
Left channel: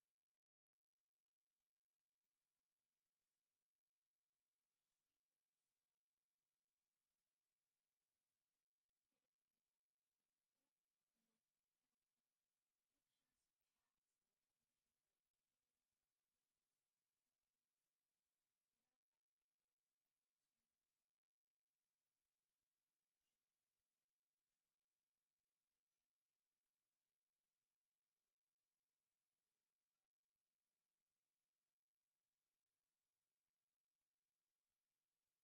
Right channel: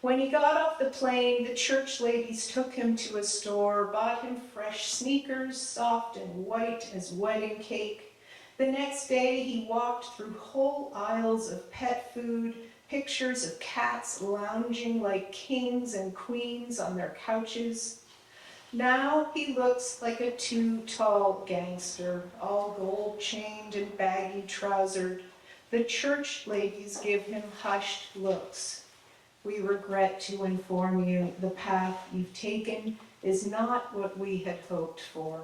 When he got off the plane, the church ladies took him to a store, bought him fresh sneakers, soft and white as wedding cake. The next day, he walked through whole aisles of pet food, pictures of cats lounging like kings and queens on their couches. Now he looks like a too-tall gangster, all gold-chained and baggy-trousered. The church ladies give him hushed looks. We regret to inform you the path you've taken is not what we had hoped for.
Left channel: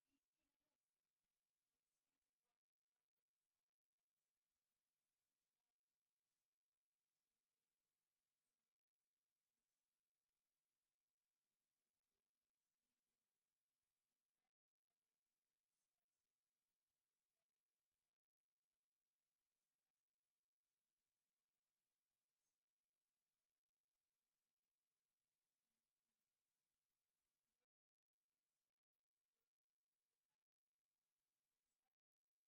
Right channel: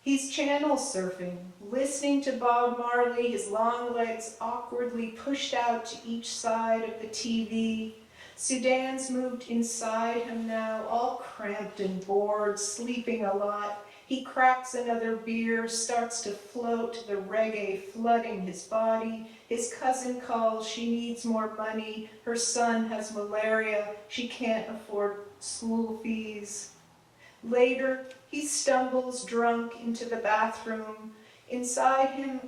He's channel surfing, listening to Bob Marley, his long legs awkwardly pushed out to each side of the TV. Sudan's moved inside him now, all cramped and bored, sleeping a lot. He cracks another beer, starts to float, the reggae flooding his body. His cousin calls, she needs more money. Her son has malaria, she can't afford school fees. Later, he stumbles drunk into the bathroom. Inside him,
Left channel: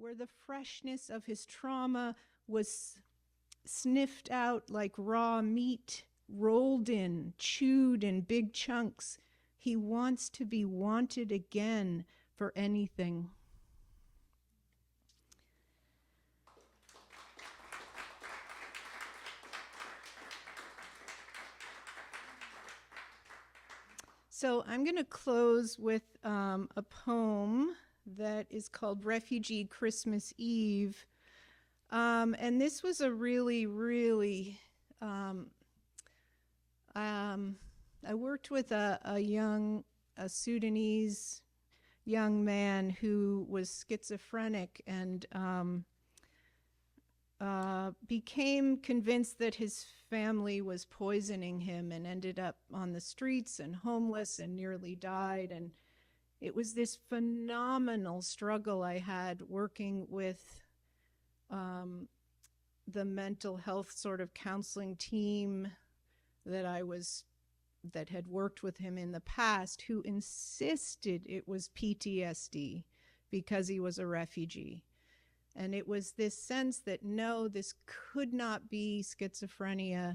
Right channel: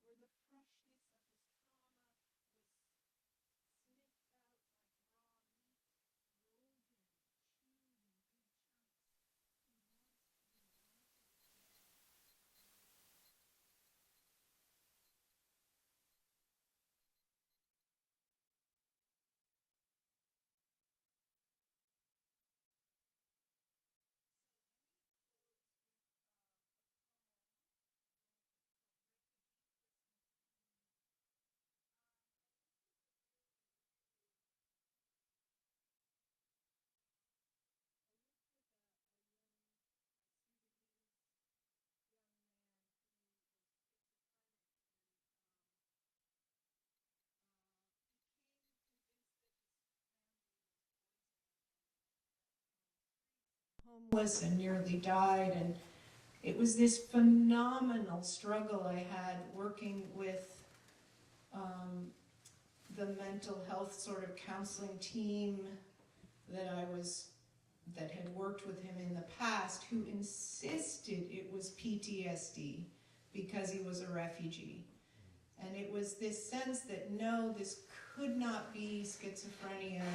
where the freshness of his trauma was sniffed out like raw meat, rolled in, chewed in big chunks. He wants to be wanted again for anything. So I'm going to close with a poem that is called Refugee Christmas Eve. And this was a really, I worked with a Sudanese young man who was schizophrenic and became convinced that his family was poisoning him and ended up on the streets and homeless and nearly died. And it was this phenomenal struggle I had working with the mental health sort of counseling team that had worked with him in the past, who insisted it was PTSD because he was a refugee. And it was this sense that no, this could not be schizophrenia.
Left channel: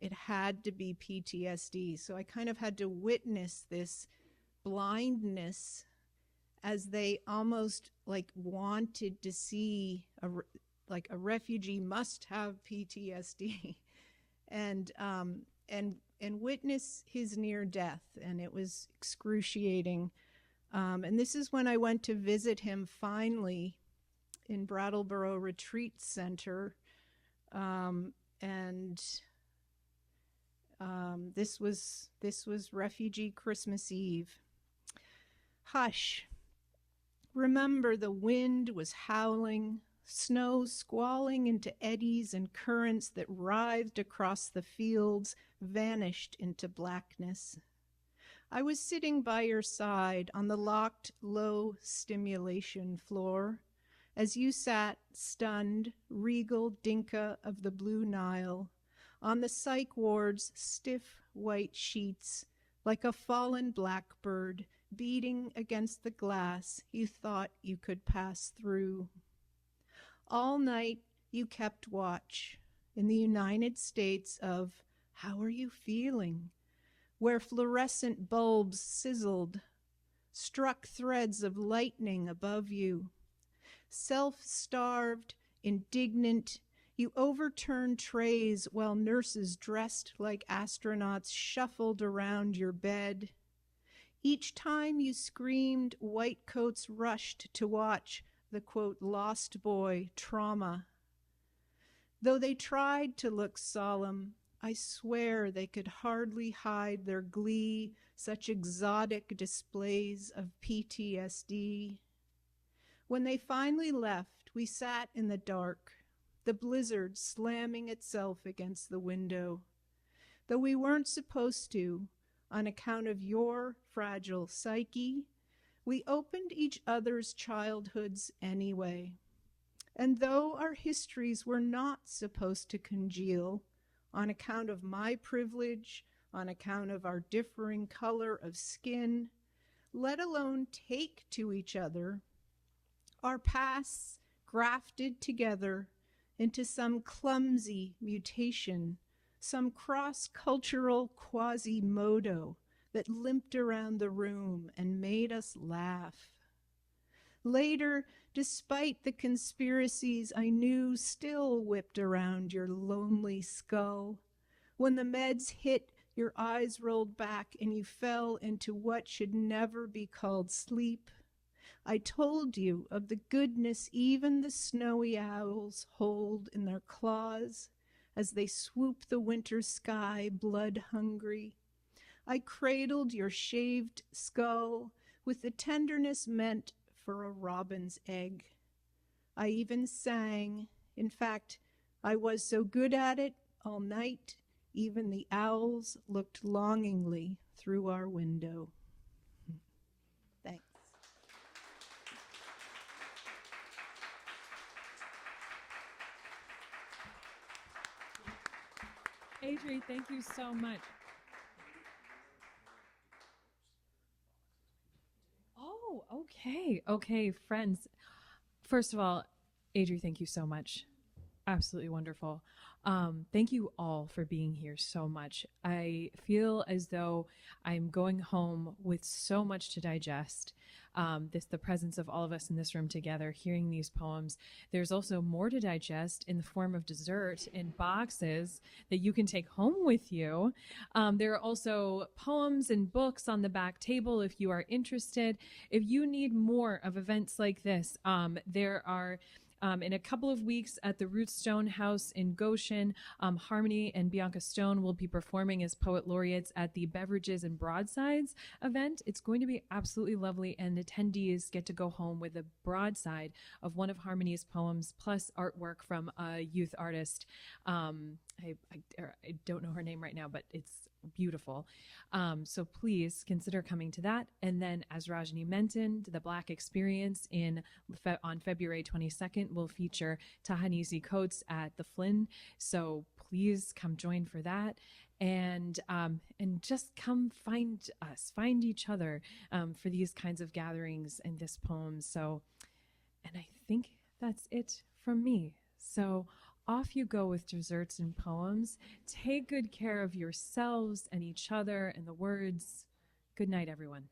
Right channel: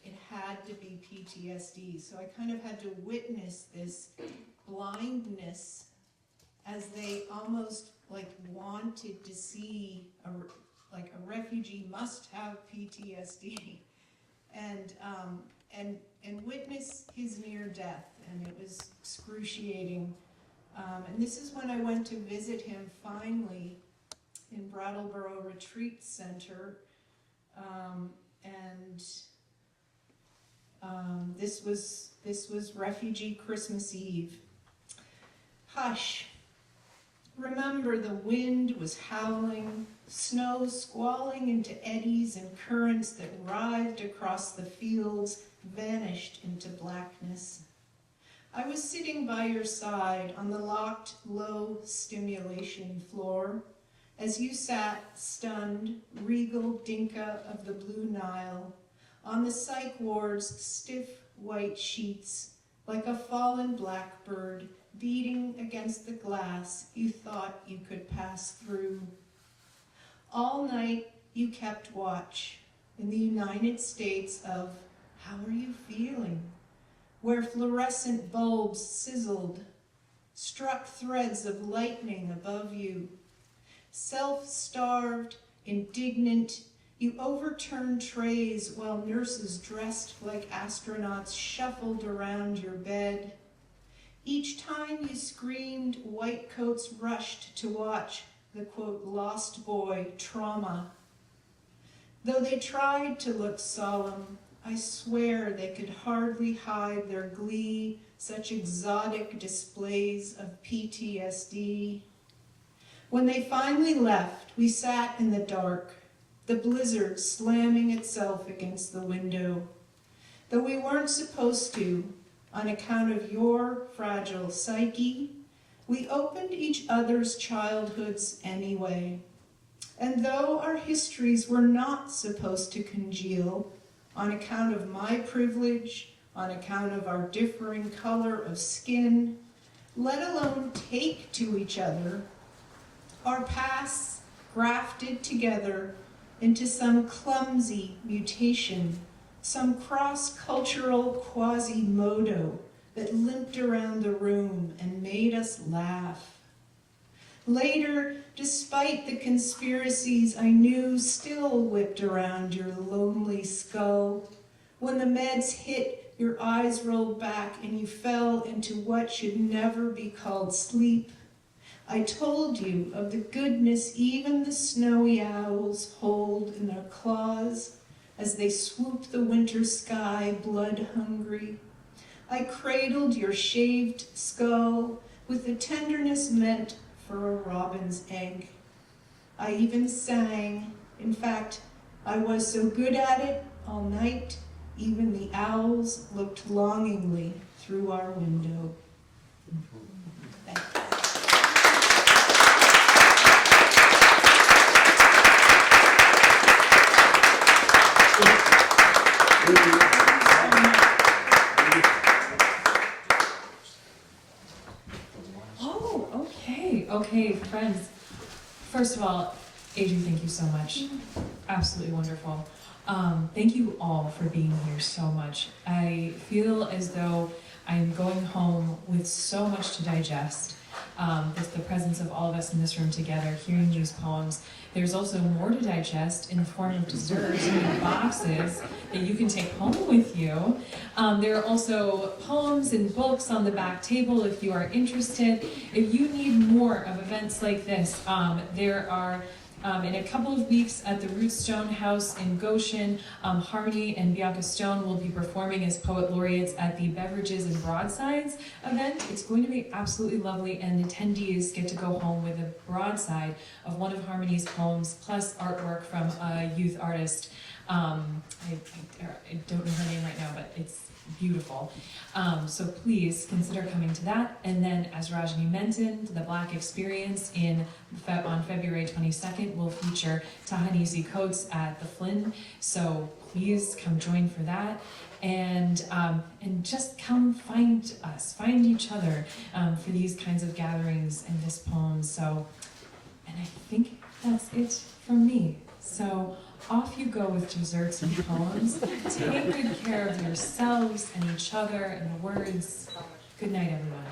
It had to be PTSD. So I kind of had to witness this blindness as they almost like wanted to see like a refugee must have PTSD, and witness his near death, and it was excruciating. And this is when I went to visit him finally in Brattleboro Retreat Center, and this was Refugee Christmas Eve. Hush. Remember, the wind was howling, snow squalling into eddies and currents that writhed across the fields, vanished into blackness. I was sitting by your side on the locked, low stimulation floor as you sat, stunned, regal Dinka of the Blue Nile, on the psych ward's stiff white sheets, like a fallen blackbird beating against the glass you thought you could pass through. All night you kept watch in the United States of how are you feeling, where fluorescent bulbs sizzled, struck threads of lightning above you. Self-starved, indignant, you overturned trays while nurses dressed like astronauts shuffled around your bed. Each time you screamed, white coats rushed to watch the, quote, lost boy trauma. Though they tried to look solemn, I swear they could hardly hide their glee, such exotic displays of PTSD. When they finally left, we sat in the dark, the blizzard slamming itself against the window. Though we weren't supposed to, on account of your fragile psyche, we opened each other's childhoods anyway. And though our histories were not supposed to congeal, on account of my privilege, on account of our differing color of skin, let alone take to each other, our pasts grafted together into some clumsy mutation, some cross-cultural quasimodo that limped around the room and made us laugh. Later, despite the conspiracies I knew still whipped around your lonely skull, when the meds hit, your eyes rolled back and you fell into what should never be called sleep, I told you of the goodness even the snowy owls hold in their claws as they swoop the winter sky blood-hungry. I cradled your shaved skull with the tenderness meant for a robin's egg. I even sang. In fact, I was so good at it all night, even the owls looked longingly through our window. Thank you. Oh, okay, friends. First of all, Adrie, thank you so much. Absolutely wonderful. Thank you all for being here so much. I feel as though I'm going home with so much to digest. It's the presence of all of us in this room together, hearing these poems. There's also more to digest in the form of desserts and boxes that you can take home with you. There are also poems and books on the back table if you are interested. If you need more of events like this, there are in a couple of weeks at the Rootstone House in Goshen, Harmony and Bianca Stone will be performing as poet laureates at the Beverages and Broadsides event. It's going to be absolutely lovely, and attendees get to go home with a broadside of one of Harmony's poems, plus artwork from a youth artist. I don't know her name right now, but it's beautiful. So please consider coming to that. And then, as Rajnii mentioned, the Black Experience on February 22nd will feature Ta-Nehisi Coates at the Flynn. So please come join for that. And just come find us, find each other for these kinds of gatherings and this poems. So, and I think that's it from me. So off you go with desserts and poems. Take good care of yourselves and each other and the words. Good night, everyone.